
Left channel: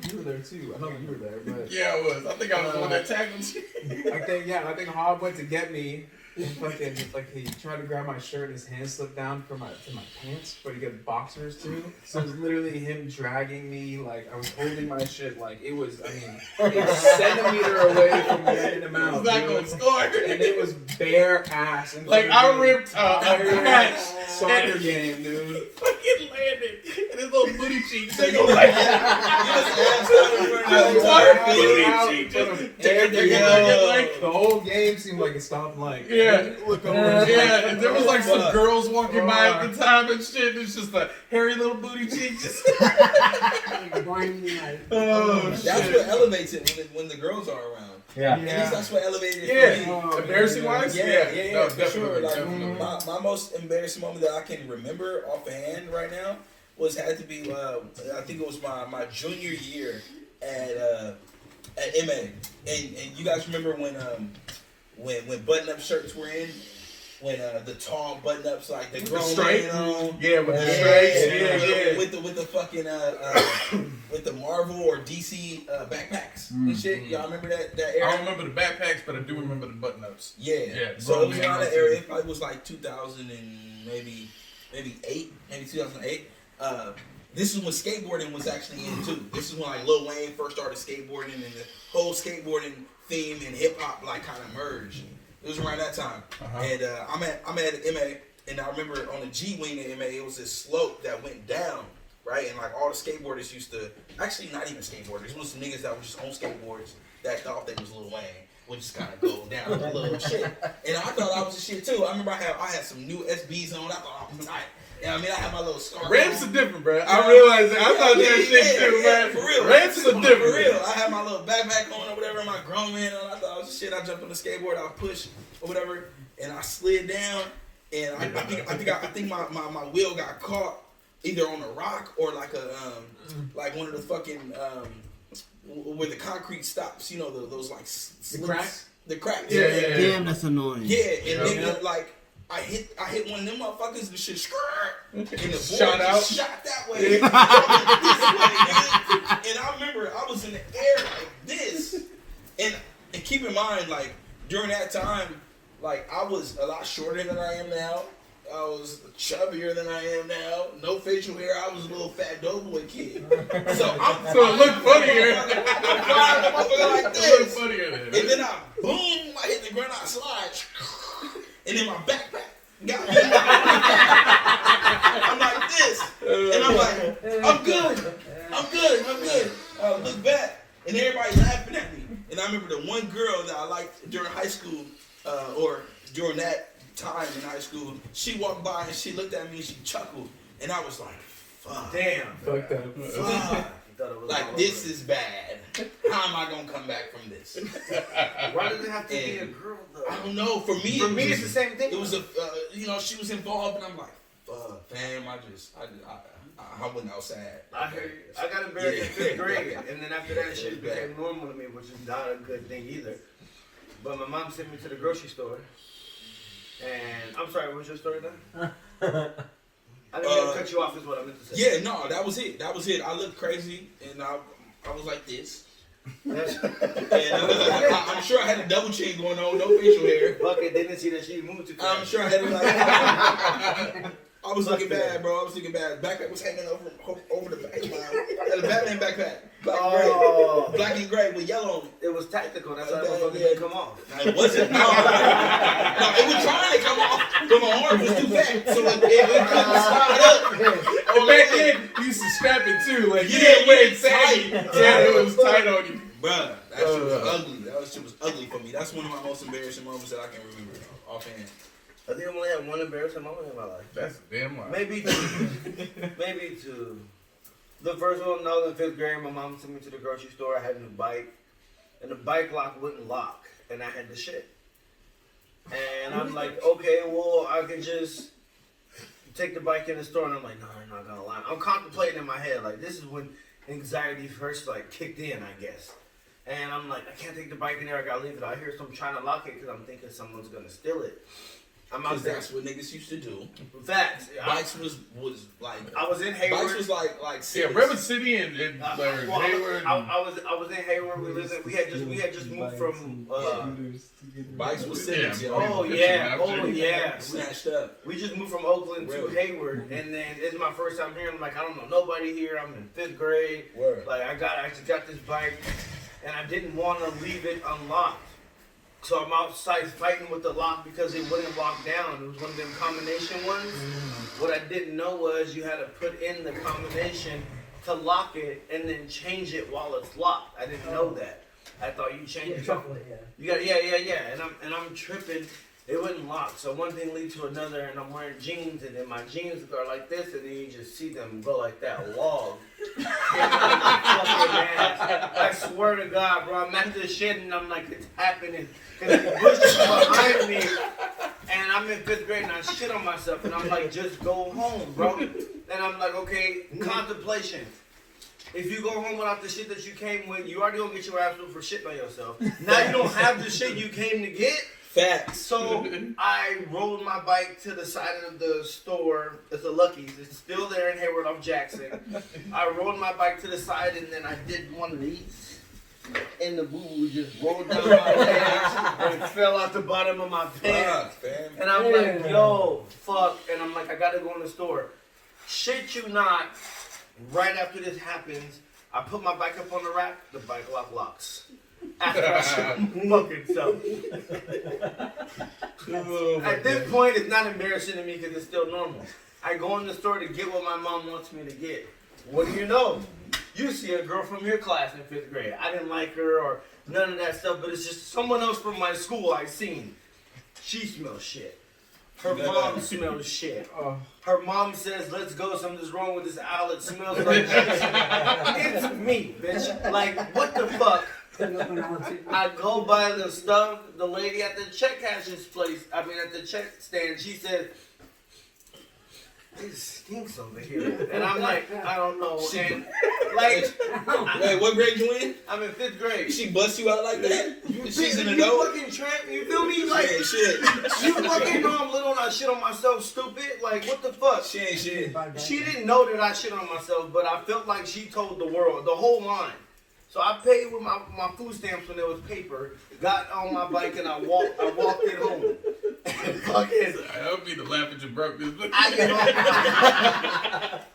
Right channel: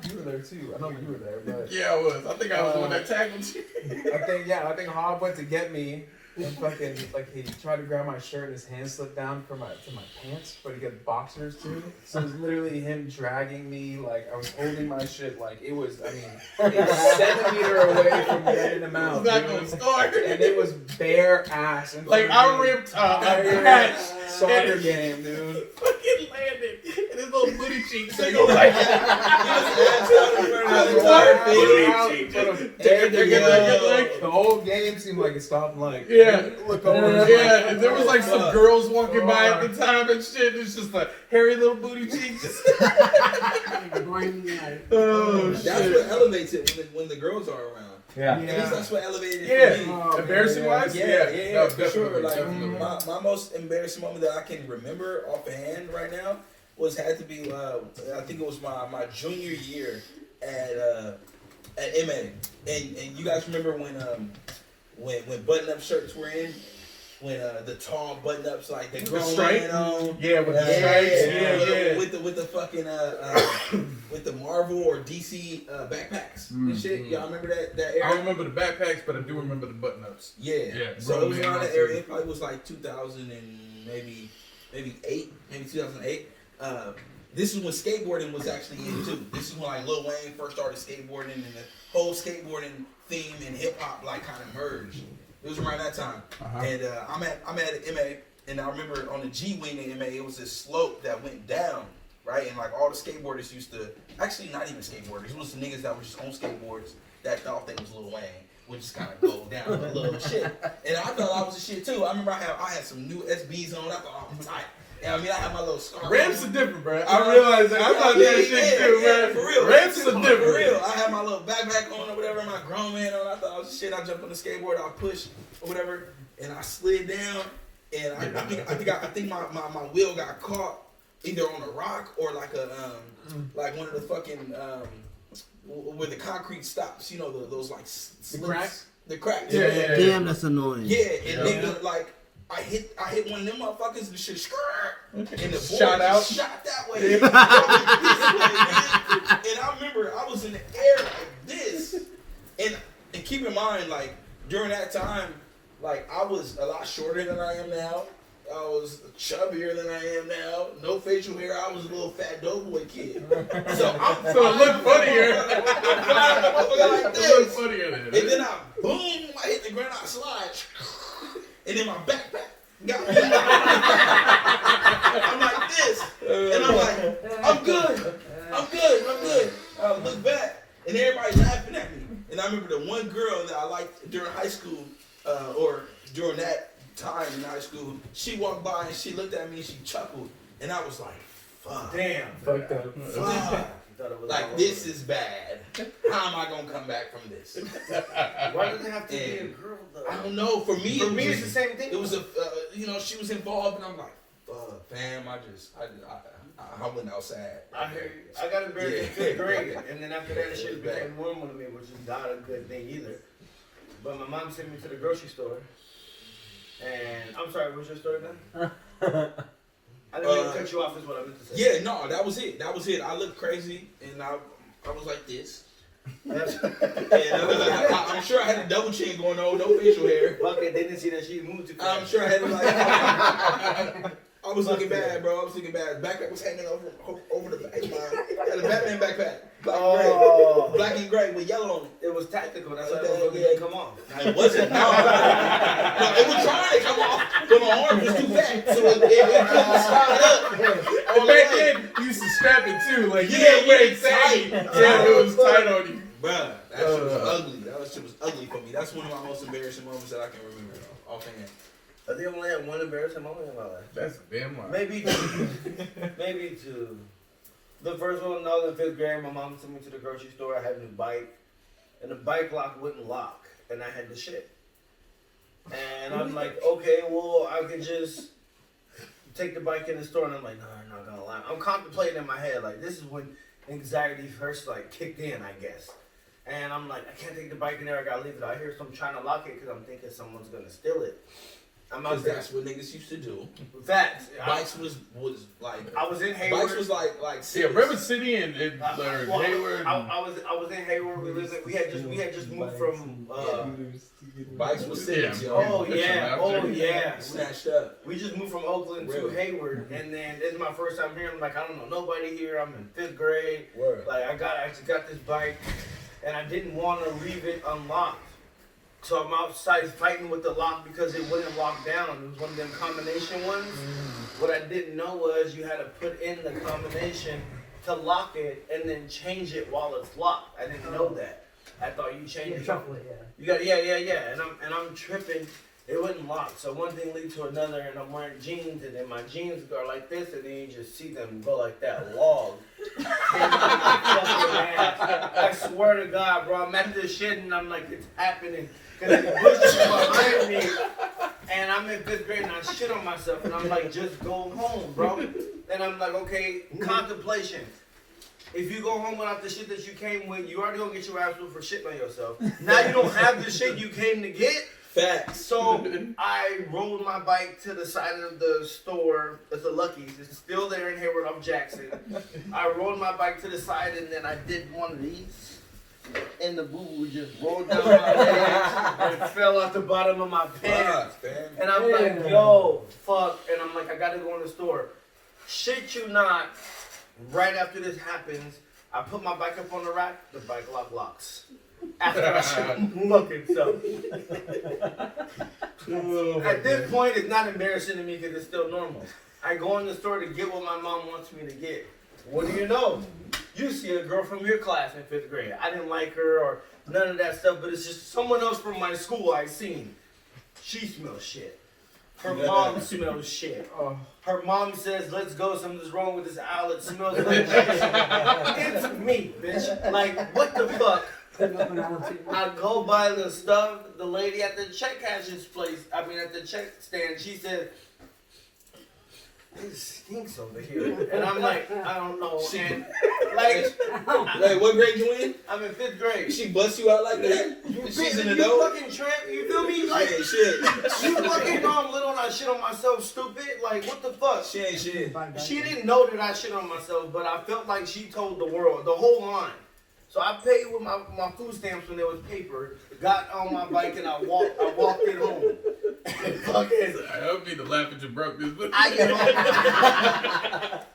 if you were there too. I know you were there, but Yeah, I was. I think I was the one that tackled you. I think Hob went to get me. And fucking, like, he tried to grab my shirt and his hand slipped down to my pants, but he got boxers too. So it was literally him dragging me, like, I was holding my shit, like, it was, I mean, a centimeter away from the end of the mouth. It's not dude. gonna start. And it was bare ass. In Like front of I me. ripped a Bare patch. soccer game, dude. Fucking landed, and his little booty cheeks. They go like The whole game seemed like it stopped, like, yeah. look over. Yeah, and there was like some girls walking by at the time and shit. It's just a hairy little booty cheeks. Oh That's shit. what elevates it when the girls are around. Yeah. At least that's what elevated it Yeah. for me. Embarrassing wise? Yeah, No, for sure. definitely, Like definitely. my most embarrassing moment that I can remember offhand right now had to be I think it was my junior year at MA, and you guys remember when button up shirts were in, when the tall button ups like the grown stripe? man on. Yeah, with the stripes. Yeah. With the fucking with the Marvel or DC backpacks and shit. Y'all remember that era? I don't remember the backpacks, but I do remember the button ups. Yeah. So grown it was man around that on era. too. It probably was like 2000 and maybe 2008. This is when skateboarding was actually in too. This is when like Lil Wayne first started skateboarding, and the whole skateboarding theme and hip hop like kind of merged. It was around that time, and I'm at MA, and I remember on the G wing at MA, it was this slope that went down, right, and like all the skateboarders used to, actually not even skateboarders, it was some niggas that were just on skateboards that thought they was Lil Wayne. Would just kind of go down a little shit, and I thought I was the shit too. I remember I had some new SBs on. I thought I was tight. And I mean, I had my little scarf. Ramps on. are different, bro. I realized that. I thought that shit too, man. For real. Ramps are different. For real. I had my little backpack on or whatever, my grown man on. I thought I was shit. I jumped on the skateboard, I pushed or whatever, and I slid down. And I think my wheel got caught either on a rock or like a like one of the fucking where the concrete stops. You know those like The cracks? The cracks. Yeah. Damn, that's annoying. Yeah, and nigga, like I hit one of them motherfuckers and the shit and the board Shot out. just shot that way. This way, nigga. And I remember I was in the air like this. And keep in mind, like during that time, like I was a lot shorter than I am now. I was chubbier than I am now. No facial hair. I was a little fat doughboy kid. So it looked funnier. I'm flying the motherfucker like It looked this. funnier then. And then I hit the ground, I slide. And then my backpack got me. I'm like this. And I'm like, I'm good. I look back, and everybody laughing at me. And I remember the one girl that I liked during high school, or during that time in high school, she walked by and she looked at me and she chuckled. And I was like, fuck. Damn. Fucked up. Fuck. Like, this is bad. How am I going to come back from this? Why does it have to be a girl though? I don't know. For me, it's the same thing. It was she was involved, and I'm like, fuck, damn, I went outside. I heard you. I got embarrassed in 5th grade, and then after that, shit became normal to me, which is not a good thing either. But my mom sent me to the grocery store, and I'm sorry, what's your story then? I didn't mean to cut you off, is what I meant to say. Yeah, no, that was it. I looked crazy, and I was like this. And I'm sure I had a double chin going on, no facial hair. Fuck it, they didn't see that she moved too fast. I'm sure I had like. I was looking bad, bro. I was looking bad. Backpack was hanging over the back of mine. I had a Batman backpack. Black and gray with yellow on it. It was tactical, that's why it didn't come off. No, it wasn't. No, it was trying to come off, but my arm was too fat. So it couldn't slide up. And back then, you used to strap it too. Like, you Yeah, didn't wear it it's tight. tight. Yeah, it was tight on you. Bruh, that shit was ugly. That shit was ugly for me. That's one of my most embarrassing moments that I can remember offhand. I think I only had one embarrassing moment in my life. That's a damn lie. Maybe two. The first one, I was in 5th grade. My mom took me to the grocery store. I had a new bike, and the bike lock wouldn't lock, and I had the shit. And I'm like, okay, well, I could just take the bike in the store, and I'm like, no, I'm not gonna lie. I'm contemplating in my head, like, this is when anxiety first, like, kicked in, I guess. And I'm like, I can't take the bike in there. I gotta leave it out here. So I'm trying to lock it because I'm thinking someone's gonna steal it. I'm out there. That's what niggas used to do. Facts. Bikes was like. I was in Hayward. Bikes was like Yeah, River City and Hayward. I was in Hayward. We had just moved from. Bikes was cities. Yeah. Oh yeah. Snatched up. We just moved from Oakland to Hayward, and then this is my first time here. I'm like, I don't know nobody here. I'm in 5th grade. Word. Like I just got this bike, and I didn't want to leave it unlocked. So I'm outside fighting with the lock because it wouldn't lock down. It was one of them combination ones. What I didn't know was you had to put in the combination to lock it and then change it while it's locked. I didn't know that. I thought you changed it. Shuffle it, yeah. You got and I'm tripping. It wouldn't lock. So one thing leads to another, and I'm wearing jeans, and then my jeans are like this, and then you just see them go like that log. I swear to God, bro, I'm at this shit, and I'm like, it's happening. Because the bush is behind me, and I'm in 5th grade, and I shit on myself, and I'm like, just go home, bro. And I'm like, okay, contemplation. If you go home without the shit that you came with, you already gonna get your ass whooped for shitting on yourself. Now you don't have the shit you came to get. Facts. So I rolled my bike to the side of the store. It's a Lucky's. It's still there in Hayward off Jackson. I rolled my bike to the side and then I did one of these. And the boo-boo just rolled down my legs and fell out the bottom of my pants. And I'm like, yo, fuck. And I'm like, I gotta go in the store. Shit you not. Right after this happens, I put my bike up on the rack. The bike lock locks. After I shot my fucking self. At this point, it's not embarrassing to me because it's still normal. I go in the store to get what my mom wants me to get. What do you know? You see a girl from your class in 5th grade. I didn't like her or none of that stuff, but it's just someone else from my school I seen. She smells shit. Her mom smells shit. Her mom says, let's go, something's wrong with this owl. It smells like shit. It's me, bitch. Like, what the fuck? I go buy the stuff. The lady at the check cashier's place, at the check stand, she said, it stinks over here. And I'm like, I don't know. And like, wait, what grade you in? I'm in 5th grade. She bust you out like that? She's an You adult? fucking tramp, you feel me? Like, She ain't shit. you fucking know I'm little and I shit on myself, stupid. Like, what the fuck? She ain't shit. She didn't know that I shit on myself, but I felt like she told the world, the whole line. So I paid with my food stamps when there was paper, got on my bike and I walked it home. And fucking, I hope you to laugh at you broke this, but I get home.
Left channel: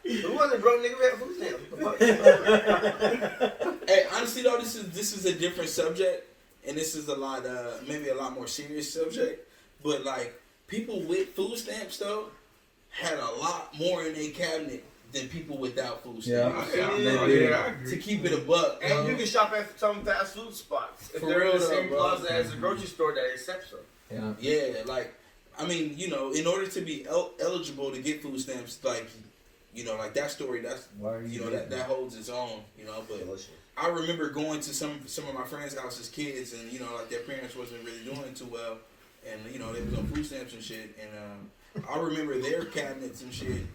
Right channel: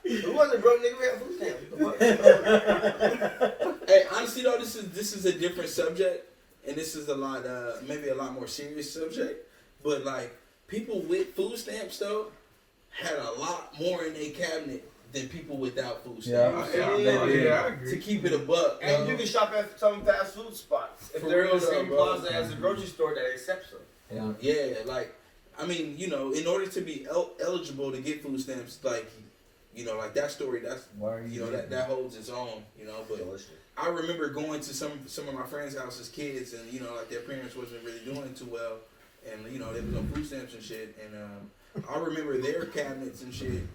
It wasn't broke, nigga, we had food stamps. What the fuck? Hey, honestly though, this is a different subject, and this is a lot, maybe a lot more serious subject. But like people with food stamps though had a lot more in their cabinet than people without food stamps. I agree. To keep it a buck. And you can shop at some fast food spots. If For they're in real the same though, bro. plaza as the grocery store that accepts them. Yeah, like I mean, you know, in order to be eligible to get food stamps, like you know, like that story, that's you know that holds its own, you know. But I remember going to some of my friends' house as kids, and you know, like their parents wasn't really doing too well, and you know they was on food stamps and shit, and I remember their cabinets and shit.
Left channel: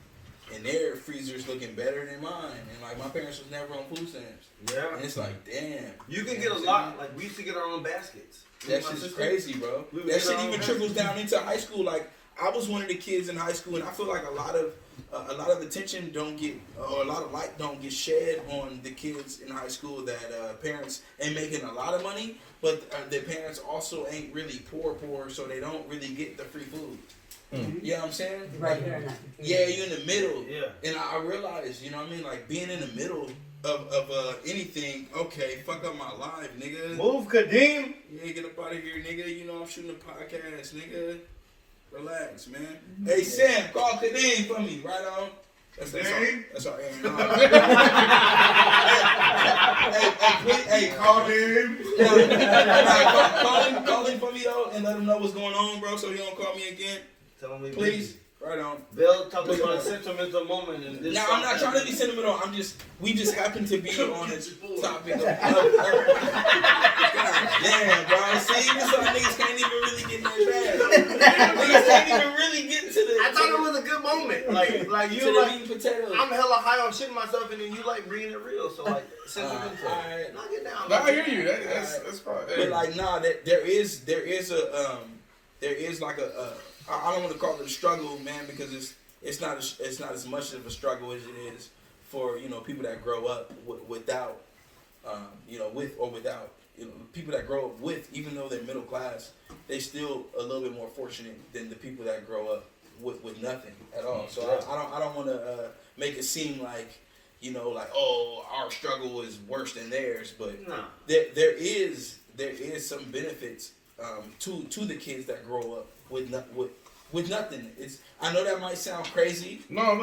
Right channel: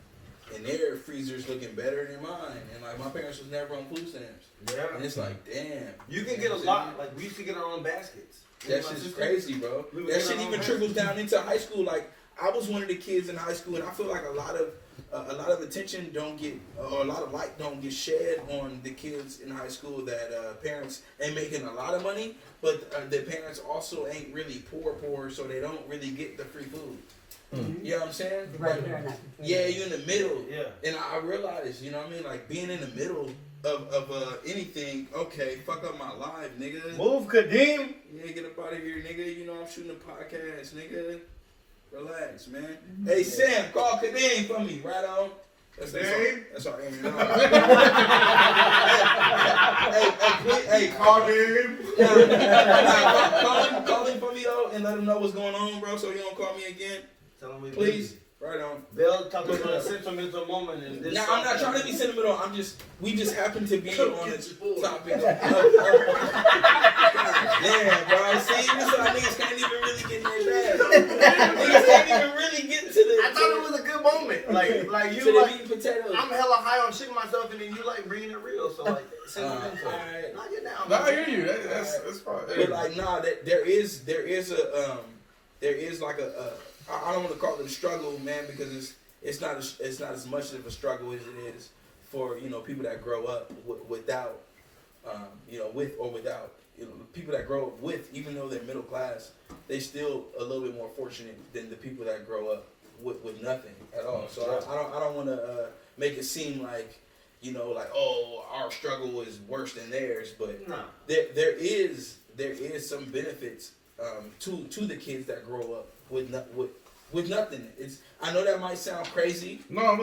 And their freezers looking better than mine. And like my parents was never on food stamps. Yeah. And it's like, damn. You can get a lot. Like we used to get our own baskets. That shit's crazy, bro. That shit even trickles down into high school. Like I was one of the kids in high school, and I feel like a lot of attention don't get, or a lot of light don't get shed on the kids in high school that parents ain't making a lot of money, but their parents also ain't really poor, so they don't really get the free food. You know what I'm saying? Right there. Yeah, you're in the middle. Yeah. And I realized, you know what I mean? Like being in the middle of anything, okay, fuck up my life, nigga. Move, Kadeem. Yeah, get up out of here, nigga. You know I'm shooting a podcast, nigga. Relax, man. Hey, Sam, call Kadeem for me. Right on. That's our Aaron. Hey, call him. Call him for me, though, and let him know what's going on, bro, so he don't call me again. Tell me, Please. Right on. Bill talking about a sentimental moment in this. Now I'm not trying to be sentimental. We just happen to be on this topic. God damn, bro. See, this is why niggas can't even really get in their bag. Niggas can't even really get to the. I thought it was a good moment. Like you to like. the meat and potatoes. I'm hella high on shitting myself, and then you like bringing it real. So like, sentimental. Alright. Knock it down. no, I man. hear you. That's probably. But like, nah, there is like a I don't want to call it a struggle, man, because it's not as much of a struggle as it is for, you know, people that grow up without, you know, with or without, you know, people that grow up with, even though they're middle class, they still a little bit more fortunate than the people that grow up with nothing at all. So I don't want to make it seem like, you know, like, oh, our struggle is worse than theirs, but there is some benefits to the kids that grow up with nothing. I know that might sound crazy. No,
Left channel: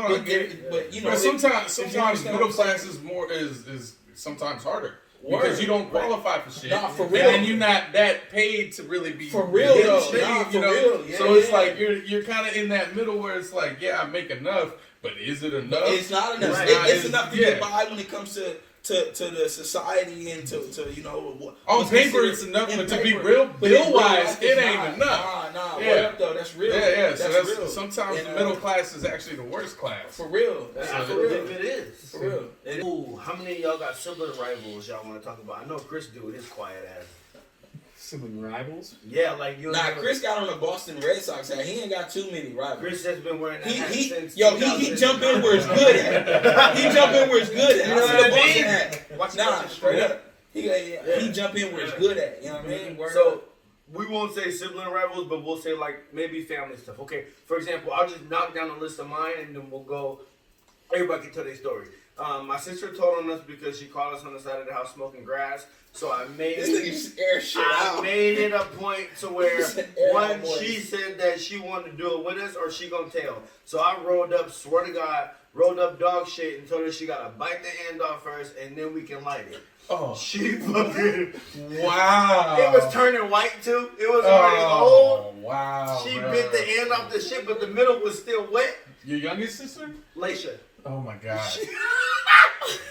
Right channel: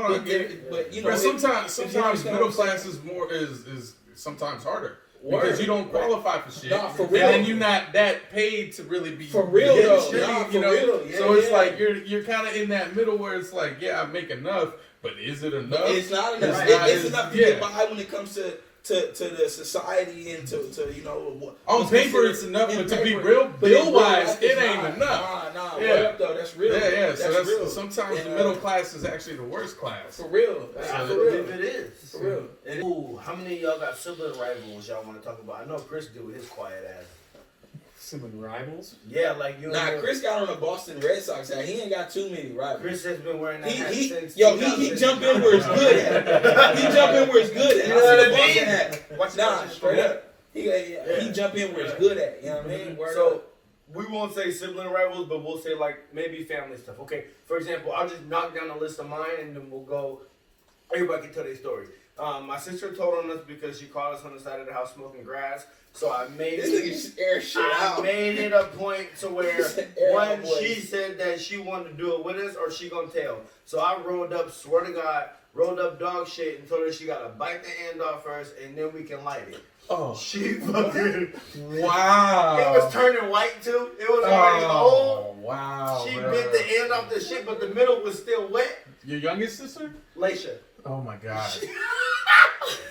but you know, but sometimes middle class is more is sometimes harder. Because you don't qualify for shit. Nah, for real. And then you're not that paid to really be for real. Real. So it's like you're kind of in that middle where it's like, yeah, I make enough, but is it enough? It's not enough. It's enough to get by when it comes to the society and to you know. On paper it's enough, but to be real bill wise, it ain't enough. Nah. Yeah. Word up though, that's real. Yeah. So that's real. sometimes the middle class is actually the worst class. For real. I believe it is. For real. Ooh, how many of y'all got sibling rivals y'all want to talk about? I know Chris do with his quiet ass. sibling rivals. Yeah, like you. Nah, Chris got on a Boston Red Sox hat. He ain't got too many rivals. Chris has been wearing that hat since. He jump in where it's good at. He jump in where it's good at. You know what I Boston mean? hat. Nah, straight up. He jump in where it's good at. You know what I mean? So we won't say sibling rivals, but we'll say like maybe family stuff. Okay, for example, I'll just knock down a list of mine, and then we'll go. Everybody can tell their story. My sister told on us because she caught us on the side of the house smoking grass. So I made made it a point to where one, she said that she wanted to do it with us or she gonna tell. So I rolled up, swear to God, rolled up dog shit and told her she gotta bite the end off first and then we can light it. Oh. She fucking Wow. It was turning white too. It was already old. Wow. She bro. bit the end off the shit, but the middle was still wet. Your youngest sister? Laisha. Oh my God.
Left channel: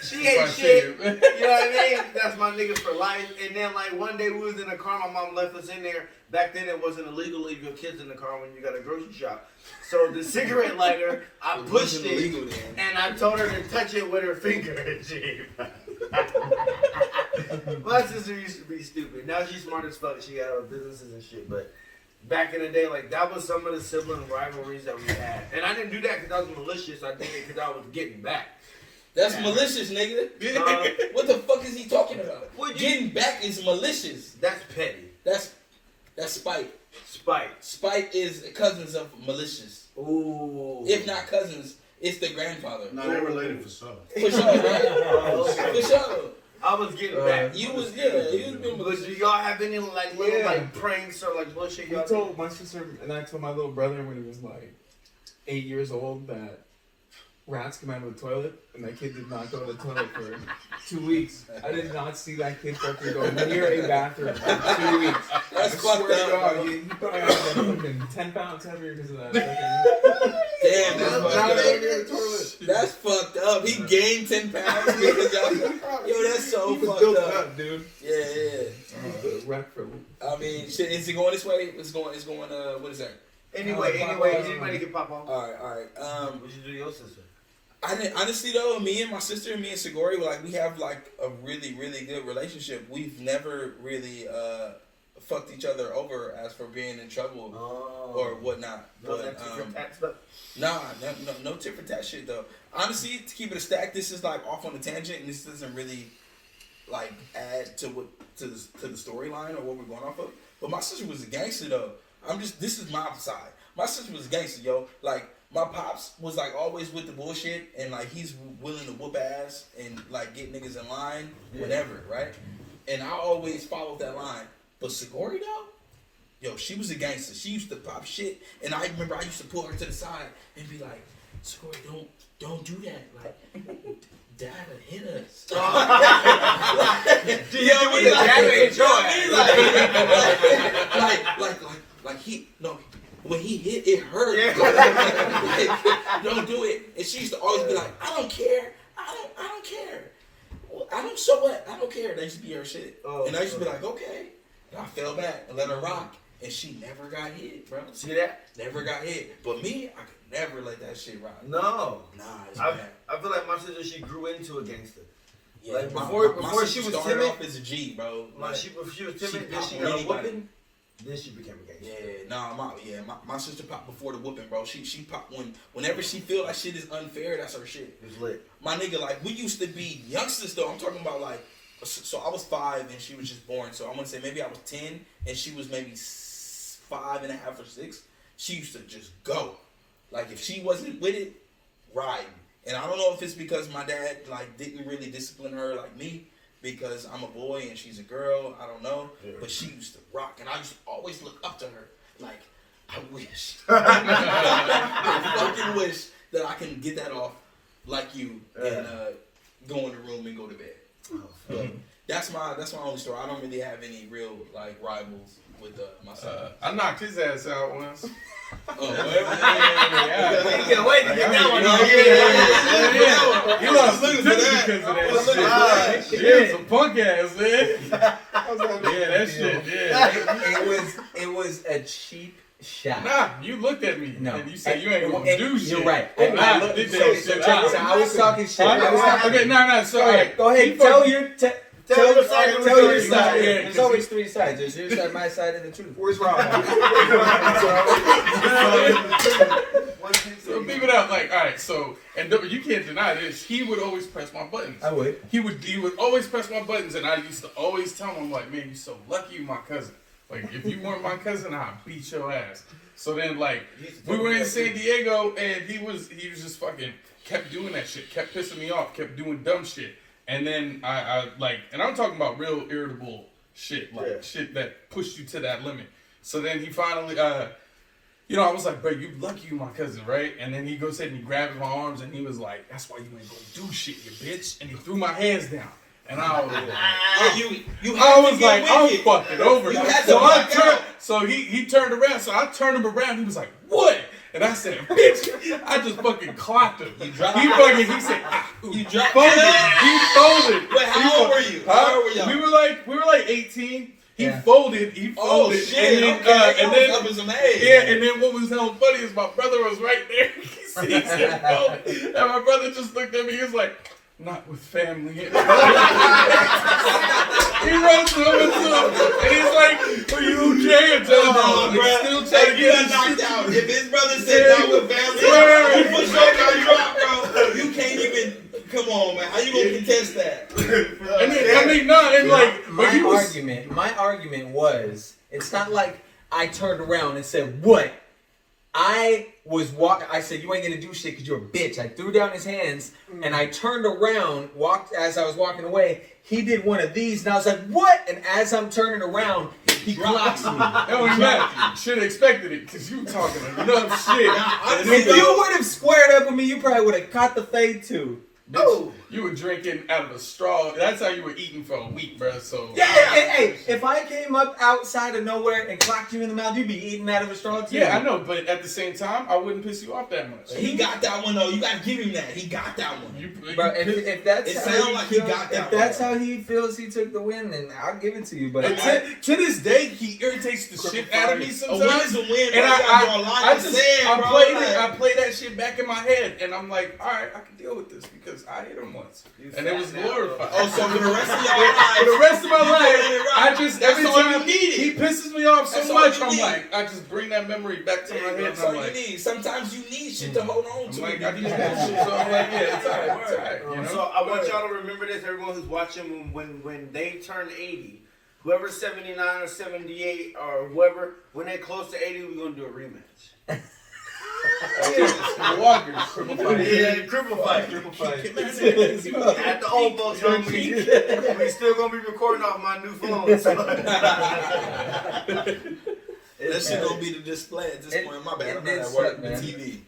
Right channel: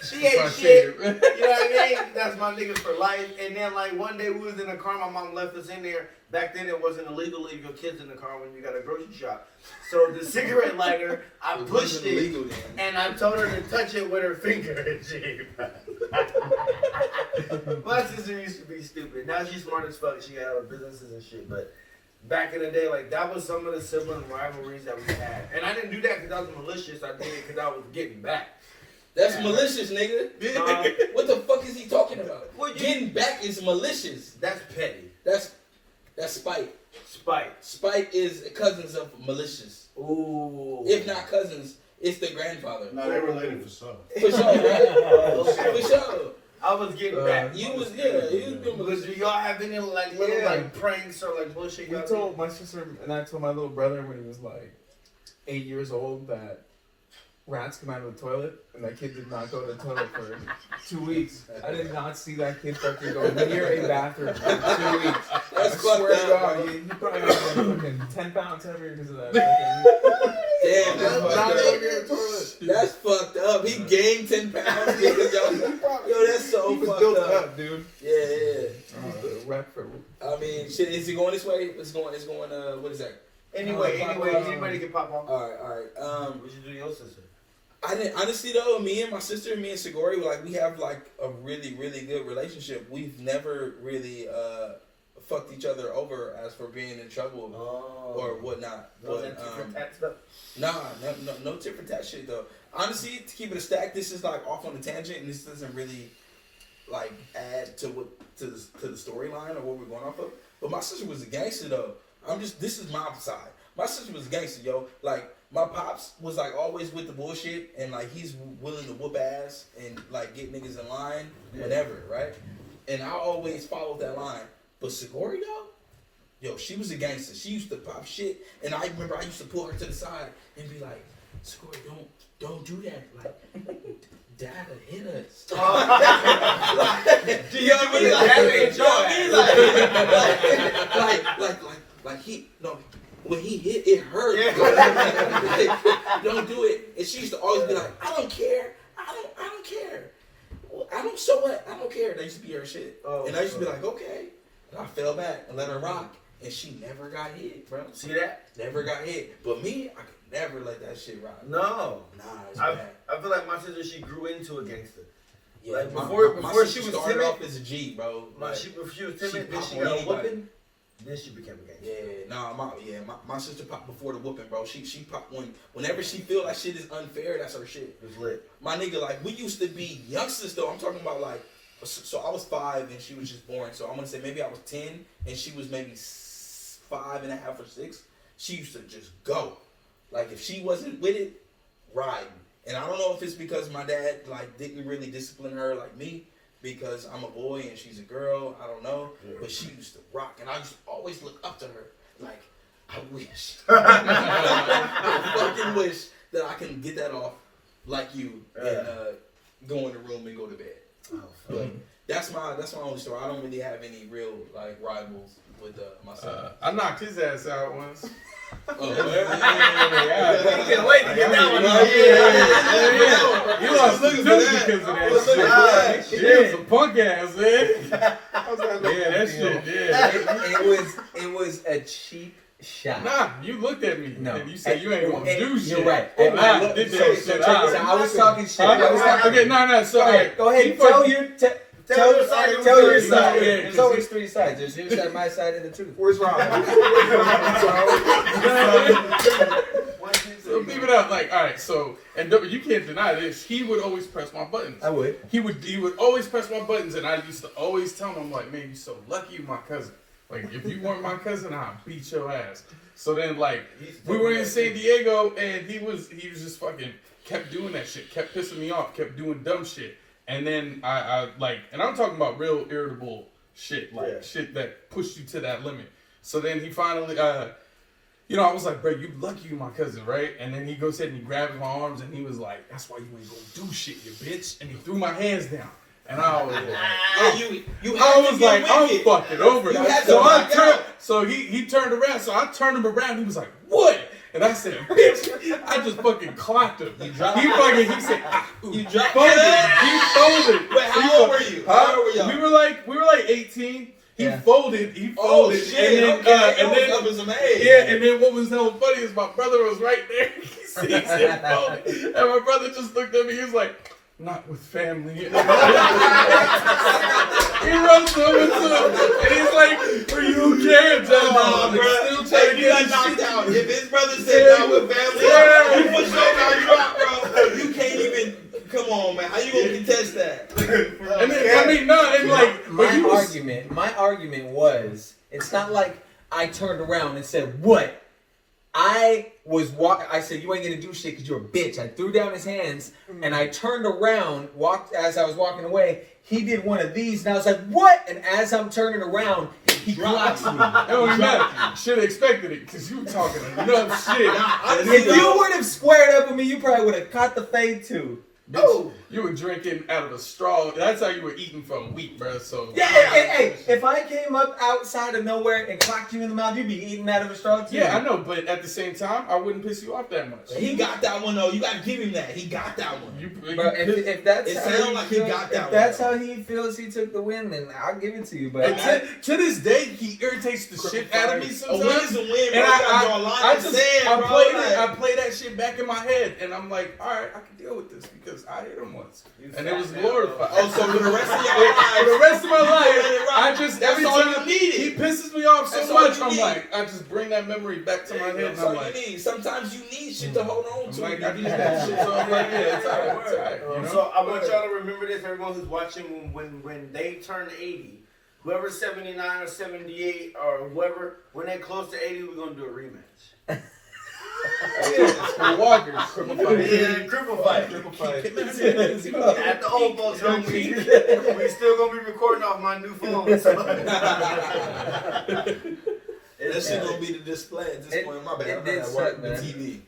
She ain't shit. You know what I mean? That's my nigga for life. And then like one day we was in the car, my mom left us in there. Back then it wasn't illegal to leave your kids in the car when you got a grocery shop. So the cigarette lighter, I pushed it and I told her to touch it with her finger. My sister used to be stupid. Now she's smart as fuck. She got her businesses and shit. But back in the day, like that was some of the sibling rivalries that we had. And I didn't do that because I was malicious. I did it because I was getting back. That's malicious, nigga. What the fuck is he talking about? Getting back is malicious. That's petty. That's spite. Spite is cousins of malicious. Ooh. If not cousins, it's the grandfather. No, they related for sure. For sure, man. For sure. I was getting back. You was being But malicious. do y'all have any like little like pranks or like bullshit y'all told my sister and I told my little brother when he was like 8 years old that rats came out of the toilet, and that kid did not go to the toilet for 2 weeks. I did not see that kid fucking go near a bathroom for 2 weeks. That's fucked up. He probably got fucking 10 pounds heavier because of that. Damn, That's that's fucked up. He gained 10 pounds because y'all. Yo, that's so fucked up, dude. Yeah. I mean, shit. Is it going this way? It's going. What is that? Anyway, anybody can pop off. All right. What you do to your sister? I didn't honestly though. Me and my sister, me and Segori, we have like a really, really good relationship. We've never really fucked each other over as for being in trouble or whatnot. No But tit for tat stuff. no tit for tat shit though. Honestly, to keep it a stack, this is like off on a tangent, and this doesn't really like add to the storyline or what we're going off of. But my sister was a gangster though. This is my side. My sister was a gangster, yo. Like, my pops was, like, always with the bullshit, and, like, he's willing to whoop ass and, like, get niggas in line, whatever, right? And I always followed that line. But Segori, though, yo, she was a gangster. She used to pop shit, and I remember I used to pull her to the side and be like, Segori, don't do that. Like, Dad would hit us. When he hit, it hurt. Yeah. Don't do it. And she used to always be like, I don't care. I don't care. So what? I don't care. That used to be her shit. And I used to be like, okay. And I fell back and let her rock. And she never got hit, bro. See that? Never got hit. But me, I could never let that shit rock. No. Nah, it's bad. I feel like my sister, she grew into a gangster. Yeah, like before she was timid, off as a G, bro. Like, she was timid, then she got a whooping, then she became a gangster. Yeah, my sister popped before the whooping, bro. She popped whenever she feel like shit is unfair, that's her shit. It's lit. My nigga, like, we used to be youngsters though. I'm talking about like, so I was 5 and she was just born. So I'm gonna say maybe I was 10 and she was maybe 5.5 or 6. She used to just go. Like, if she wasn't with it, ride. And I don't know if it's because my dad like didn't really discipline her like me, because I'm a boy and she's a girl. I don't know, but she used to rock, and I used to always look up to her. Like, I wish, I fucking wish that I can get that off like you and go in the room and go to bed. But that's my only story. I don't really have any real like rivals with my son. I knocked his ass out once. Oh, You can't wait to get that one. You lost the tooth because of that shit. He was a punk ass, man. Yeah, that shit. Yeah. It was a cheap shot. Nah, you looked at me. No, and you said you ain't gonna do shit. You're right. I did that shit. I was talking shit. Okay, no. So go ahead. Tell your. Tell your side. Tell your side. side. Yeah, There's always three sides. There's your side, my side, and the truth. Where's Rob? So people out like, all right, so and you can't deny this. He would always press my buttons. I would. He would always press my buttons, and I used to always tell him, like, man, you're so lucky you're my cousin. Like, if you weren't my cousin, I'd beat your ass. So then, like, we were in San Diego, and he was just fucking kept doing that shit, kept pissing me off, kept doing dumb shit. And then I like, and I'm talking about real irritable shit, like shit that pushed you to that limit. So then he finally, you know, I was like, bro, you lucky you my cousin, right? And then he goes ahead and he grabs my arms and he was like, that's why you ain't gonna do shit, you bitch. And he threw my hands down. And I was like, I'm fucking over it. So he turned around, so I turned him around, he was like, what? And I said, bitch, I just fucking clocked him. He said, You dropped folded. He folded. But how old were you? How old were y'all? We were like 18. He folded. Oh shit! And then, And then was amazing. Yeah, and then what was hella funny is my brother was right there. He said folded, and my brother just looked at me. He was like, "Not with family." He runs over to him, and he's like, "Are you okay?" Still trying to get his knocked shit. out. If his brother said not with family, you for sure got dropped, bro. You can't even. Come on, man. How you gonna contest that? And then, I mean, no, and like, my argument was, it's not like I turned around and said, what? I said, you ain't gonna do shit because you're a bitch. I threw down his hands and I turned around, as I was walking away. He did one of these and I was like, what? And as I'm turning around, he clocks me. Oh, yeah. Should have expected it because you were talking enough shit. If you would have squared up with me, you probably would have caught the fade too. Oh, you were drinking out of a straw. That's how you were eating for a week, bro. So yeah, hey, if I came up outside of nowhere and clocked you in the mouth, you'd be eating out of a straw too. Yeah, I know, but at the same time, I wouldn't piss you off that much. He got that one though. You gotta give him that. He got that one. But if that's it how sounds he like feels, he got that if that's how he feels, he took the win, then I'll give it to you. But to this day, he irritates the shit out of me sometimes. A win is a win, bro. And I play that shit back in my head, and I'm like, all right, I can deal with this because I hit him once. And it was glorified. Oh, so for the rest of your life, for the rest of my life, I just every all time you needed. he pisses me off so That's all much, you I'm need. like, I just bring that memory back to my head. That's And I'm all like, you need. Sometimes you need shit to hold on to. like, I just that shit. So I'm like, yeah, it's alright. It's alright. You know? So I want y'all to remember this, everyone who's watching, when they turn 80, whoever's 79 or 78 or whoever, when they close to 80, we're gonna do a rematch. Walkers. Cripple fight. At the old folks home, we still gonna be recording off my new phone. So. That shit gonna be the display at this point. My bad. It did suck, man. TV.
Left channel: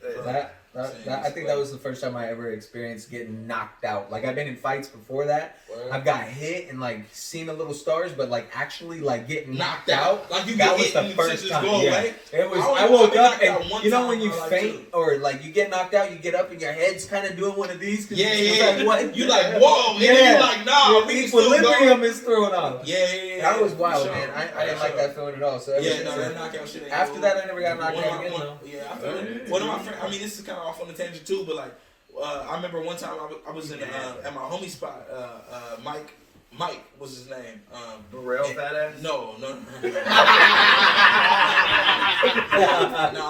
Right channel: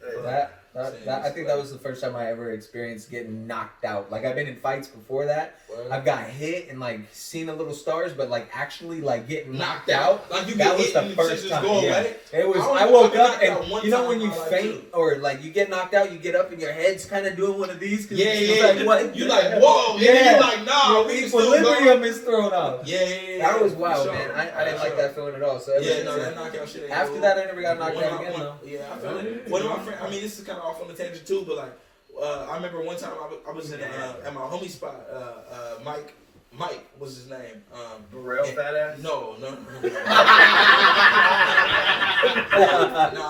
I think that was the first time I ever experienced getting knocked out. Like, I've been in fights before that. I've got hit and like seen the little stars, but like actually like getting knocked out. Like that was the first time. Yeah. It was. I woke up and you know when you faint or like you get knocked out, you get up and your head's kind of doing one of these. Yeah. Like, what? You like whoa. Yeah. You like nah. Your equilibrium is thrown off. Yeah. That was wild, man. I didn't like that feeling at all. So that knockout shit. After that, I never got knocked out again though. Yeah, I feel it. One of my friends. I mean, this is kind of off on the tangent too, but like, I remember one time I was in at my homie spot. Mike was his name. Burrell fat ass? No. No, my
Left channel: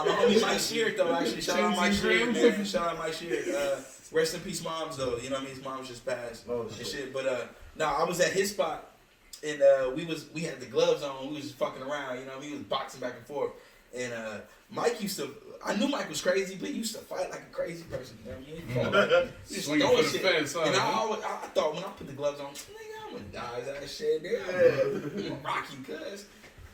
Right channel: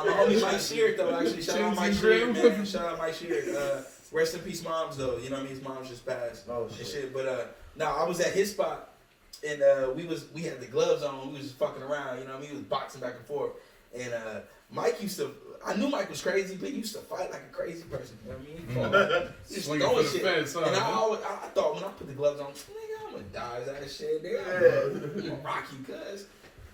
homie Mike Sheard though. Actually, shout out Mike Sheard, man. Shout out Mike Sheard. Rest in peace, moms though. You know what I mean? His mom's just passed and shit. But no, I was at his spot and we had the gloves on. We was just fucking around. You know what I mean? We was boxing back and forth. And Mike used to. I knew Mike was crazy, but he used to fight like a crazy person. You know what I mean? He just throwing shit. And I thought when I put the gloves on, nigga, I'm gonna die that shit. I'm gonna rock you, cuz.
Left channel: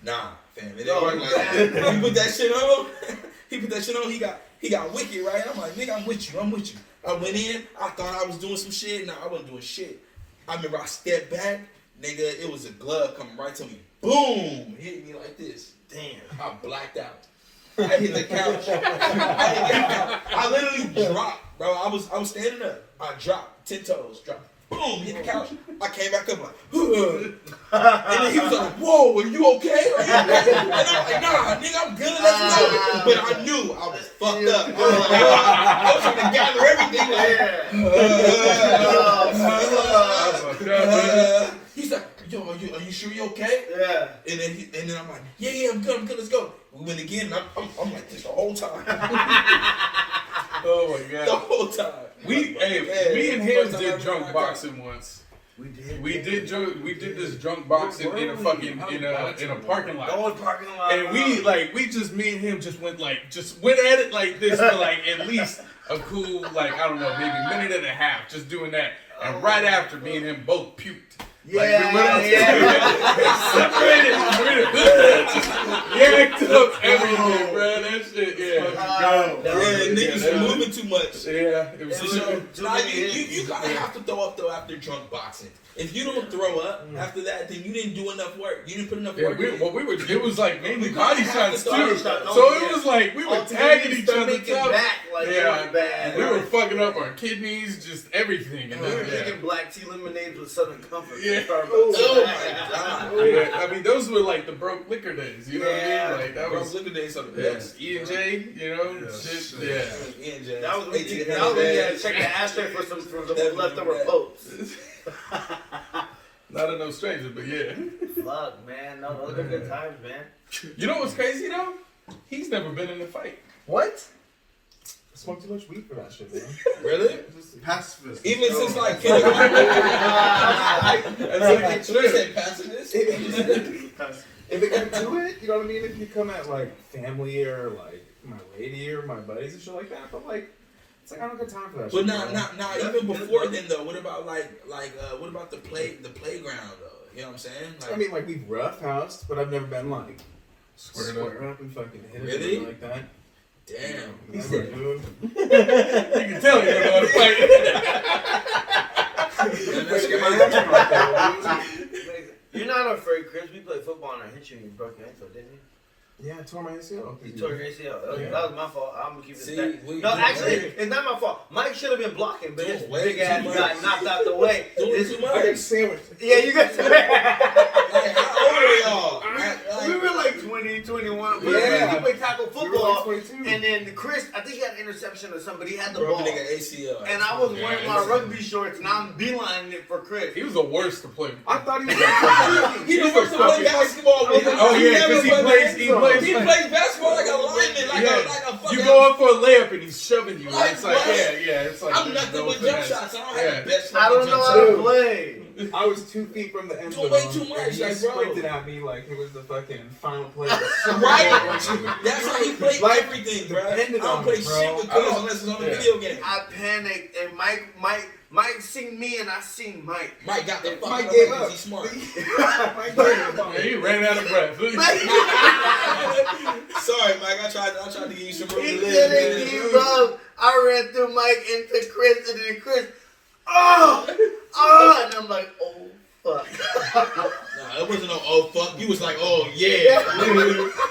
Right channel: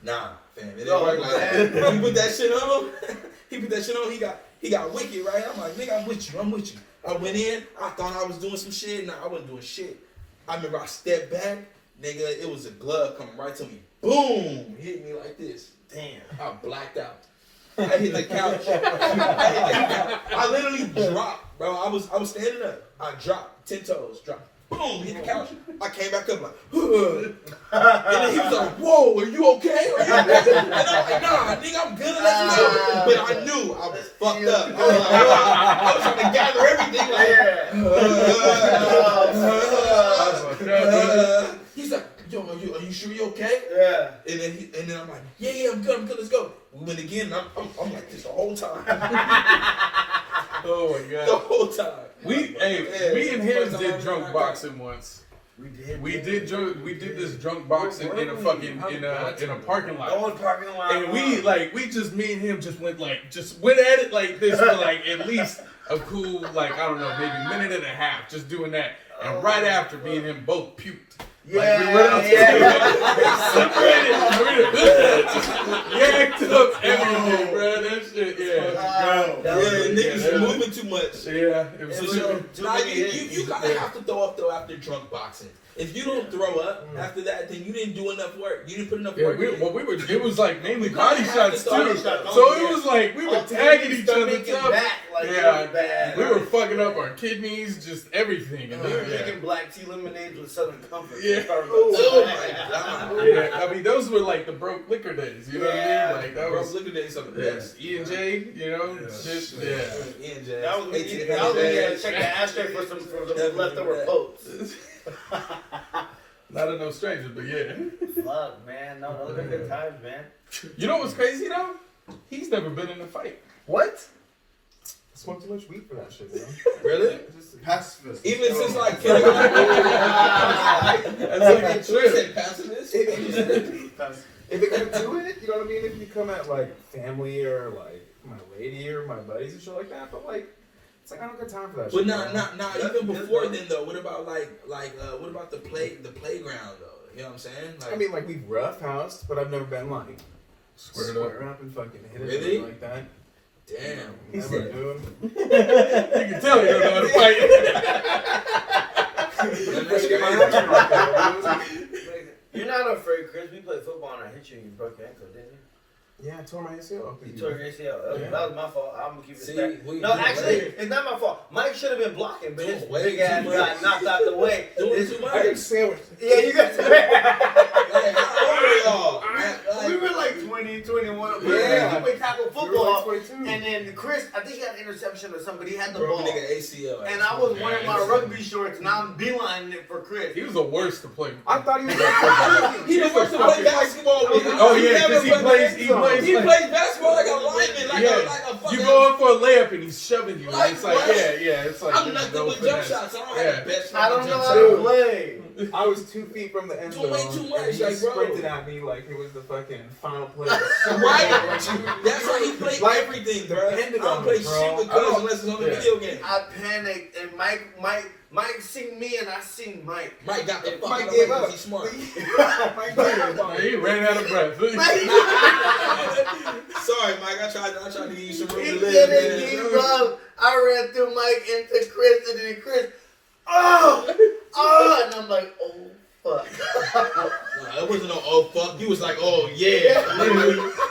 Nah, fam, it didn't work like that. He put that shit on. He got wicked, right? I'm like, nigga, I'm with you. I went in. I thought I was doing some shit. Nah, I wasn't doing shit. I remember I stepped back, nigga. It was a glove coming right to me. Boom, hit me like this. Damn, I blacked out. I hit the couch. I literally dropped, bro. I was standing up. I dropped 10 toes. Dropped. Boom, hit the couch. I came back up like, and then he was like, "Whoa, are you okay? And I'm like, "Nah, nigga, I'm good at that." But I knew I was fucked up. I was trying to gather everything. He's like, yo, are you sure you okay? Yeah. And then I'm like, yeah, I'm good, let's go. We went again, and I'm like this the whole time. Oh my The god. whole time. Me and him did drunk boxing once. We did. We did this drunk boxing in a fucking in a parking lot. Going parking lot. And me and him just went at it like this for like at least a cool like I don't know maybe minute and a half just doing that. And right after me and him both puked. Yanked up everything, bro. That shit, Niggas moving too much. Yeah, it was you kind of have to throw up though after drunk boxing. If you don't throw up after that, then you didn't do enough work. You didn't put enough work. It was like mainly body shots too. So it was like we were tagging each other up. We were fucking up our kidneys, just everything. We were drinking black tea lemonades with Southern Comfort. Yeah. Oh my god. Yeah, I mean those were like the broke liquor days. You know what I mean? Like that was liquor days are the best. E&J, you know, shit. Yeah. E&J. That was when you had to check the ashtray for some leftover popes. Not a no stranger, but yeah. Fuck, man. No, those are good times, man. You know what's crazy though? He's never been in a fight. What? I smoke too much weed for that shit, bro. Really? Pacifist. Even since like kindergarten. That's like a trip. Pacifist? If they come to it, you know what I mean? If you come at like family or like my lady or my buddies and shit like that, but like it's like I don't got time for that But shit. not even before then though. What about what about the playground though? You know what I'm saying? I mean like we've roughhoused, but I've never been like Squared up and fucking hit Really? like that. Damn. He said, You can tell he don't know how to fight. You're not afraid, Chris. We played football and I hit you and you broke your ankle, didn't you? yeah, I tore my ACL. You tore your ACL. That was my fault. I'm gonna keep it See, back. we- No, we- actually, it's not my fault. Mike should have been blocking, but his Doing way big ass too much. got knocked out the way. Doing It's- too I much. get sandwiched. Yeah, you got. Like, how old are y'all? We were like 20, 21. Yeah. We played tackle We were football. like 22. And then Chris, I think he had an interception or somebody. He had the Broke ball. a nigga ACL. And I was wearing my rugby shorts and I'm beelining it for Chris. He was the worst to play. I thought he was He the worst to play basketball with. Oh yeah, because he plays. He plays basketball like a lineman, like a fucking. You go in for a layup and he's shoving you. Like It's like what? it's like I'm there's nothing no with jump finesse. shots. I don't have the best. I don't know jump how shot. to play. I was 2 feet from the end Doing zone. way too much, and he like, bro. sprinted at me like it was the fucking final play. Right. That's how he played Like, everything, bro. I depended don't on play it, bro. shit with I don't- Chris unless it's on the yeah. video game. I panicked and Mike seen me and I seen Mike. Mike got the fuck Mike out of gave way up. 'cause he's smart. Man, he ran out of breath. Sorry, Mike. I tried to give you some room He to live. didn't man. give up. I ran through Mike into Chris and then Chris. Oh, and I'm like, oh fuck. Nah, it wasn't no oh fuck. You was like, oh yeah.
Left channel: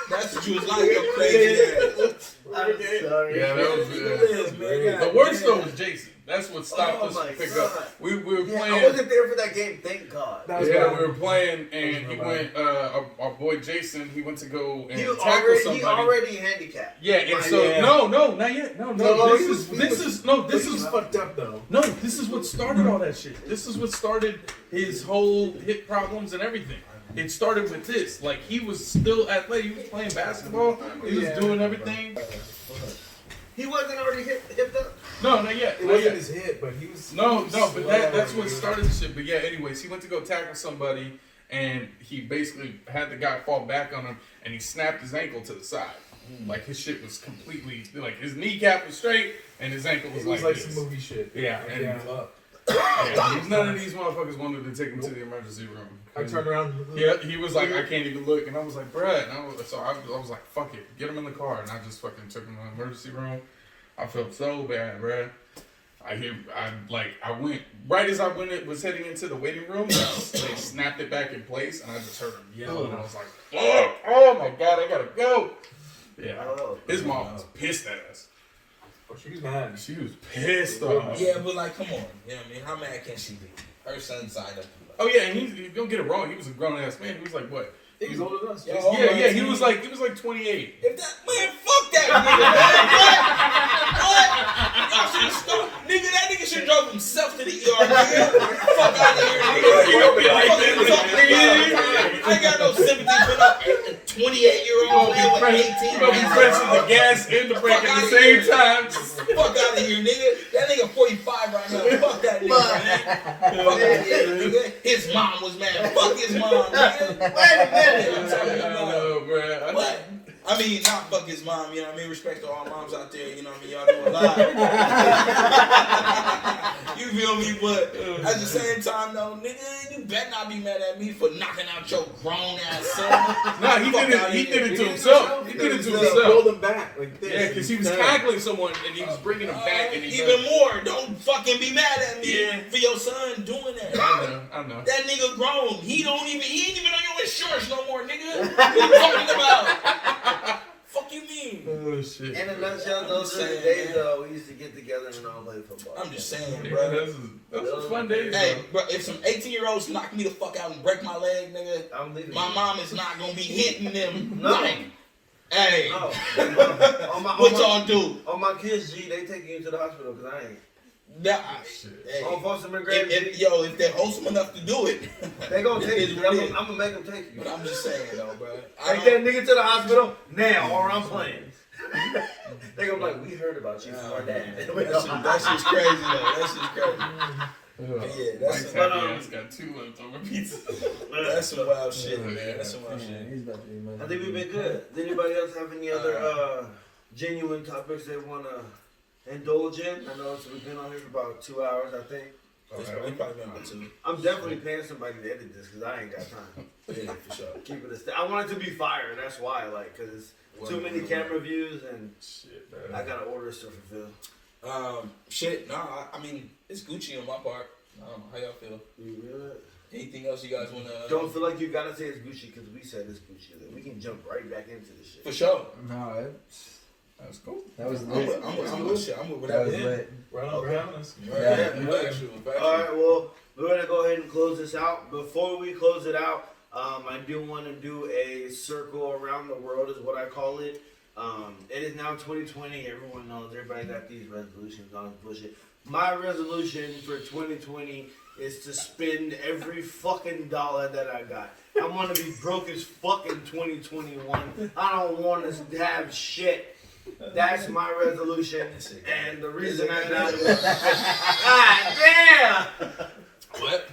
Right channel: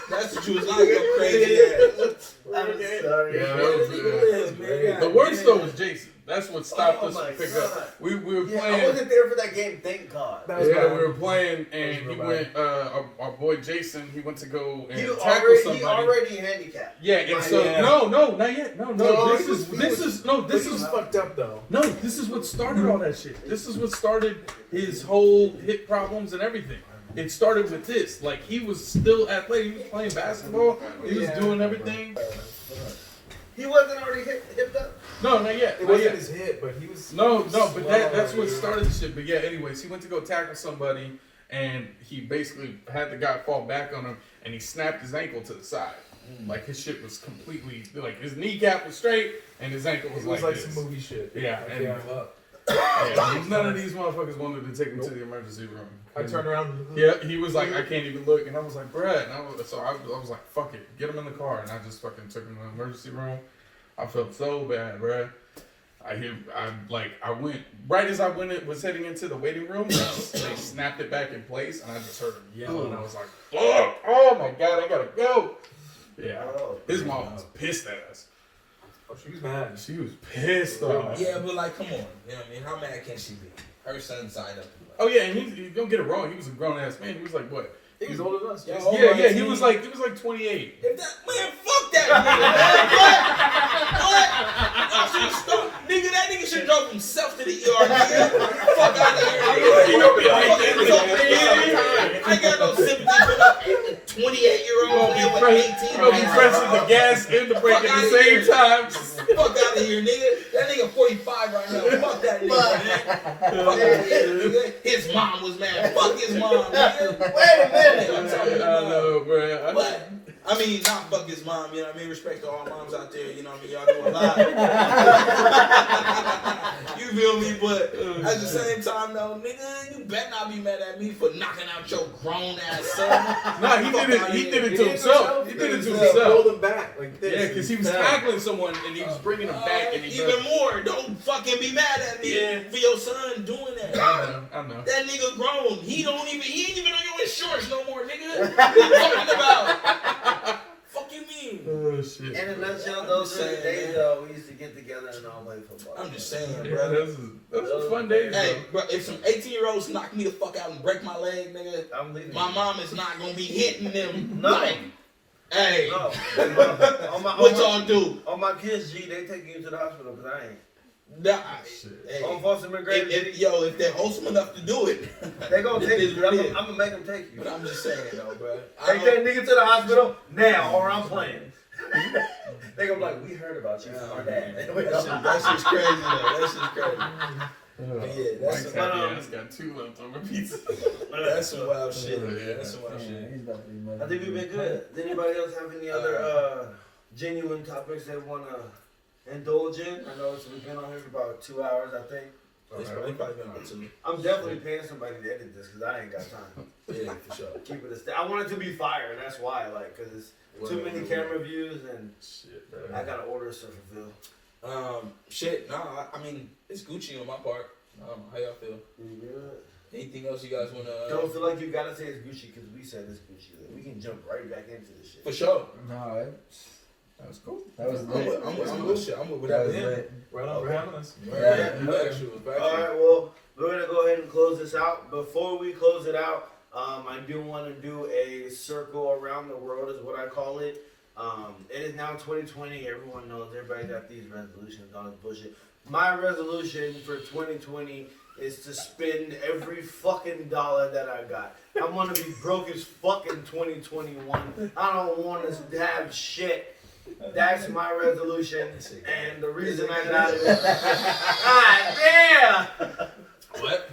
That's what you was like, you crazy ass. I'm sorry. Yeah, that was Man, the worst though was Jason. That's what stopped Oh us my from picking God. up. We were Yeah, I playing. wasn't there for that game, thank God. That was Yeah, bad. we were playing, and he went. Our boy Jason, he went to go and He tackle somebody. already handicapped. Yeah, and My so man. no, not yet. No, this is fucked up though. no, this is what started all that shit. This is what started his whole hip problems and everything. It started with this. Like he was still athletic. He was playing basketball. He was doing everything. He wasn't already hipped up. No, not yet. It Not wasn't yet. his hit, but he was. No, but that's what started the shit. But yeah, anyways, he went to go tackle somebody, and he basically had the guy fall back on him, and he snapped his ankle to the side. Like his shit was completely like his kneecap was straight, and his ankle was It was like this. some movie shit. Yeah, and Yeah. none of these motherfuckers wanted to take him to the emergency room. I turned around. Yeah, he was like, I can't even look, and I was like, bruh, and I was like, fuck it, get him in the car, and I just fucking took him to the emergency room. I felt so bad, bruh. I went right as I was heading into the waiting room. They snapped it back in place, and I just heard him yell, and I was like, "Fuck! Oh my god, I gotta go!" Yeah, his mom was pissed at us. Oh, she was mad. She was pissed off. Yeah, but like, come on. You know what I mean? How mad can she be? Her son signed up. Oh yeah, and he don't get it wrong. He was a grown ass man. He was like what? He was older than us. Yeah, Jason. Yeah, he was like 28. If that man, fuck that nigga, man. What? Y'all should stop. Nigga, that nigga should drove himself to the ER, nigga. Fuck out of here, nigga. You gonna be like, I ain't got no sympathy for no 28-year-old nigga with 18. You gonna be pressing the gas and the brake at the same time. Fuck out of here, nigga. That nigga 45 right now. Fuck that nigga, man. Fuck out of here, nigga. His mom was mad. Fuck his mom, nigga. Wait a minute. I'm talking I about. know, bro. What? I mean, not fuck his mom, you know what I mean? Respect to all moms out there, you know what I mean? Y'all do a lot. You feel me? But at the same time, though, nigga, you better not be mad at me for knocking out your grown ass son. No, he did it to himself. He did it to himself. Build him back like this. Yeah, because he was tackling someone and he was bringing him back. And he Even more, don't fucking be mad at me for your son doing that. I know. That nigga grown. He ain't even on your shorts no more, nigga. What you talking about? Fuck you mean? Oh shit. In a nutshell, those are the days though we used to get together and all play football. I'm just saying, Yeah, bro. those was fun days. Hey, bro, if some 18-year-olds knock me the fuck out and break my leg, nigga, I'm leaving. my mom is not gonna be hitting them. No. Like, hey, No. what y'all do? On my kids, G, they taking you to the hospital because I ain't. Nah, hey, On Foster McGregor, if they're wholesome enough to do it, they gonna take it's you. what I'm it is. gonna make them take you. But I'm just saying, though, bro. Take that nigga to the hospital now, or I'm playing. They gonna be like, we heard about you from our dad. That shit's crazy, though. That shit's crazy. But yeah, that's Mike's some, happy ass got 2 leftover pizza. that's some wild shit, Oh, man. yeah. That's some wild shit. He's about to be mad. I think we've been good. Does anybody else have any other genuine topics they wanna indulge in? I know we've been on here for about 2 hours, I think. It's probably been about 2. I'm definitely paying somebody to edit this because I ain't got time. Yeah, for sure. Keep it a I want it to be fire, that's why, like, because it's too many camera views and Shit, bro. I got orders to fulfill. Shit, nah, I mean, it's Gucci on my part. How y'all feel? You good? Anything else you guys want to... Don't feel like you gotta say it's Gucci because we said it's Gucci. We can jump right back into this shit. For sure. No, that was cool. That was I'm lit. with shit. I'm with That whatever. was lit. Right on, right on us. Factual. All right, well, we're gonna go ahead and close this out. Before we close it out, I do want to do a circle around the world, is what I call it. It is now 2020. Everyone knows. Everybody got these resolutions on this bullshit. My resolution for 2020 is to spend every fucking dollar that I got. I want to be broke as fuck in 2021. I don't want to have shit. That's my resolution, and the reason I got it. God damn! What?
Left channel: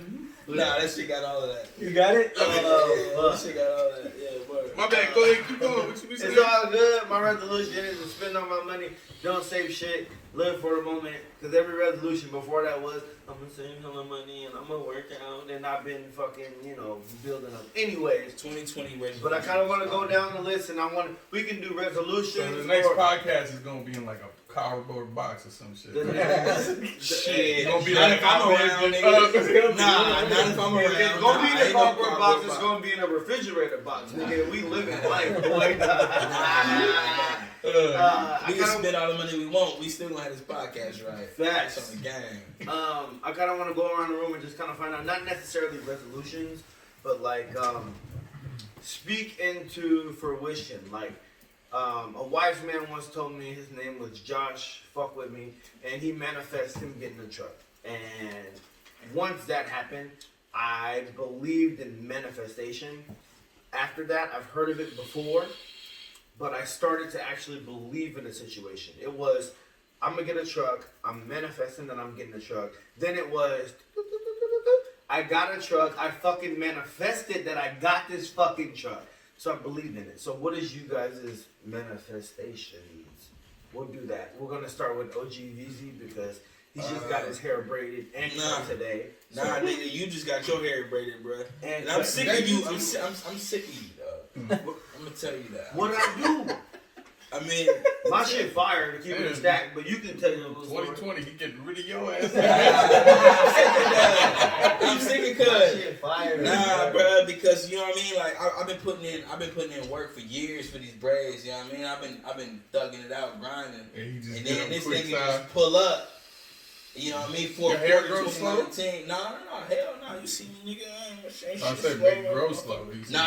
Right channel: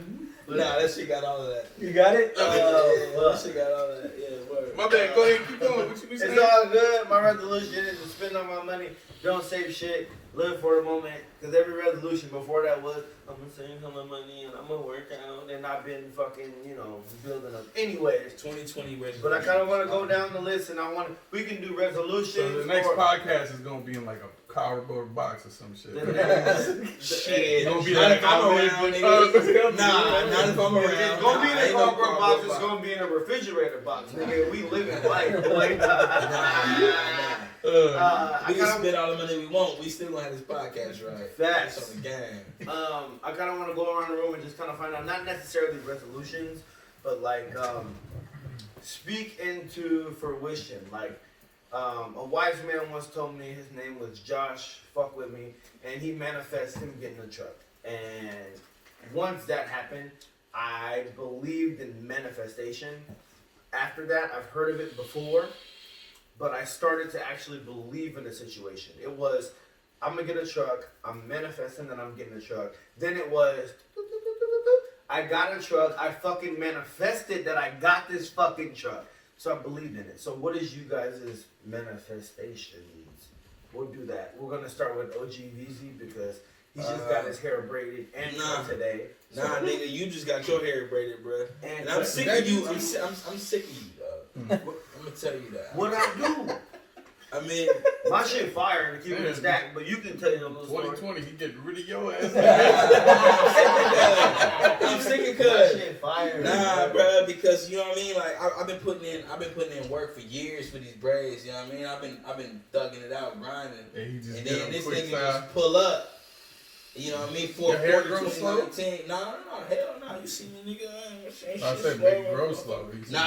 Nah, that shit got all of that. You got it? Yeah, that shit got all of that. Yeah, word. My bad, go ahead, keep going. What you been saying? It's all good. My resolution is to spend all my money, don't save shit, live for the moment. Because every resolution before that was, I'm going to save all my money and I'm going to work out. And I've been fucking, building up. Anyways, 2020 resolution. but I kind of want to go down the list and we can do resolutions. So the next or- podcast is gonna be in like a cardboard box or some shit. Shit. Gonna be Not like if I'm around, nigga. Nah, not if I'm around. It's gonna be in Nah, a ain't no cardboard box. It's box. gonna be in a refrigerator box, nigga. We living life. Like, We I can kinda- spend all the money we want. We still gonna have this podcast, right? Facts. It's on the game. I kind of want to go around the room and just kind of find out, not necessarily resolutions, but like speak into fruition. Like a wise man once told me, his name was Josh, fuck with me, and he manifested him getting a truck. And once that happened, I believed in manifestation. After that, I've heard of it before, but I started to actually believe in the situation. It was, I'm gonna get a truck. I'm manifesting that I'm getting a truck. Then it was, I got a truck. I fucking manifested that I got this fucking truck. So I believed in it. So what is you guys' manifestations? We'll do that. We're gonna start with OGVZ because he just got his hair braided and cut today. Nah, nigga, you just got your hair braided, bro. And I'm sick of you. I'm sick of you, dog. I'm gonna tell you that. What I do? I mean, My shit fire to keep it stacked, but you can tell your little story. 2020, you getting rid of your ass. I'm sick of My cuz. shit fire. Nah, bro, because you know what I mean. Like I've been putting in work for years for these braids. You know what I mean. I've been thugging it out, grinding, And he just and did then a this quick nigga time. just pull up You know what I mean? For Your hair grows 2019. No, hell no. You see me, nigga? Ain't shit I said slow, big bro. grow slow. No.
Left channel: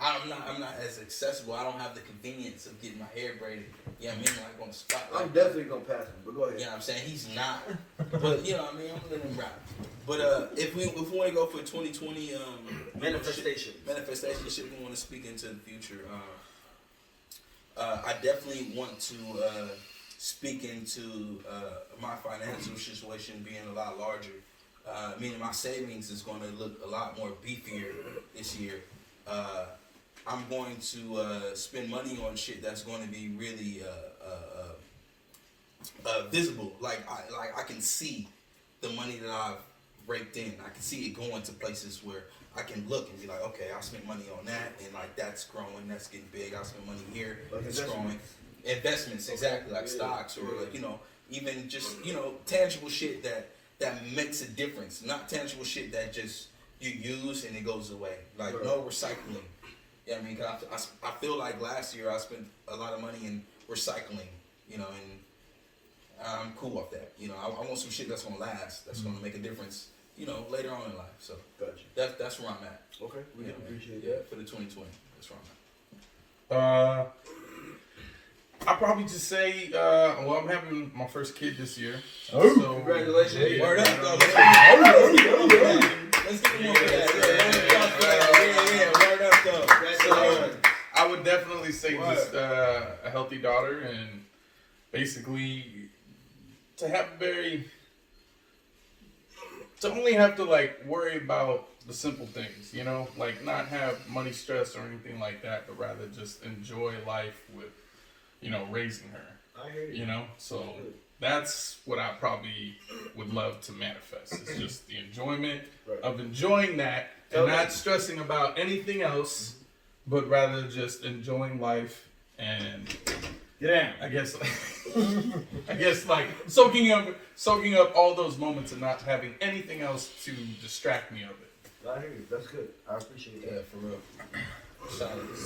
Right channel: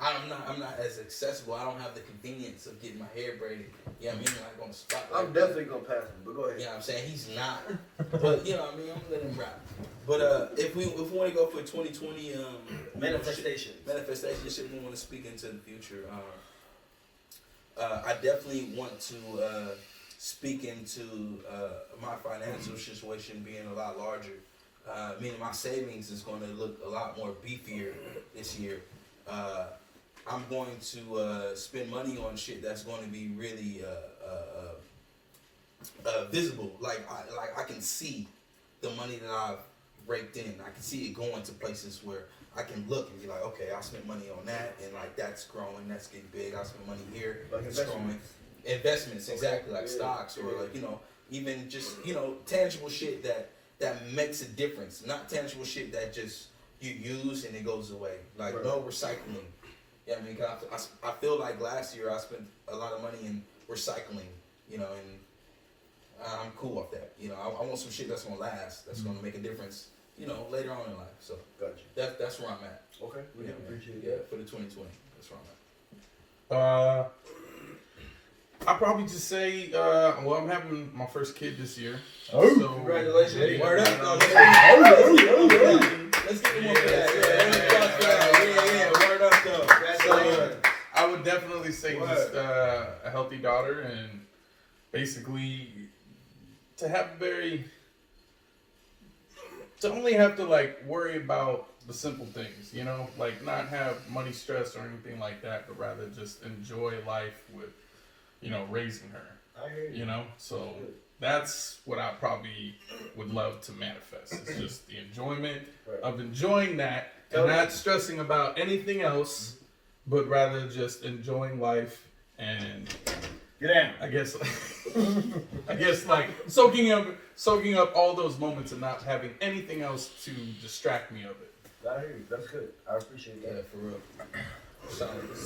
I'm not as accessible. I don't have the convenience of getting my hair braided. You know what I mean? Like on the spot. I'm definitely gonna pass him, but go ahead. You know what I'm saying? He's not. But you know what I mean? I'm gonna let him ride. But if we want to go for 2020 Manifestation, shit we want to speak into the future. I definitely want to speak into my financial situation being a lot larger. Meaning my savings is going to look a lot more beefier this year. I'm going to spend money on shit that's going to be really visible. Like I can see the money that I've raked in. I can see it going to places where I can look and be like, okay, I spent money on that, and like that's growing, that's getting big. I spent money here, like it's growing. Investments, exactly, like stocks or like even just tangible shit that makes a difference. Not tangible shit that just you use and it goes away. Like no recycling. Yeah, I mean, I feel like last year I spent a lot of money in recycling. And I'm cool off that. I want some shit that's gonna last, that's gonna make a difference. Later on in life. So gotcha. That's where I'm at. Okay, we appreciate that. Yeah, for the 2020. That's where I'm at. I'll probably just say, I'm having my first kid this year. Oh, so, congratulations. Yeah, Word up, dog. Let's get one for that. Word up, though. So, I would definitely say just a healthy daughter, and basically to have to only have to like worry about the simple things, like not have money stress or anything like that, but rather just enjoy life with, raising her. I hear you. So that's what I probably would love to manifest. It's just the enjoyment of enjoing that and not stressing about anything else, but rather just enjoying life and Get down. I guess like soaking up all those moments and not having anything else to distract me of it. I hear you. That's good. I appreciate that. Yeah, for real.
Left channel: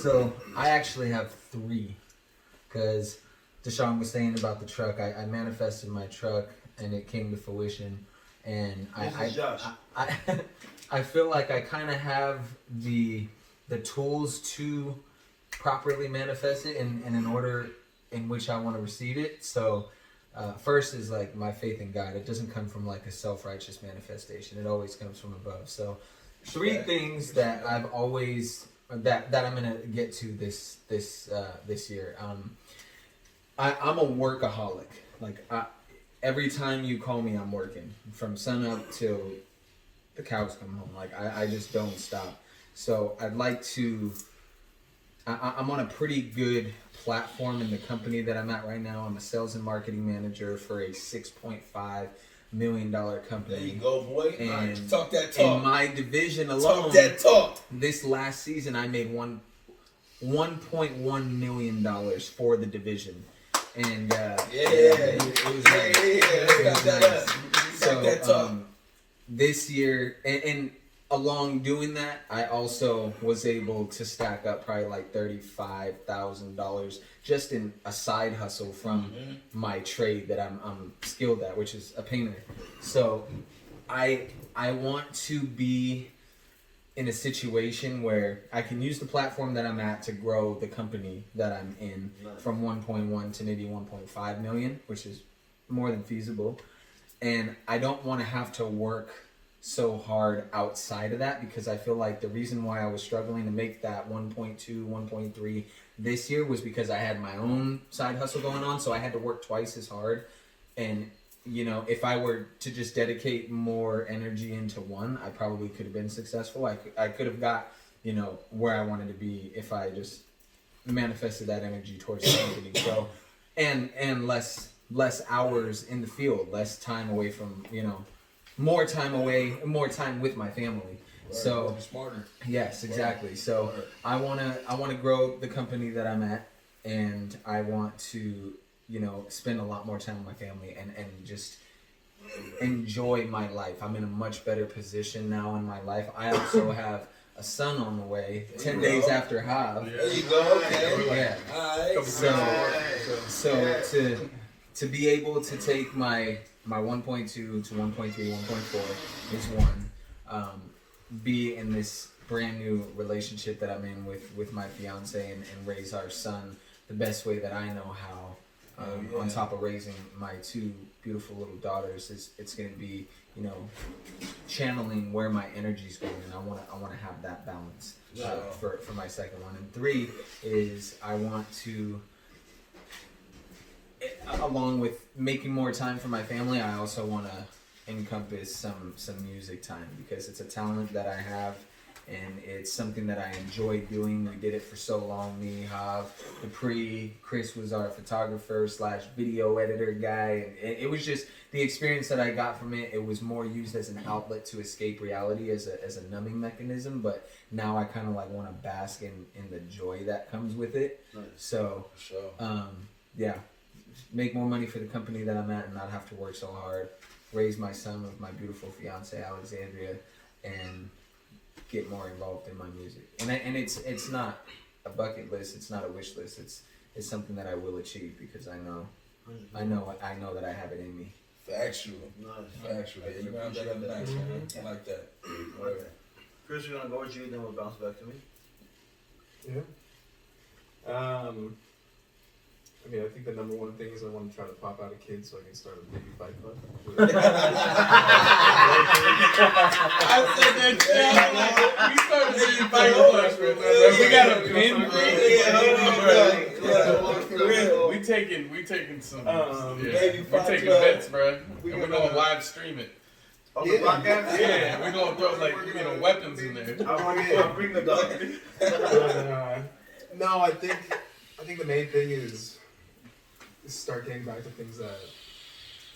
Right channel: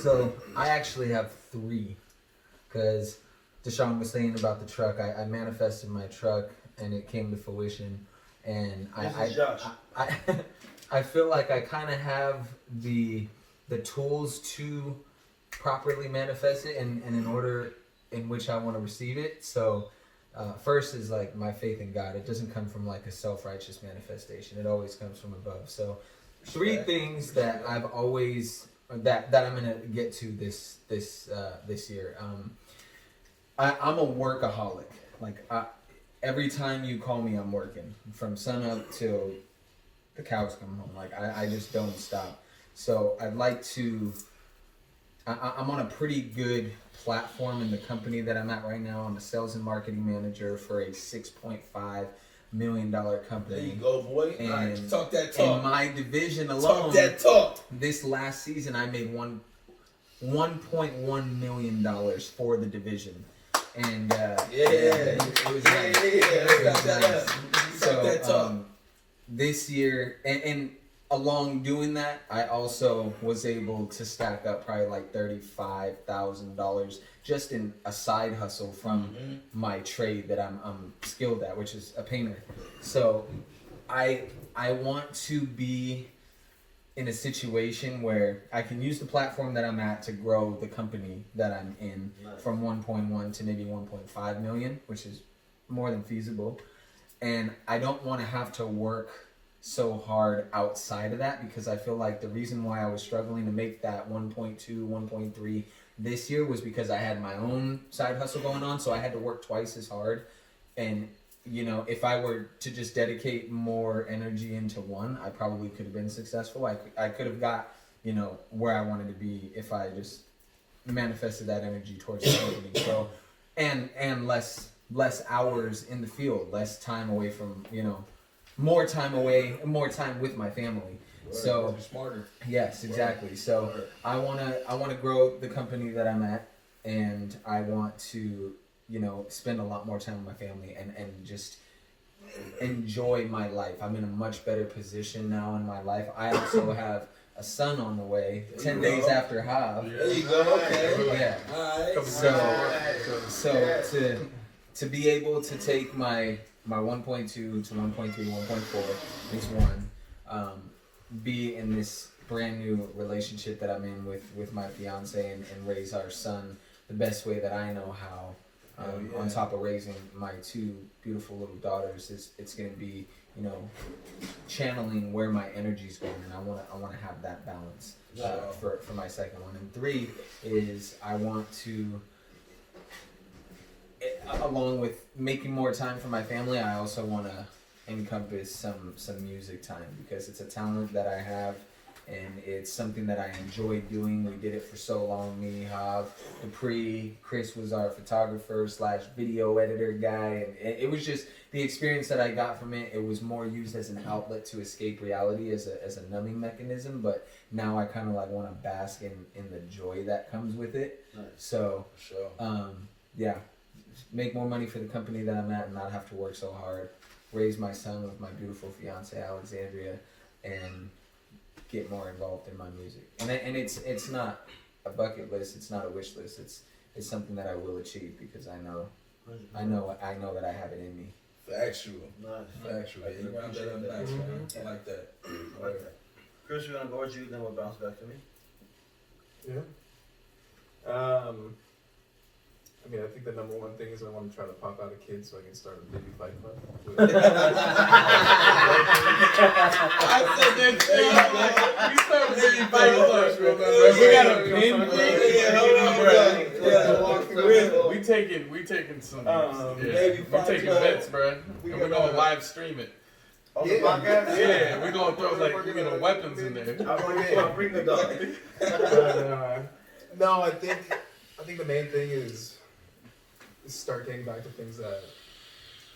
So I actually have 3, because Deshaun was saying about the truck. I manifested my truck and it came to fruition, and I feel like I kind of have the tools to properly manifest it and in order in which I want to receive it. So first is like my faith in God. It doesn't come from like a self-righteous manifestation. It always comes from above. So 3 things that I've always that I'm gonna get to this year. I'm a workaholic. Like every time you call me, I'm working from sun up till the cows come home. Like I just don't stop. So I'd like to. I'm on a pretty good platform in the company that I'm at right now. I'm a sales and marketing manager for a $6.5 million company. There you go, boy. And talk that talk. In my division alone, talk that talk. This last season, I made $1.1 million for the division. And it was nice. It was nice. So this year, and along doing that, I also was able to stack up probably like $35,000 just in a side hustle from my trade that I'm skilled at, which is a painter. So I want to be in a situation where I can use the platform that I'm at to grow the company that I'm in from 1.1 to maybe 1.5 million, which is more than feasible. And I don't want to have to work so hard outside of that, because I feel like the reason why I was struggling to make that 1.2, 1.3 this year was because I had my own side hustle going on, so I had to work twice as hard. And if I were to just dedicate more energy into one, I probably could have been successful. I could have got where I wanted to be if I just manifested that energy towards the company. So and less hours in the field, less time away from more time with my family. So smarter. Yes, exactly. So I wanna grow the company that I'm at, and I want to spend a lot more time with my family and just enjoy my life. I'm in a much better position now in my life. I also have a son on the way, 10 days after Hav. There you go. Okay. Yeah. All right. So to be able to take my my 1.2 to 1.3, 1.4 is one. Be in this brand new relationship that I'm in with my fiance and raise our son the best way that I know how. On top of raising my two beautiful little daughters, it's going to be, you know, channeling where my energy's going, and I want to have that balance for my second one. And 3 is I want to, along with making more time for my family, I also want to encompass some music time, because it's a talent that I have and it's something that I enjoy doing. We did it for so long, me, Hav, Dupree, Chris was our photographer / video editor guy, and it was just the experience that I got from it. It was more used as an outlet to escape reality, as a numbing mechanism, but now I kind of like want to bask in the joy that comes with it. Nice. So, yeah, make more money for the company that I'm at and not have to work so hard. Raise my son with my beautiful fiance Alexandria, and get more involved in my music. And it's not a bucket list. It's not a wish list. It's something that I will achieve, because I know that I have it in me. Factual. Nice. Factual. Yeah, you got that nice, man. I like that. Okay. Chris, we're gonna go with you, then we'll bounce back to me. Yeah. I mean, I think the number one thing is I want to try to pop out a kid so I can start a baby fight club. I said that shit. We started being fight clubs, bro. We got a pin. We taking some. Baby we fight taking club. bets, bro. And we're gonna live stream it. On the podcast? Yeah, we're gonna throw like weapons in there. I'm gonna bring the dog. No, I think the main thing is start getting back to things that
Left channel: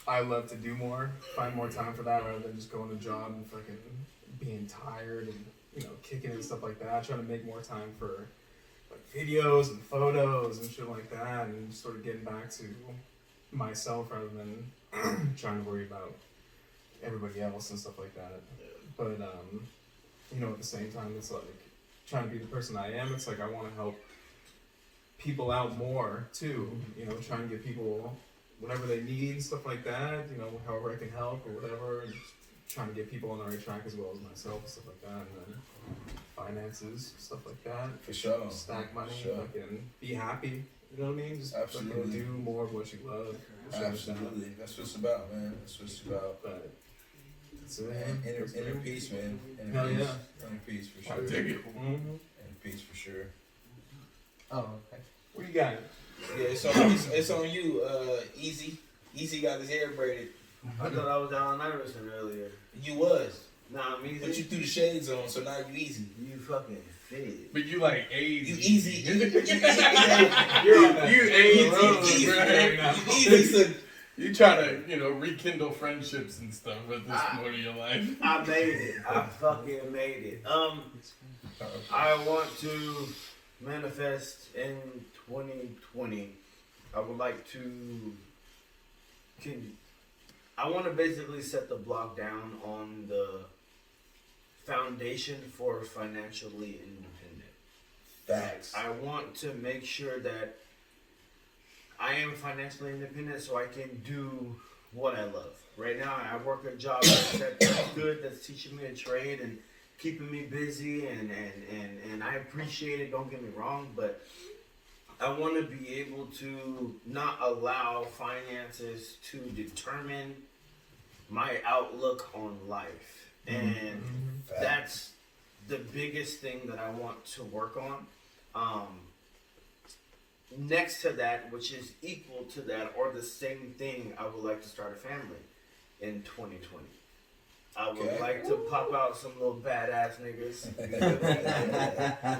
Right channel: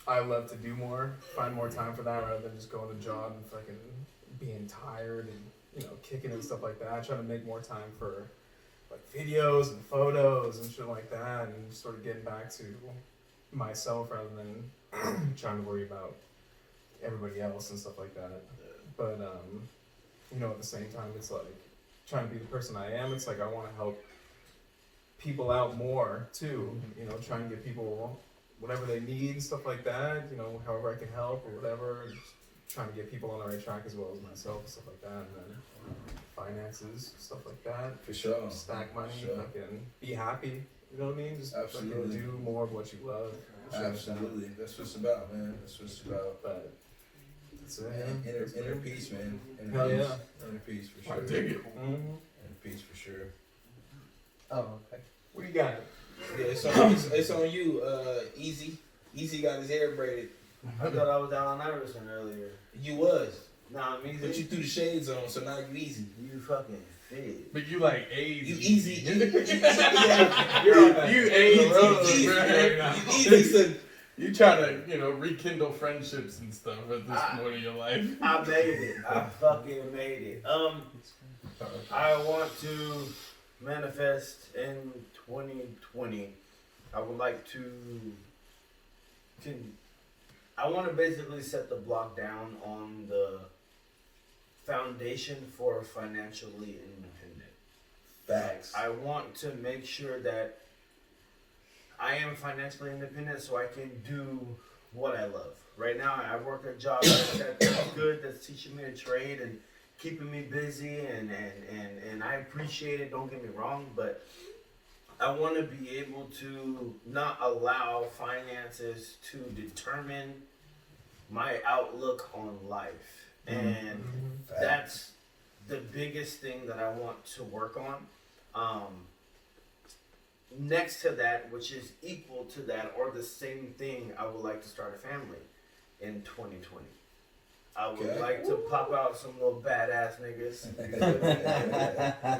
I love to do more. Find more time for that rather than just going to a job and fucking being tired and, you know, kicking and stuff like that. Trying to make more time for like videos and photos and shit like that, and just sort of getting back to myself rather than trying to worry about everybody else and stuff like that. But you know, at the same time, it's like trying to be the person I am. It's like I want to help people out more too, you know, trying to get people whatever they need, stuff like that, you know, however I can help or whatever, just trying to get people on the right track as well as myself, stuff like that, and then finances, stuff like that. For sure. Stack money, Sure. fucking be happy, you know what I mean? Just fucking Absolutely. do more of what you love. Absolutely. That's what it's about, man. That's what it's about. But that's it. Man, man. That's inner it. peace, man. Hell Inner peace. yeah. Inner peace for I sure. dig it. Mhm. Inner peace for sure. Oh, okay. What you got? Yeah, it's on you, Easy. Easy got his hair braided. I thought I was Allen Iverson earlier. You was. Nah, I'm easy. But you threw the shades on, so now you easy. You fucking fit. But you like AIDS. You easy. You're on that. You AIDS, Easy. bro. You easy, son. You try to, you know, rekindle friendships and stuff at this point in your life. I made it. I fucking made it. I want to manifest in 2020. I would like to. I want to basically set the block down on the foundation for financially independent. Facts. I want to make sure that I am financially independent so I can do what I love. Right now, I work a job that's good, that's teaching me a trade and keeping me busy, and I appreciate it, don't get me wrong, but I want to be able to not allow finances to determine my outlook on life. And that's the biggest thing that I want to work on. Next to that, which is equal to that or the same thing, I would like to start a family in 2020. I would like to pop out some little badass niggas,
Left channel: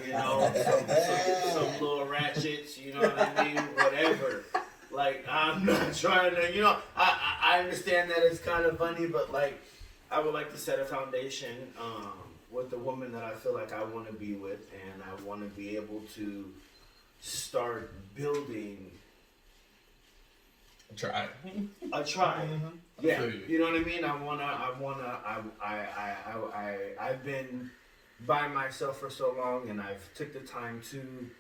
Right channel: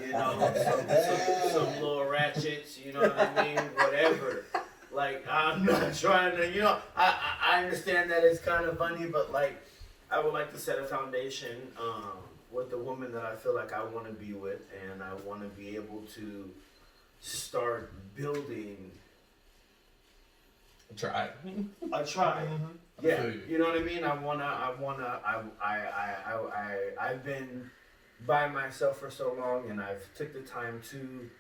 you know, some little ratchets, you know what I mean, whatever. Like, I'm not trying to, you know, I understand that it's kind of funny, but like, I would like to set a foundation with the woman that I feel like I want to be with, and I want to be able to start building Try. a tribe. I Yeah, feel you. you know what I mean. I've been by myself for so long, and I've took the time to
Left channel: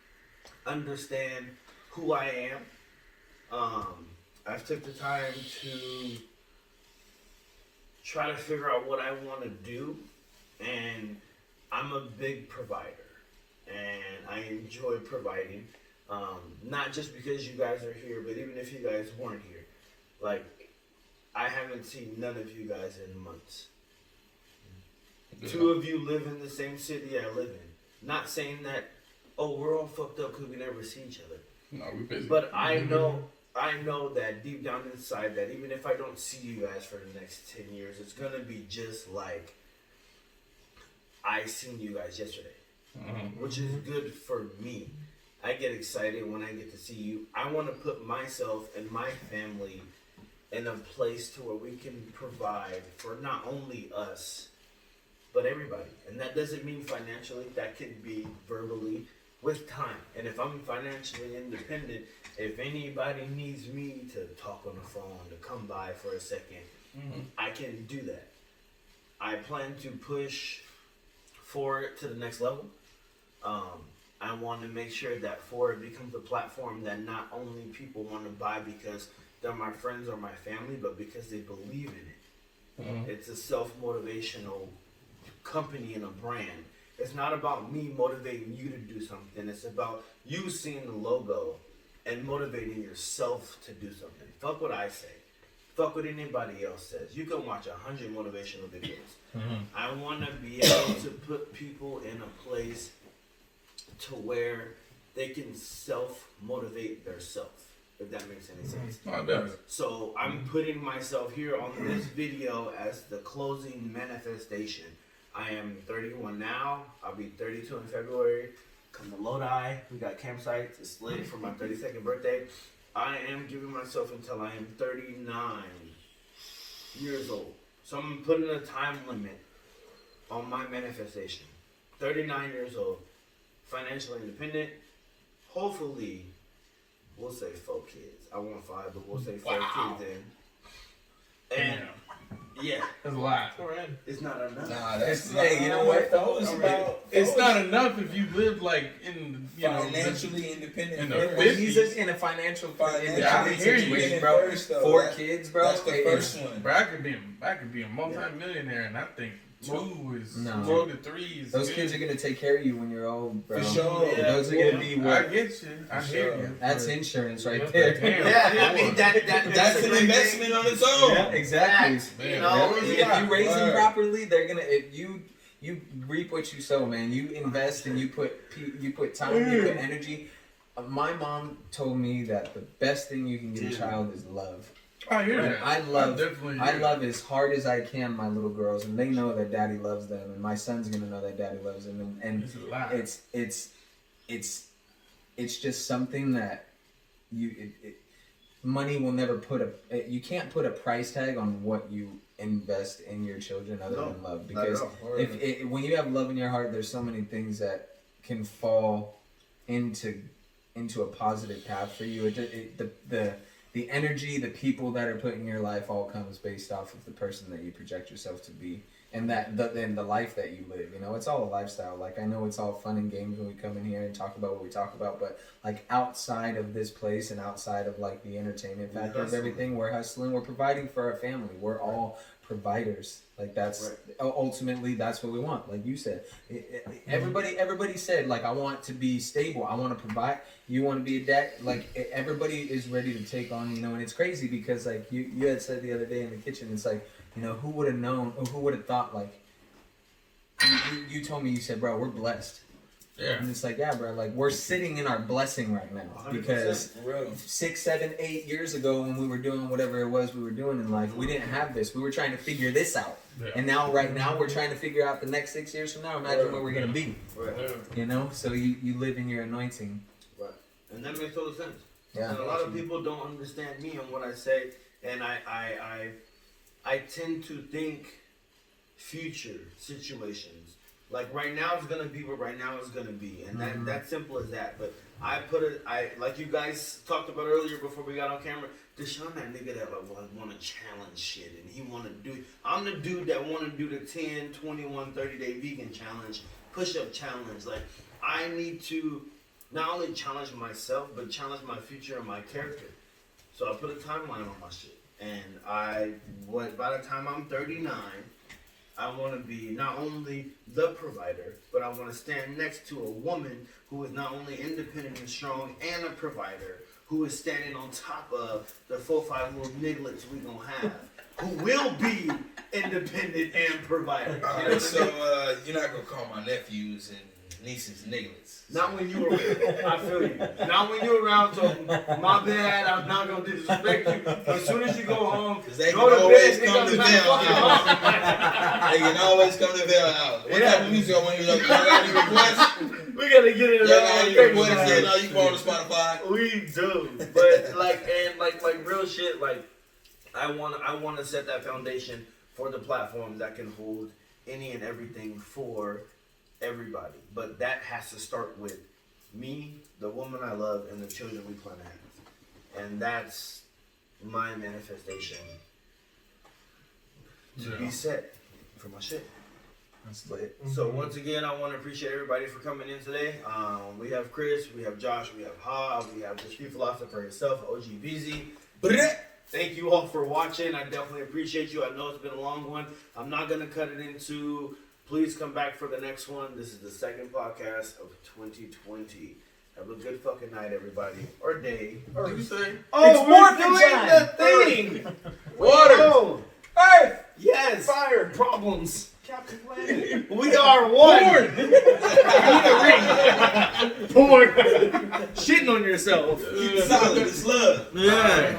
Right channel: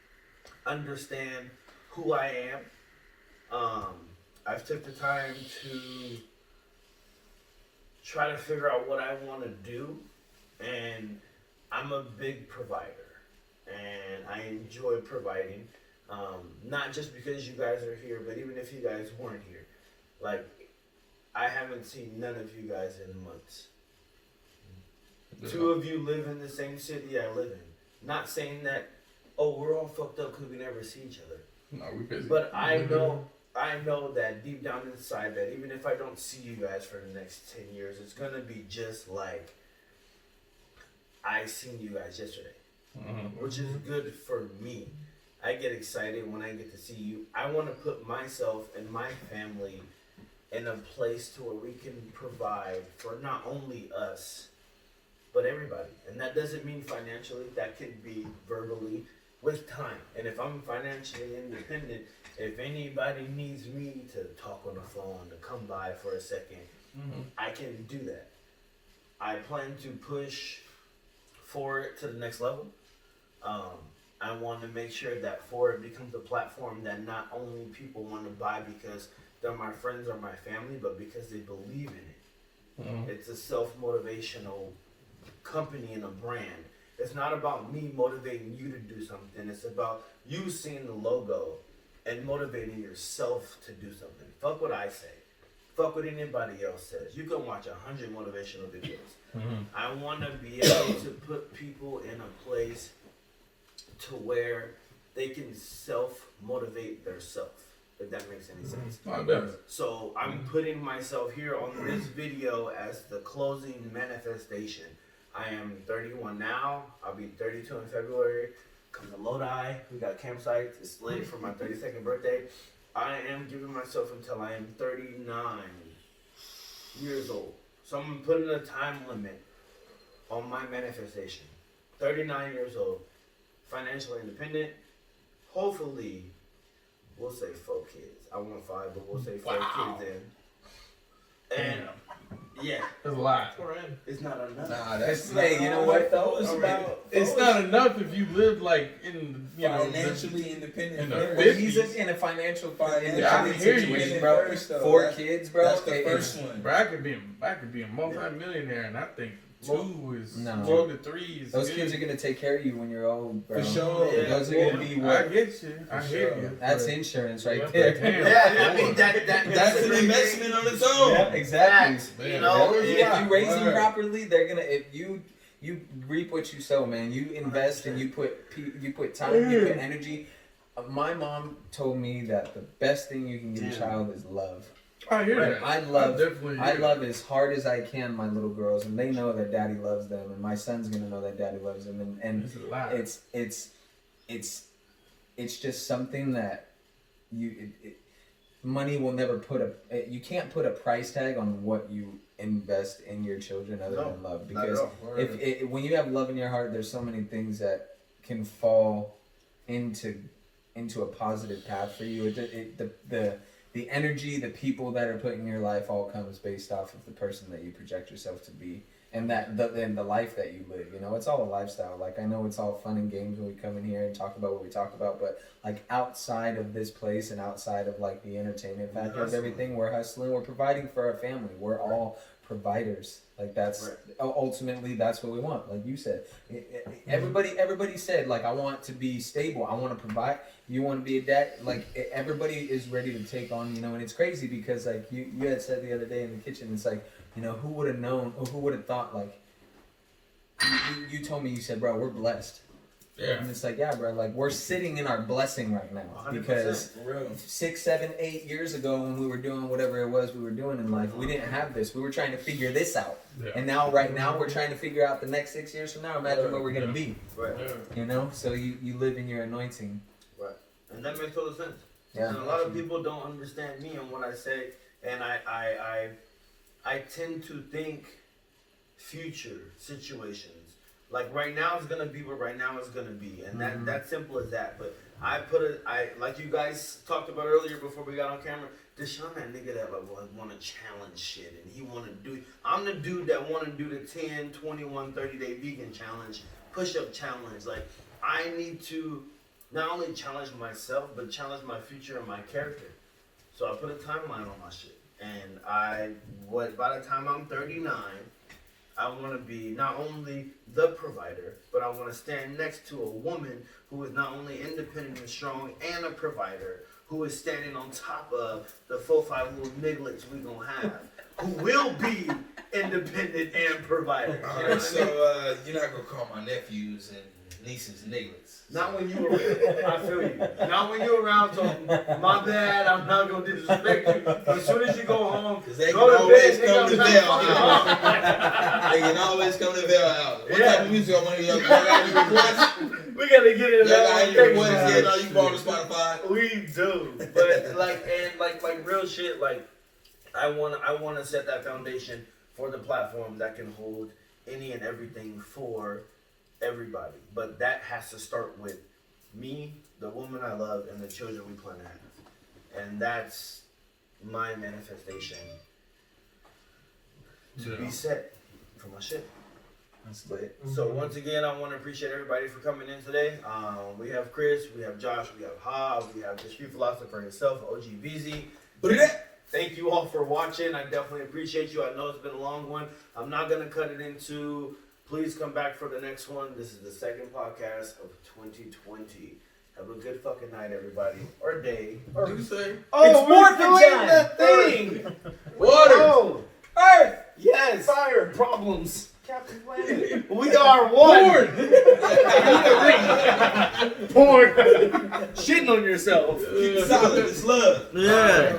understand who I am. I've took the time to try to figure out what I want to do, and I'm a big provider, and I enjoy providing. Not just because you guys are here, but even if you guys weren't here, like I haven't seen none of you guys in months. Yeah. Two of you live in the same city I live in. Not saying that, oh, we're all fucked up because we never see each other. No, we busy. But I know that deep down inside that even if I don't see you guys for the next 10 years, it's gonna be just like I seen you guys yesterday, which is good for me. I get excited when I get to see you. I want to put myself and my family in a place to where we can provide for not only us, but everybody. And that doesn't mean financially. That can be verbally with time. And if I'm financially independent, if anybody needs me to talk on the phone, to come by for a second, I can do that. I plan to push forward to the next level. I want to make sure that Forward becomes a platform that not only people want to buy because they're my friends or my family, but because they believe in it. It's a self-motivational company and a brand. It's not about me motivating you to do something. It's about you seeing the logo and motivating yourself to do something. Fuck what I say. Fuck what anybody else says. You can watch 100 motivational videos. I want to be able to put people in a place to where they can self-motivate theirself, if that makes any sense. I bet. So I'm putting myself here on this video as the closing manifestation. I am 31 now. I'll be 32 in February. Come to Lodi. We got campsites. It's lit for my 32nd birthday. I am giving myself until I am 39 years old. So I'm putting a time limit on my manifestation. 39 years old. Financially independent. Hopefully, we'll say 4 kids. I want 5, but we'll say 4 kids in. And yeah, That's a lot. it's not enough. Nah, that's Hey, you know what though? It's not enough if you live like in financially independent. in the first. When he's in a financial Yeah, I hear you. situation, bro. First, though, 4 that- kids, bro. That's the first one. Bro, I could be a multi-millionaire, and I think 2 is No. 2 to 3 is Those good. kids are gonna take care of you when you're old, bro. For sure. Yeah. Those are gonna be I what? get you. I hear you. That's insurance right But there. damn, Yeah, I mean that's That's a an great investment on its own. Yeah, exactly. Fact, Man, you know, that was If you raise them Word. properly, they're gonna. If you reap what you sow, man. You invest and you put time, you put energy. My mom told me that the best thing you can give a child is love. I hear that. I love definitely I hear love as hard as I can my little girls, and they know that daddy loves them, and my son's gonna know that daddy loves them, and This is a lot. it's just something that money will never you can't put a price tag on what you invest in your children other than love, because when you have love in your heart, there's so many things that can fall into a positive path for you. The energy, the people that are put in your life all comes based off of the person that you project yourself to be, and the life that you live. You know, it's all a lifestyle. Like, I know it's all fun and games when we come in here and talk about what we talk about, but like outside of this place and outside of like the entertainment factor of everything, we're hustling, we're providing for our family. We're all providers. Like, that's ultimately that's what we want. Like you said, everybody said, like, I want to be stable, I want to provide. You want to be a dad. Like, everybody is ready to take on, you know. And it's crazy because, like, you had said the other day in the kitchen, it's like, you know, who would have known, or who would have thought, like, you told me, you said, bro, we're blessed. Yeah. And it's like, yeah, bro, like, we're sitting in our blessing right now. 100%. Because 6, 7, 8 years ago, when we were doing whatever it was we were doing in life, we didn't have this. We were trying to figure this out. Yeah. And now, right now, we're trying to figure out the next 6 years from now. Imagine where we're going to be. Right. Yeah. You know? So you live in your anointing. Right. And that makes total sense. Yeah. And a lot of people don't understand me and what I say, and I tend to think future situations. Like, right now is gonna be what right now is gonna be, and that's simple as that. But I like you guys talked about earlier before we got on camera. Deshaun, that nigga that want to challenge shit, and he want to do. I'm the dude that want to do the 10, 21, 30-day vegan challenge, push-up challenge. Like, I need to not only challenge myself, but challenge my future and my character. So I put a timeline on my shit. And by the time I'm 39, I want to be not only the provider, but I want to stand next to a woman who is not only independent and strong and a provider, who is standing on top of the 4-5 little nigglets we gonna have, who will be independent and provider. All right, so you're not gonna call my nephews and nieces nigglets. Not when you around. I feel you. Not when you're around. So my bad. I'm not gonna disrespect you. But as soon as you go home, They go can to always bed. come to Nigga, Vail. I'm trying to fuck They can always come to Vail House. What Yeah. type of music I want to y'all got any requests? We gotta get into Y'all got that. any one requests? thing. Yeah, no, you can go on to Spotify. We do, but like real shit. Like I want to set that foundation for the platform that can hold any and everything for everybody. But that has to start with me, the woman I love, and the children we plan to have. And that's my manifestation to be set for my shit. That's lit. So once again, I want to appreciate everybody for coming in today. We have Chris, we have Josh, we have Ha, we have the street philosopher himself, OG VZ. Thank you all for watching. I definitely appreciate you. I know it's been a long one. I'm not gonna cut it into. Please come back for the next one. This is the second podcast of 2020. Have a good fucking night, everybody, or day. What you say? Oh, It's we're morphin' doing time. the thing. Water. Oh, Earth! yes. Fire! Problems. Captain Planet! We are one. Porn. Porn. Shitting on yourself. Keep it solid. It's love. Yeah.